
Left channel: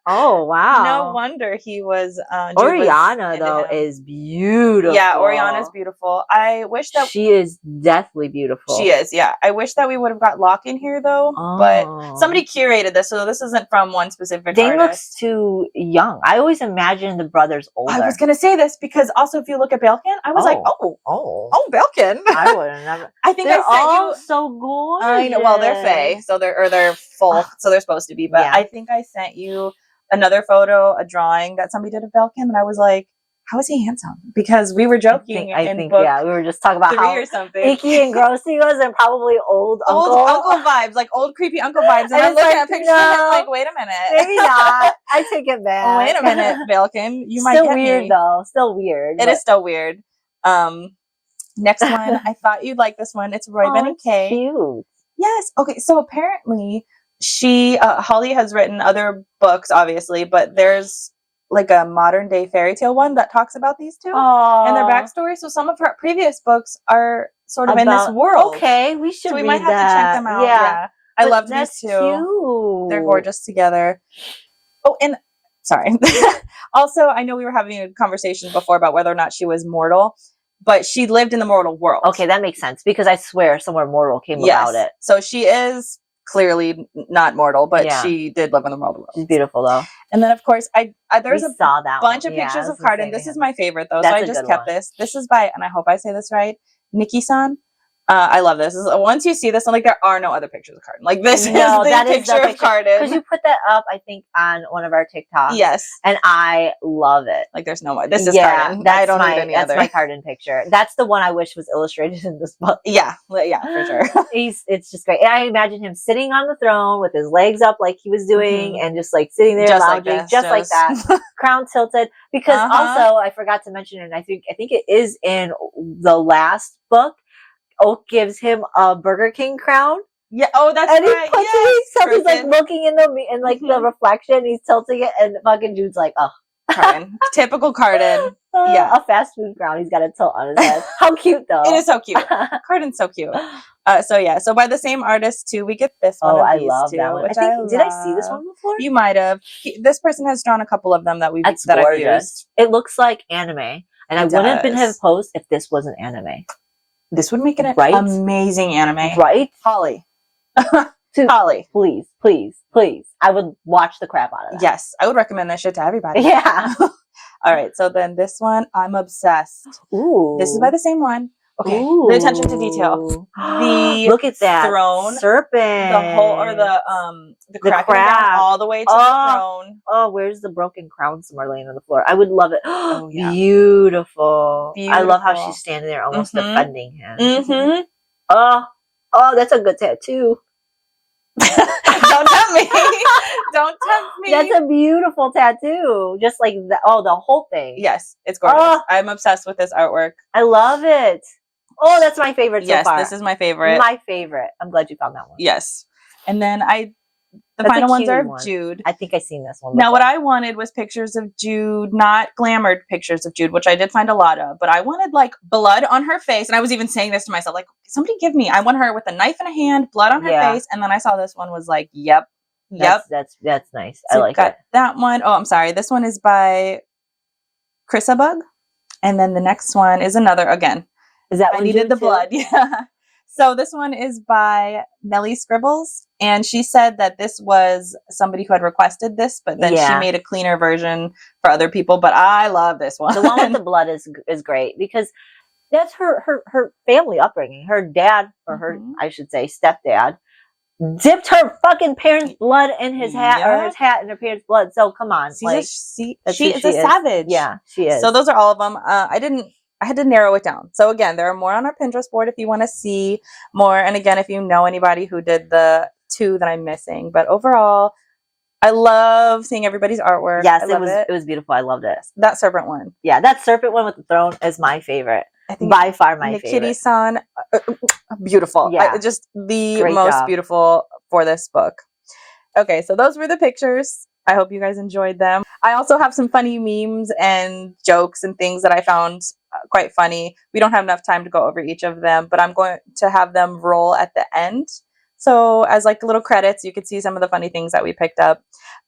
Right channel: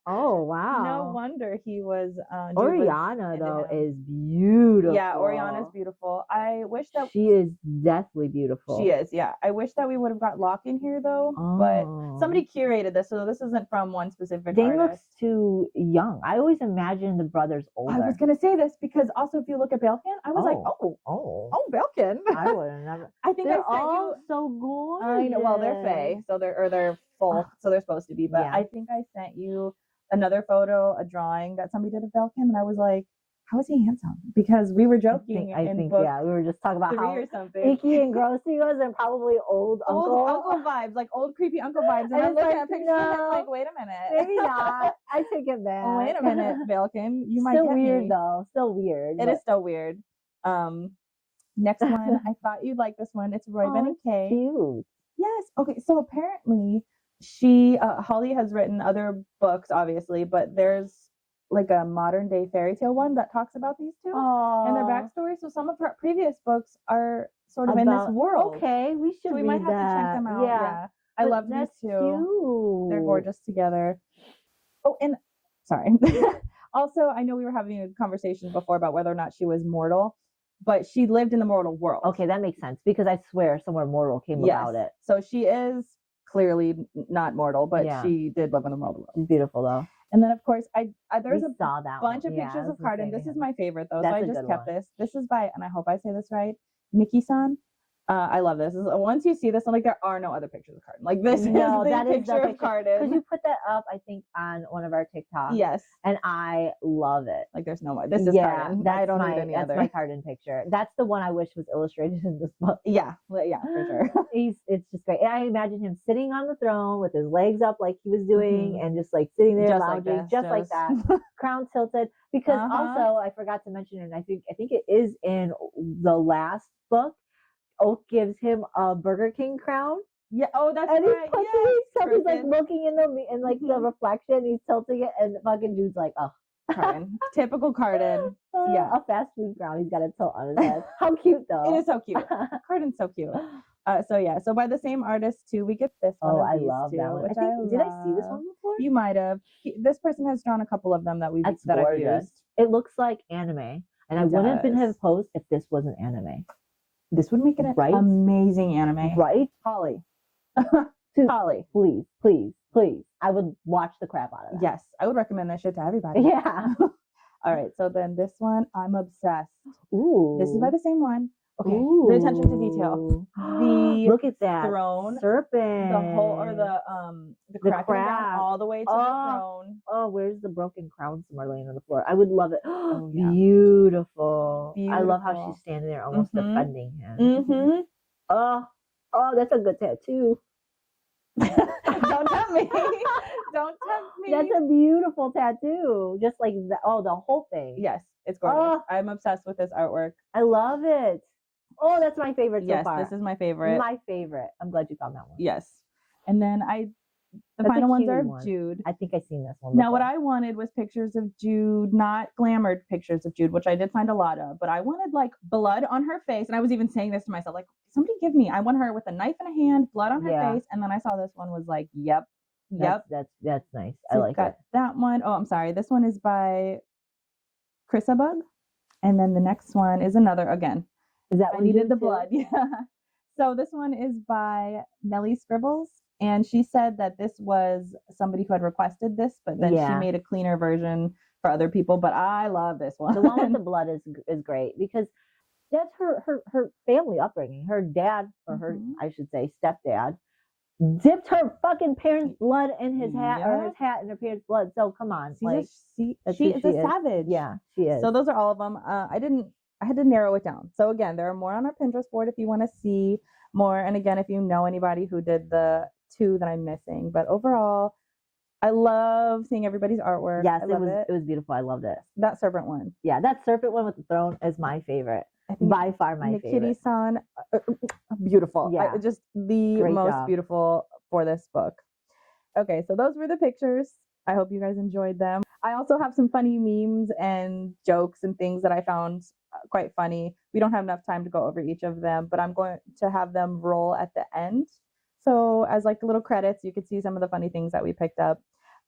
Oh wow! No wonder he was. Oriana though is beautiful. Yeah, Oriana's beautiful. I wish that she is deathly beautiful. She is. Yeah, I wish that we would have got Locke in here though. But somebody curated this, so this isn't from one specific. Dane looks too young. I always imagined the brothers older. I was gonna say this because also if you look at Belkin, I was like, oh, Belkin. I would have never. I think they're I sent all you. So gorgeous. I know. Well, they're Fae, so they're full, so they're supposed to be. But I think I sent you another photo, a drawing that somebody did of Belkin, and I was like, how is he handsome? Because we were joking. I think we were just talking about how or something. icky and gross he was, and probably old uncle vibes, like old creepy uncle vibes. And I'm looking at pictures of him like, wait a minute, maybe not. I take it back. Wait a minute, Belkin, you might still get weird me. Though. Still weird. It is still weird. Next one, I thought you'd like this one. It's Roy Ben and Kay. Cute. Yes. Okay. So apparently, Holly has written other books, obviously, but there's like a modern day fairy tale one that talks about these two and their backstory. So some of her previous books are sort of in this world. Okay, we should. So we read might have to check them out. Yeah. I love these two. Cute. They're gorgeous together. Oh, and sorry. Also, I know we were having a conversation before about whether or not she was mortal, but she lived in the mortal world. Okay, that makes sense because I swear somewhere mortal came about it. So she is clearly not mortal, but she did live in the mortal world. She's beautiful though. And then of course there's a bunch of Yeah, pictures of Cardin. This is my favorite though. That's so I just kept this. This is by, and I hope I say this right, Nikki-san. I love this. Once you see this, I'm like, there are no other pictures of Cardin. Like this is the picture of Cardin. Because you put that up, I think, on one of our TikToks. Yes. And I love it. Like there's no more. This is Cardin. I don't need any other. That's my Cardin picture. That's the one I wish was illustrated in this book. Yeah, for sure. It's just great. And I imagine him sitting on the throne with his legs up like he was doing and just like sitting there just lounging, like that. Crown tilted. Because also, I forgot to mention, and I think it is in the last book, Oak gives him a Burger King crown. Yeah. Oh, that's and right. He's like looking in the reflection. He's tilting it, and fucking Jude's like, oh, Cardin. Typical Cardin. Yeah, a fast food crown. He's got a tilt on his head. How cute though! It is so cute. Cardin's so cute. So by the same artist too, we get this one. I love that one. Did I see this one before? You might have. This person has drawn a couple of them that I've used. It looks like anime, and I wouldn't have posed if this wasn't anime. This would make it an amazing anime. Right? Holly. Holly. Please. I would watch the crap out of that. Yes. I would recommend this shit to everybody. Yeah. All right. So then this one, I'm obsessed. Ooh. This is by the same one. Okay. Pay attention to detail. Look at that throne. Serpent. The whole, or the crack down all the way to the throne. Oh, where's the broken crown somewhere laying on the floor? I would love it. Beautiful. I love how she's standing there almost defending him. Mm-hmm. Oh, that's a good tattoo. Don't tempt me. Don't tempt me. That's a beautiful tattoo. Just like the whole thing. Yes, it's gorgeous. I'm obsessed with this artwork. I love it. Oh, that's my favorite so far. Yes, this is my favorite. My favorite. I'm glad you found that one. Yes. And then the That's a final ones cute are of one. Jude. I think I've seen this one Now, what before. I wanted was pictures of Jude, not glamored pictures of Jude, which I did find a lot of, but I wanted like blood on her face. And I was even saying this to myself, like, somebody give me, I want her with a knife in a hand, blood on her Yeah. face. And then I saw this one was like, yep. That's nice. So I like got it. that one. Oh, I'm sorry. This one is by Chrissa Bug. And then the next one is another, again, Is that I one needed Jude the too? blood. Yeah. So this one is by Melly Scribbles. And she said that this was somebody who had requested this, but then she Yeah. made a cleaner version for other people. But I love this one. The one with the blood is great because that's her family upbringing. Her dad, or her, Mhm. I should say, stepdad, dipped her fucking parents' blood in his hat, or Yep. his hat in her parents' blood. So come on, She like that's is who a savage. Yeah, she is. So those are all of them. I had to narrow it down. So again, there are more on our Pinterest board if you want to see more. And again, if you know anybody who did the 2 that I'm missing. But overall, I love seeing everybody's artwork. Yes, I love it was beautiful. I loved it. That serpent one. Yeah, that serpent one with the throne is my favorite. I think By far my favorite. Nikiti-san, beautiful. Yeah. Just the Great most job. beautiful for this book. Okay, so those were the pictures. I hope you guys enjoyed them. I also have some funny memes and jokes and things that I found quite funny. We don't have enough time to go over each of them, but I'm going to have them roll at the end. So as like little credits, you could see some of the funny things that we picked up.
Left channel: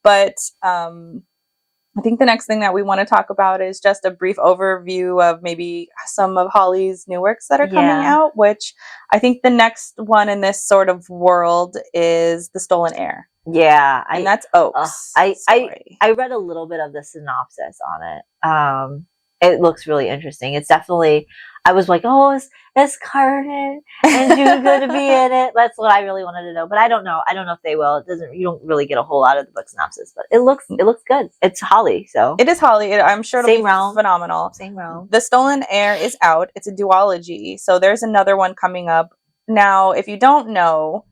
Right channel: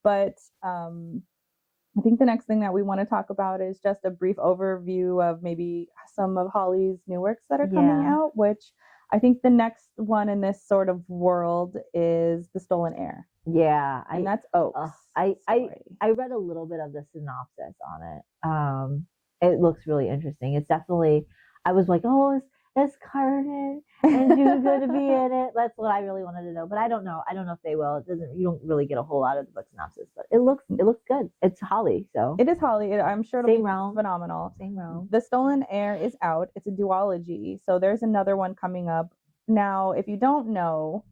But I think the next thing that we want to talk about is just a brief overview of maybe some of Holly's new works that are coming out, which I think the next one in this sort of world is The Stolen Heir. Yeah. And that's Oak's story. I read a little bit of the synopsis on it. It looks really interesting. It's definitely, I was like, oh, is Carden and Jude going to be in it? That's what I really wanted to know. But I don't know. I don't know if they will. You don't really get a whole lot of the book synopsis, but it looks good. It's Holly, so. It is Holly. I'm sure it'll Same be realm. phenomenal. Same realm. The Stolen Heir is out. It's a duology. So there's another one coming up. Now, if you don't know,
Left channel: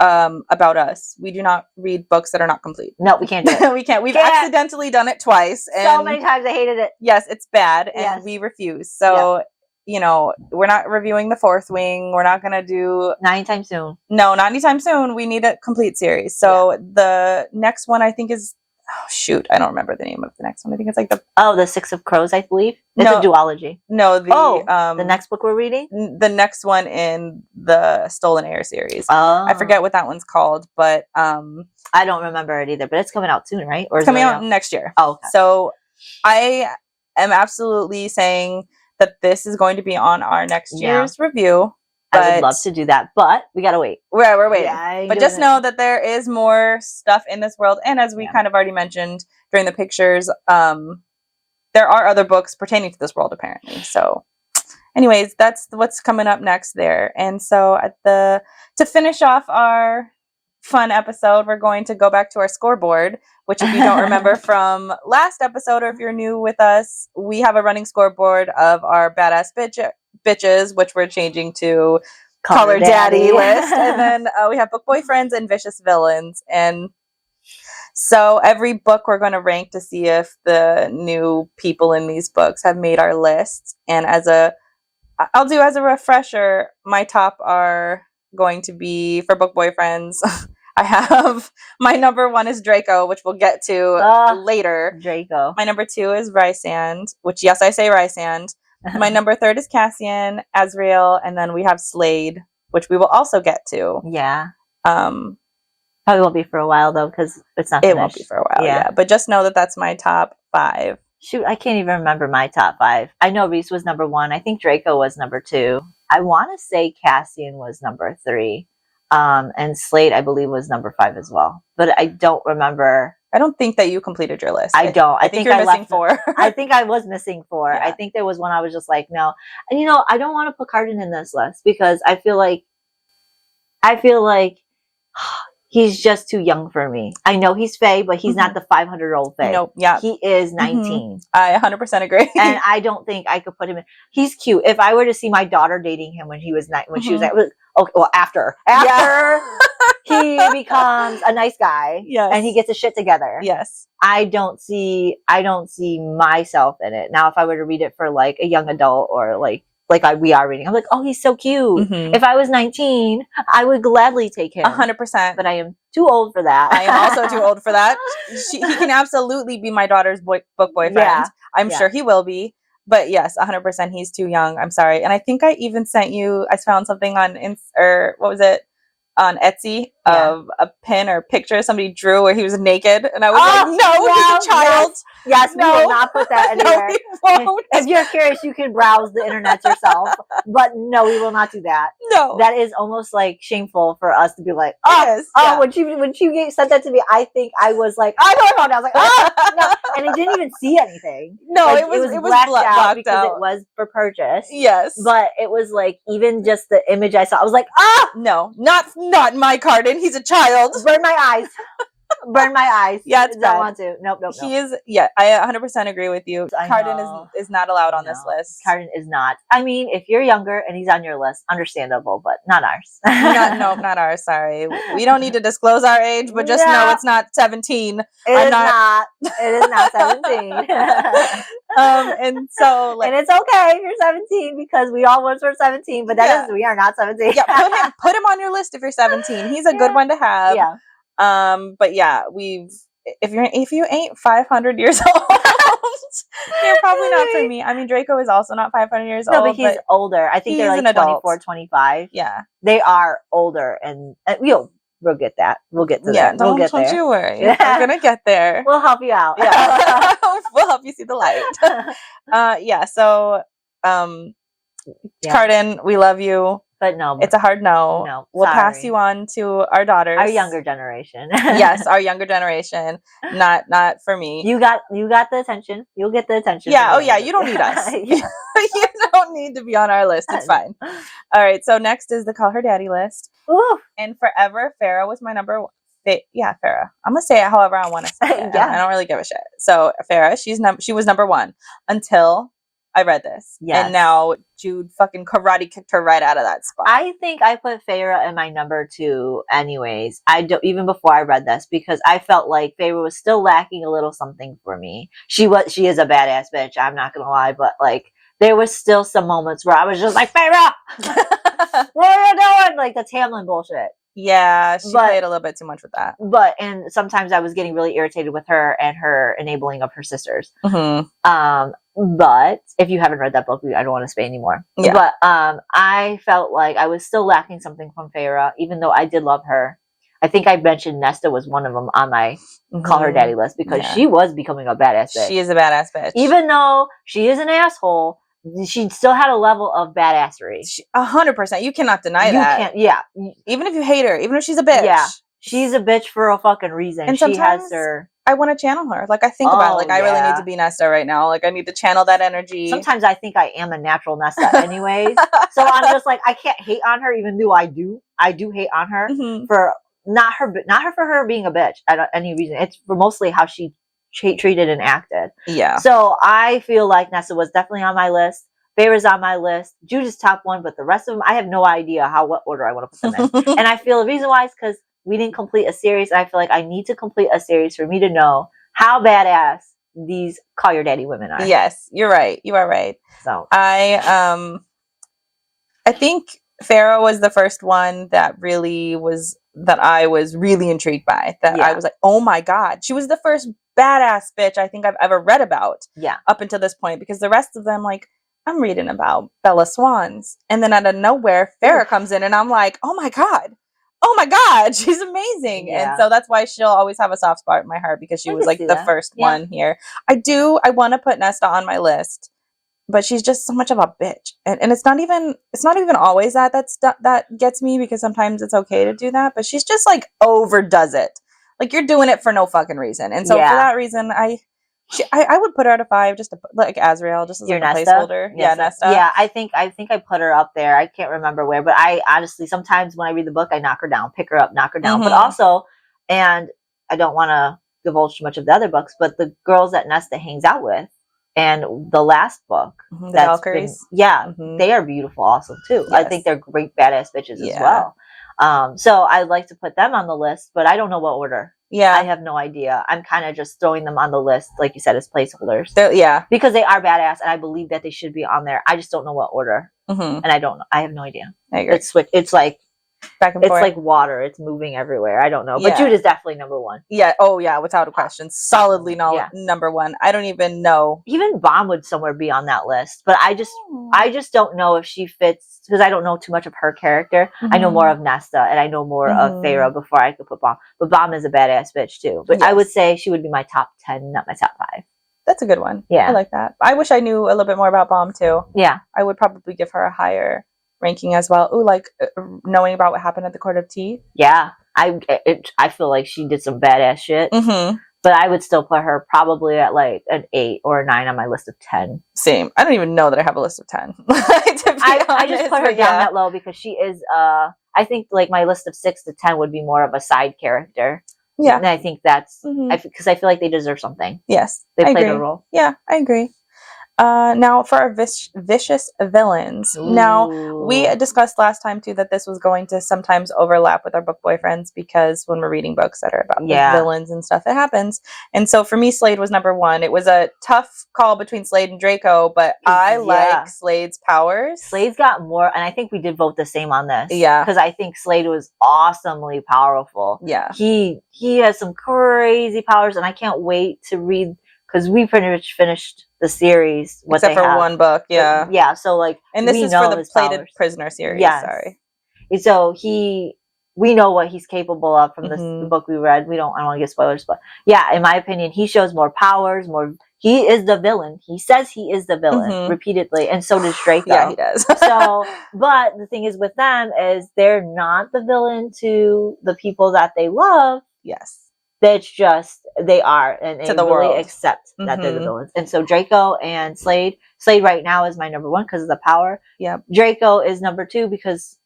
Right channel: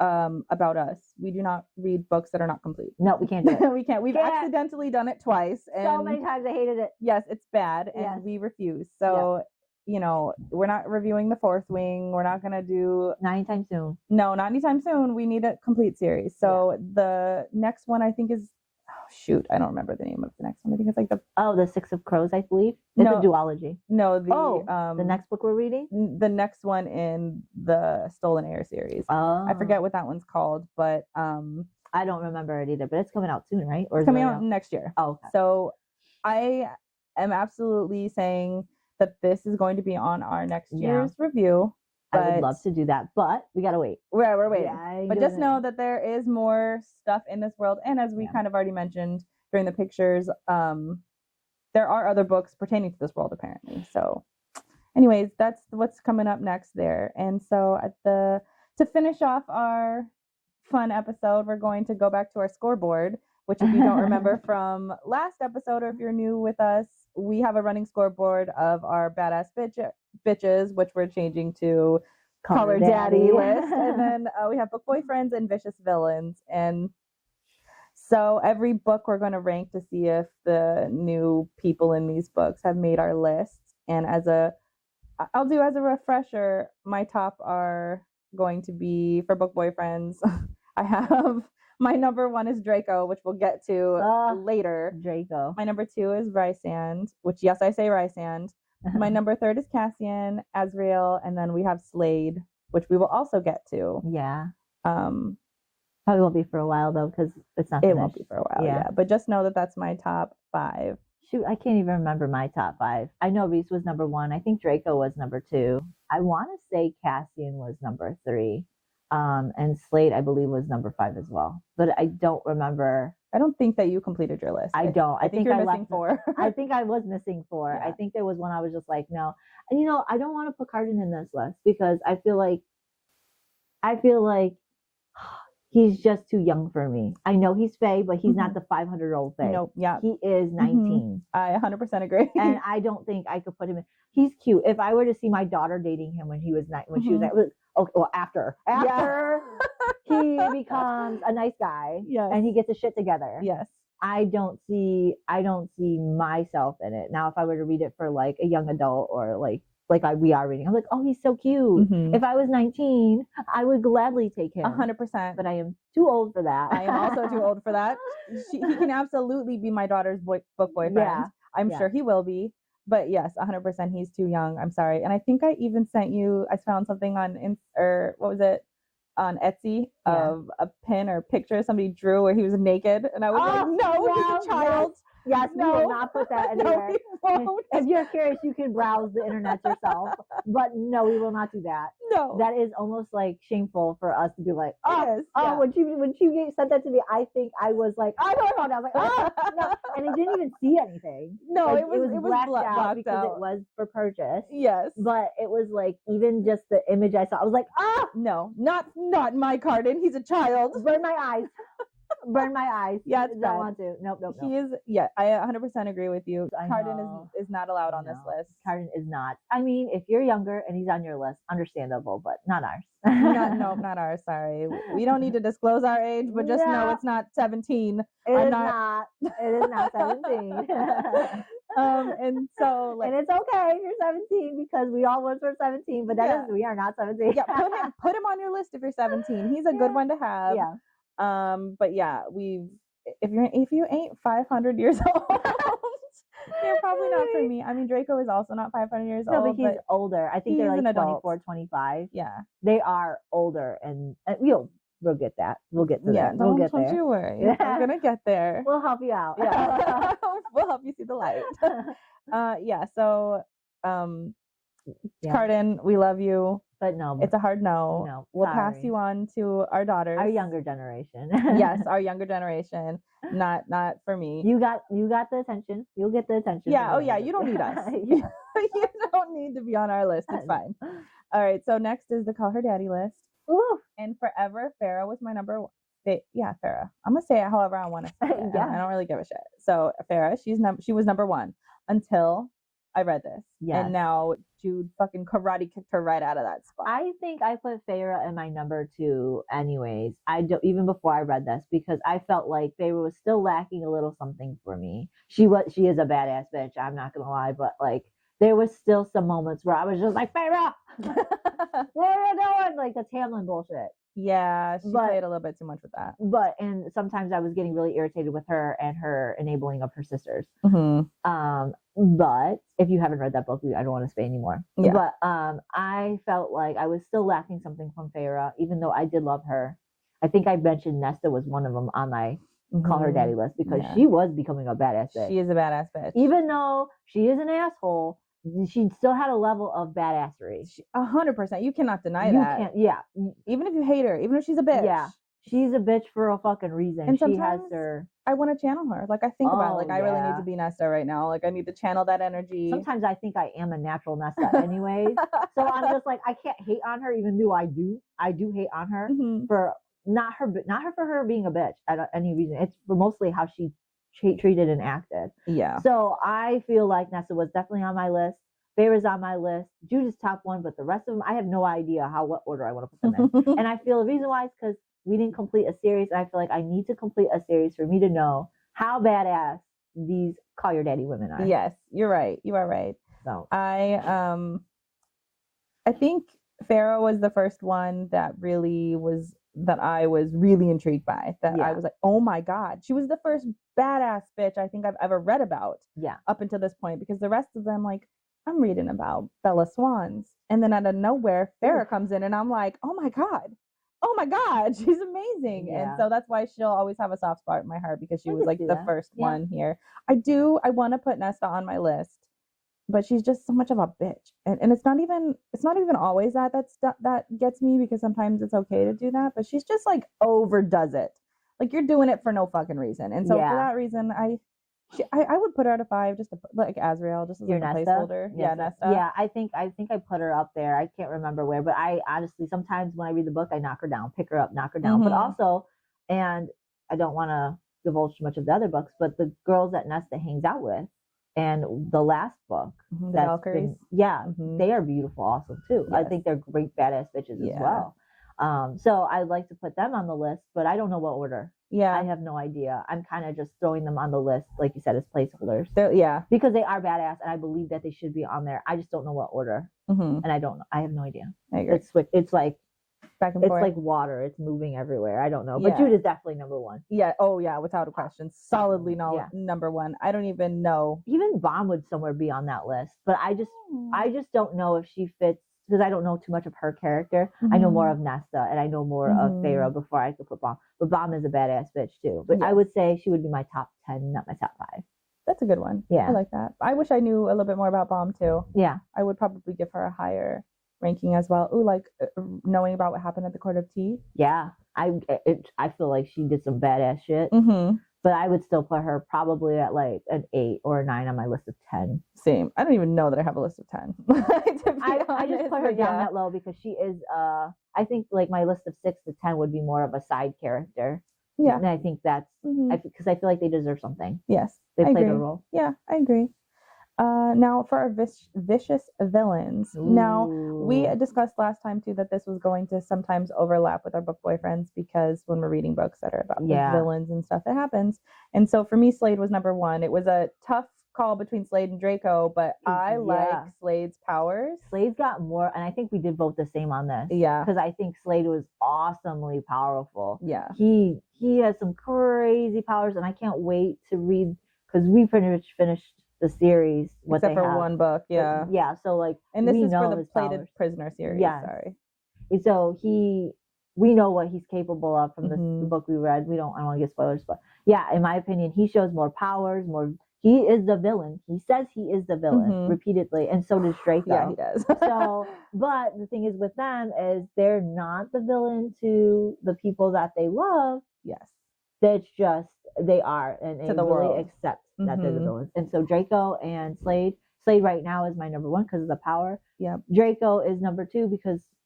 about us, we do not read books that are not complete. No, we can't do it. We can't. We've accidentally done it twice. And so many times I hated it. Yes, it's bad, and we refuse. So, you know, we're not reviewing The Fourth Wing. We're not going to do... Not anytime soon. No, not anytime soon. We need a complete series. So the next one I think is... Oh, shoot. I don't remember the name of the next one. I think it's like the Six of Crows, I believe. It's a duology. No, the next book we're reading? The next one in the Stolen Heir series. Oh. I forget what that one's called, but... I don't remember it either, but it's coming out soon, right? Or it's coming out next year. Oh, okay. So I am absolutely saying that this is going to be on our next year's review. I would love to do that, but we gotta wait. We're waiting. Yeah, but just know that there is more stuff in this world. And as we kind of already mentioned during the pictures, there are other books pertaining to this world, apparently. So anyways, that's what's coming up next there. And so to finish off our fun episode, we're going to go back to our scoreboard, which if you don't remember from last episode, or if you're new with us, we have a running scoreboard of our badass bitches, which we're changing to Color Daddy list. And then we have book boyfriends and vicious villains. And so every book we're going to rank to see if the new people in these books have made our list. And I'll do as a refresher, my top are going to be for book boyfriends. I have my number 1 is Draco, which we'll get to later. Draco. My number 2 is Rysand, which yes, I say Rysand. My number 3 is Cassian, Azrael, and then we have Slade, which we will also get to. Yeah. Probably won't be for a while though, because it's not finished. It won't be for a while, yeah. But just know that that's my top 5. Shoot, I can't even remember my top 5. I know Reese was number 1. I think Draco was number 2. I want to say Cassian was number 3. And Slade, I believe, was number 5 as well. But I don't remember. I don't think that you completed your list. I don't. I think you're missing 4. I think I was missing 4. Yeah. I think there was one I was just like, no. And I don't want to put Carden in this list because I feel like he's just too young for me. I know he's Fae, but he's not the 500-year-old Fae. Nope. Yeah. He is 19. I 100% agree. And I don't think I could put him in. He's cute. If I were to see my daughter dating him when she was okay, well, after he becomes a nice guy, and he gets his shit together. Yes. I don't see myself in it. Now, if I were to read it for like a young adult or like we are reading. I'm like, oh, he's so cute. Mhm. If I was 19, I would gladly take him. 100%. But I am too old for that. I am also too old for that. He can absolutely be my daughter's book boyfriend. Yeah. I'm sure he will be. But yes, 100%. He's too young. I'm sorry. And I think I even sent you. I found something on what was it? On Etsy of a pin or picture somebody drew where he was naked, and I was like, "No, he's a child." Yes, we will not put that anywhere. No, we won't. If you're curious, you can browse the internet yourself. But no, we will not do that. No, that is almost like shameful for us to be like, when she sent that to me, I think I was like, I know I found it. I was like, no, and I didn't even see anything. No, like, it was blacked out because out. It was for purchase. Yes, but it was like even just the image I saw, I was like, no, not my Carden. He's a child. Burn my eyes. Burn my eyes. Yeah, it's don't want to. Nope. He is. Yeah, I 100% agree with you. Carden is not allowed on this list. Carden is not. I mean, if you're younger and he's on your list, understandable, but not ours. Not ours. Sorry, we don't need to disclose our age, but just know it's not 17. It is not 17. And so, and it's okay if you're 17 because we all once were 17, but we are not 17. Yeah, put him on your list if you're 17. He's a good one to have. Yeah. But yeah, if you ain't 500 years old, you're probably not for me. I mean, Draco is also not 500 years old. No, but he's older. I think they're like 24, 25. Yeah. They are older, and we'll get that. We'll get to that. Don't you worry. We're gonna get there. We'll help you out. Yeah. We'll help you see the light. So Carden, we love you. But no, it's a hard no. No, we'll pass you on to our daughters, our younger generation. Yes, our younger generation. Not for me. You got the attention. You'll get the attention. Yeah. Oh yeah. You don't need us. You don't need to be on our list. It's fine. All right. So next is the Call Her Daddy list. Ooh. And forever, Farrah was my number one. Yeah, Farrah. I'm gonna say it however I want to say it. I don't really give a shit. So Farrah, she was number one until I read this. Yes. And now Jude fucking karate kicked her right out of that spot. I think I put Farrah in my number 2 anyways. Even before I read this, because I felt like Farrah was still lacking a little something for me. She is a badass bitch, I'm not gonna lie, but like there was still some moments where I was just like, Farrah, what are you doing? Like the Tamlin bullshit. Yeah, she played a little bit too much with that. And sometimes I was getting really irritated with her and her enabling of her sisters. Mm-hmm. But if you haven't read that book, I don't want to say anymore. Yeah. But I felt like I was still lacking something from Farrah, even though I did love her. I think I mentioned Nesta was one of them on my Call Her Daddy list because she was becoming a badass bitch. She is a badass bitch. Even though she is an asshole, she still had a level of badassery. 100%. You cannot deny that. You can't. Yeah. Even if you hate her, even if she's a bitch. Yeah. She's a bitch for a fucking reason. And she has her. I want to channel her. Like I think about it. Like I really need to be Nesta right now. Like I need to channel that energy. Sometimes I think I am a natural Nesta anyways. So I'm just like, I can't hate on her, even though I do hate on her for not for her being a bitch at any reason. It's for mostly how she treated and acted. Yeah. So I feel like Nesta was definitely on my list. Farrah's on my list. Jude is top 1, but the rest of them, I have no idea what order I want to put them in. And I feel the reason why is because we didn't complete a series. And I feel like I need to complete a series for me to know how badass these Call Your Daddy women are. Yes, you're right. You are right. So I think Farrah was the first one that I was really intrigued by. I was like, oh my God. She was the first badass bitch I think I've ever read about. Yeah. Up until this point, because the rest of them, like, I'm reading about Bella Swans. And then out of nowhere, Farrah comes in and I'm like, oh my God, she's amazing. Yeah. And so that's why she'll always have a soft spot in my heart because she was like the first one here. I want to put Nesta on my list, but she's just so much of a bitch. And it's not even always that gets me because sometimes it's okay to do that, but she's just like overdoes it. Like you're doing it for no fucking reason. And so for that reason, I would put her at a 5, just to like Azrael, just as a placeholder. Yes. Yeah, Nesta. Yeah, I think I put her up there. I can't remember where, but I honestly sometimes when I read the book, I knock her down, pick her up, knock her down. But also, and I don't want to divulge too much of the other books, but the girls that Nesta hangs out with, and the last book, the Valkyries, they are beautiful also too. Yes. I think they're great badass bitches as well. So I'd like to put them on the list, but I don't know what order. Yeah. I have no idea. I'm kind of just throwing them on the list, like you said, as placeholders. Yeah. Because they are badass, and I believe that they should be on there. I just don't know what order. Mm-hmm. And I don't know. I have no idea. I agree. It's like back and it's forth. like water. It's moving everywhere. I don't know. Yeah. But Jude is definitely number one. Yeah. Oh, yeah. Without a question. Solidly Yeah. number one. I don't even know. Even Bomb would somewhere be on that list. But I just don't know if she fits, because I don't know too much of her character. I know more of Nesta, and I know more of Faerie before I could put Bomb. But Bomb is a badass bitch too. But I would say she would be my top 10, not my top 5. That's a good one. Yeah. I like that. I wish I knew a little bit more about Bomb too. Yeah. I would probably give her a higher ranking as well. Ooh, like knowing about what happened at the Court of Tea. Yeah. I feel like she did some badass shit. Mm-hmm. But I would still put her probably at like an 8 or a 9 on my list of 10. Same. I don't even know that I have a list of 10. I just put her down that low because she is, I think like my list of 6 to 10 would be more of a side character. Yeah. And I think that's, because I feel like they deserve something. Yes. They played a role. Yeah, I agree. Now for our vicious villains. Ooh. Now, we discussed last time too that this was going to sometimes overlap with our book boyfriends, because when we're reading books that are about the villains and stuff, it happens. And so for me, Slade was number one. It was a tough call between Slade and Draco, but I like Slade's powers. Slade's got more, and I think we did vote the same on this. Yeah. Because I think Slade was awesomely powerful. Yeah. He has some crazy powers, and I can't wait to read, because we pretty much finished the series. Except for one book, yeah. Yeah, so like, and this is for the Plated Prisoner series. Yes. Sorry. So we know what he's capable of from the book we read. I don't want to give spoilers, but yeah, in my opinion, he shows more powers, he is the villain. He says he is the villain repeatedly, and so does Draco. Yeah, he does. So, but the thing is with them is they're not the villain to the people that they love. Yes. That's just, they are, and they really world. Accept that they're the villains. And so Draco and Slade right now is my number one because of the power. Yeah. Draco is number 2 because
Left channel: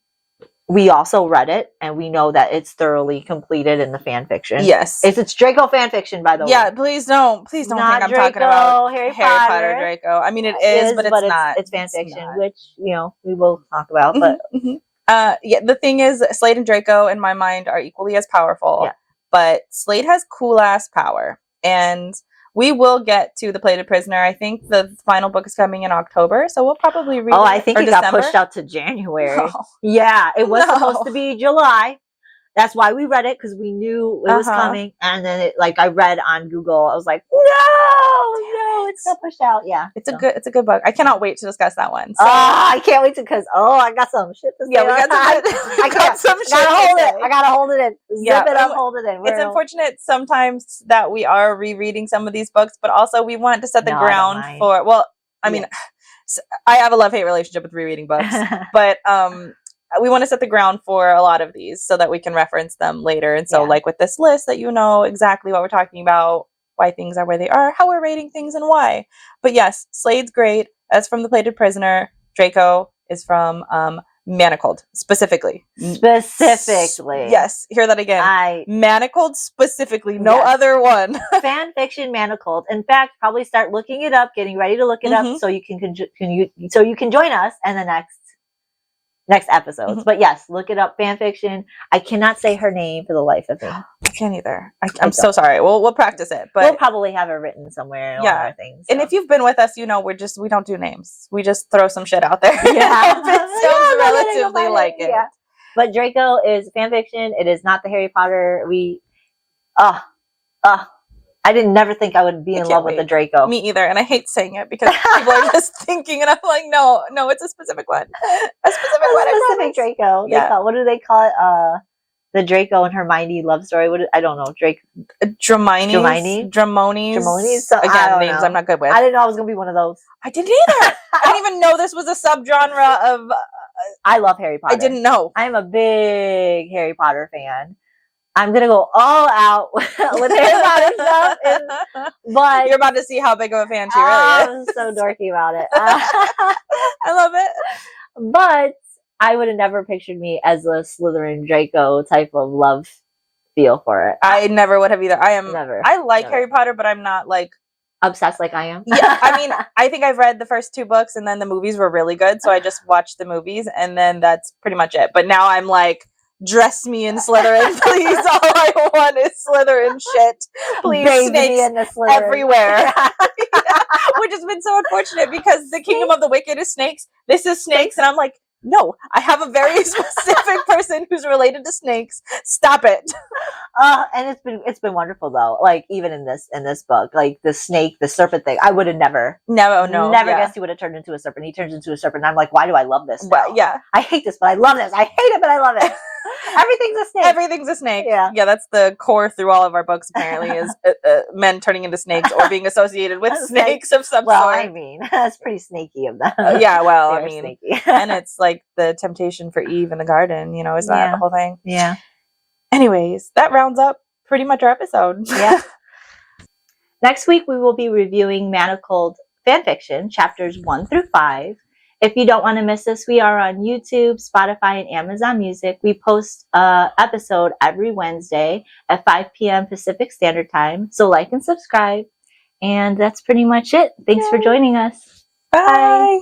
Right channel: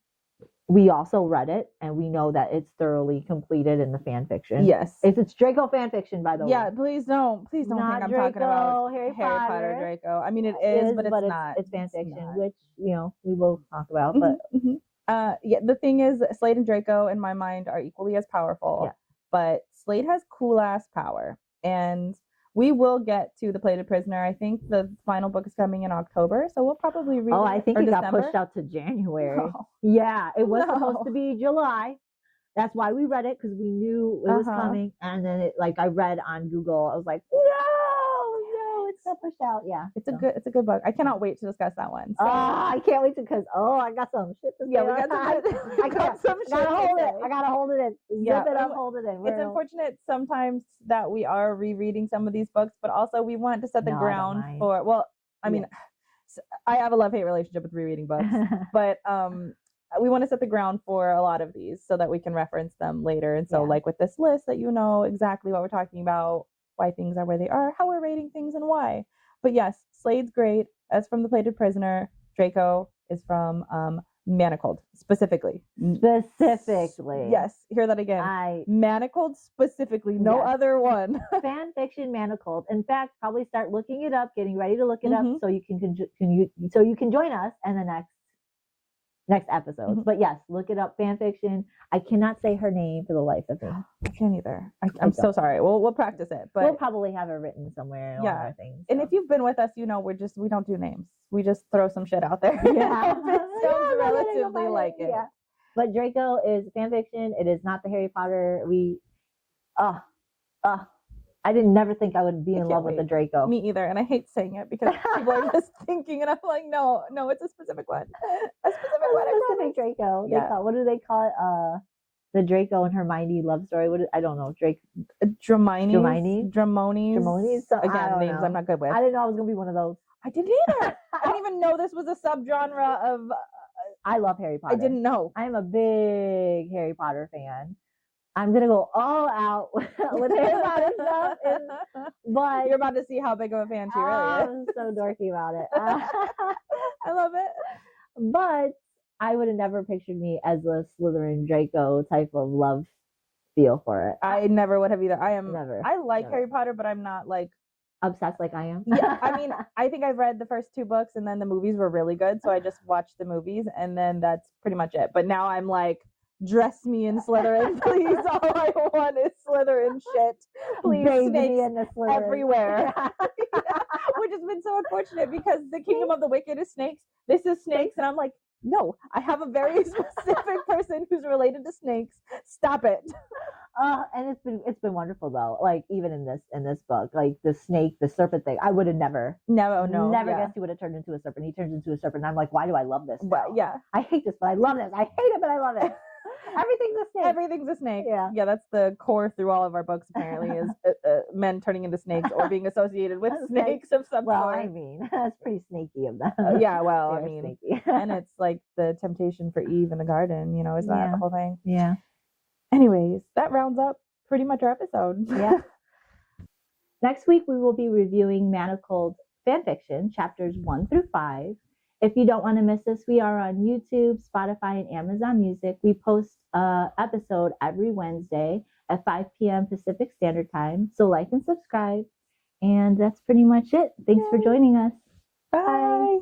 we also read it, and we know that it's thoroughly completed in the fan fiction. Yes. It's Draco fan fiction, by the way. Yeah, please don't think I'm Draco, talking about Harry Potter Draco. I mean, it is, but it's not. It's fan fiction, which, we will talk about. But yeah, the thing is, Slade and Draco, in my mind, are equally as powerful. Yeah. But Slade has cool ass power, and we will get to the Plated Prisoner. I think the final book is coming in October, so we'll probably read. I think it got pushed out to January. Oh. Yeah, it was supposed to be July. That's why we read it, because we knew it was coming, and then I read on Google. I was like, no, it's got pushed out. Yeah, it's a good book. I cannot wait to discuss that one. So. I can't wait because I got some shit to say. Yeah, we got I got some shit. I gotta hold it in. Zip it up, hold it in. It's unfortunate sometimes that we are rereading some of these books, but also we want to set the ground for. Well, I mean, I have a love-hate relationship with rereading books, but we want to set the ground for a lot of these so that we can reference them later. And so like with this list, that you know exactly what we're talking about, why things are where they are, how we're rating things, and why. But yes, Slade's great. That's from the Plated Prisoner. Draco is from Manacled, specifically. Yes, hear that again. Manacled specifically, no other one. Fan fiction Manacled. In fact, probably start looking it up, getting ready to look it up, so you can join us in the next episodes. But yes, look it up, fan fiction. I cannot say her name for the life of me. I can't either. I'm so sorry. We'll practice it, but we'll probably have it written somewhere in all our things. So. And if you've been with us, we don't do names. We just throw some shit out there. Yeah. It sounds relatively like it. Yeah. But Draco is fan fiction. It is not the Harry Potter. I didn't never think I would be in love with the Draco. Me either. And I hate saying it because people are just thinking, and I'm like, no, it's a specific one. A specific Draco. Yeah. What do they call it? The Draco and Hermione love story. I don't know. Dramonis. So, again, names I'm not good with. I didn't know I was going to be one of those. I didn't either. I didn't even know this was a subgenre of... I love Harry Potter. I didn't know. I'm a big Harry Potter fan. I'm going to go all out with Harry Potter stuff. But you're about to see how big of a fan she really is. I'm so dorky about it. I love it. But I would have never pictured me as a Slytherin Draco type of love feel for it. I never would have either. I like never. Harry Potter, but I'm not like obsessed like I am. Yeah, I mean, I think I've read the first 2 books, and then the movies were really good, so I just watched the movies, and then that's pretty much it. But now I'm like dress me in Slytherin, please. All I want is Slytherin shit. Please, Bathe me snakes in the Slytherin. everywhere. Which has been so unfortunate because the Kingdom of the Wicked is snakes. This is snakes, and I'm like, no, I have a very specific person who's related to snakes. Stop it. And it's been wonderful though. Like even in this book, like the snake, the serpent thing, I would have never guessed he would have turned into a serpent. He turns into a serpent. And I'm like, why do I love this? Well, yeah, I hate this, but I love this. I hate it, but I love it. Everything's a snake. Everything's a snake. Yeah, that's the core through all of our books. Apparently, is men turning into snakes or being associated with snakes of some sort. Well, I mean, that's pretty snaky of them. Yeah, well, I mean, and it's like the temptation for Eve in the garden. You know, is that the whole thing? Yeah. Anyways, that rounds up pretty much our episode. Yeah. Next week, we will be reviewing Manacled fanfiction, chapters 1 through 5. If you don't want to miss us, we are on YouTube, Spotify, and Amazon Music. We post an episode every Wednesday at 5 p.m. Pacific Standard Time. So like and subscribe. And that's pretty much it. Thanks for joining us. Bye.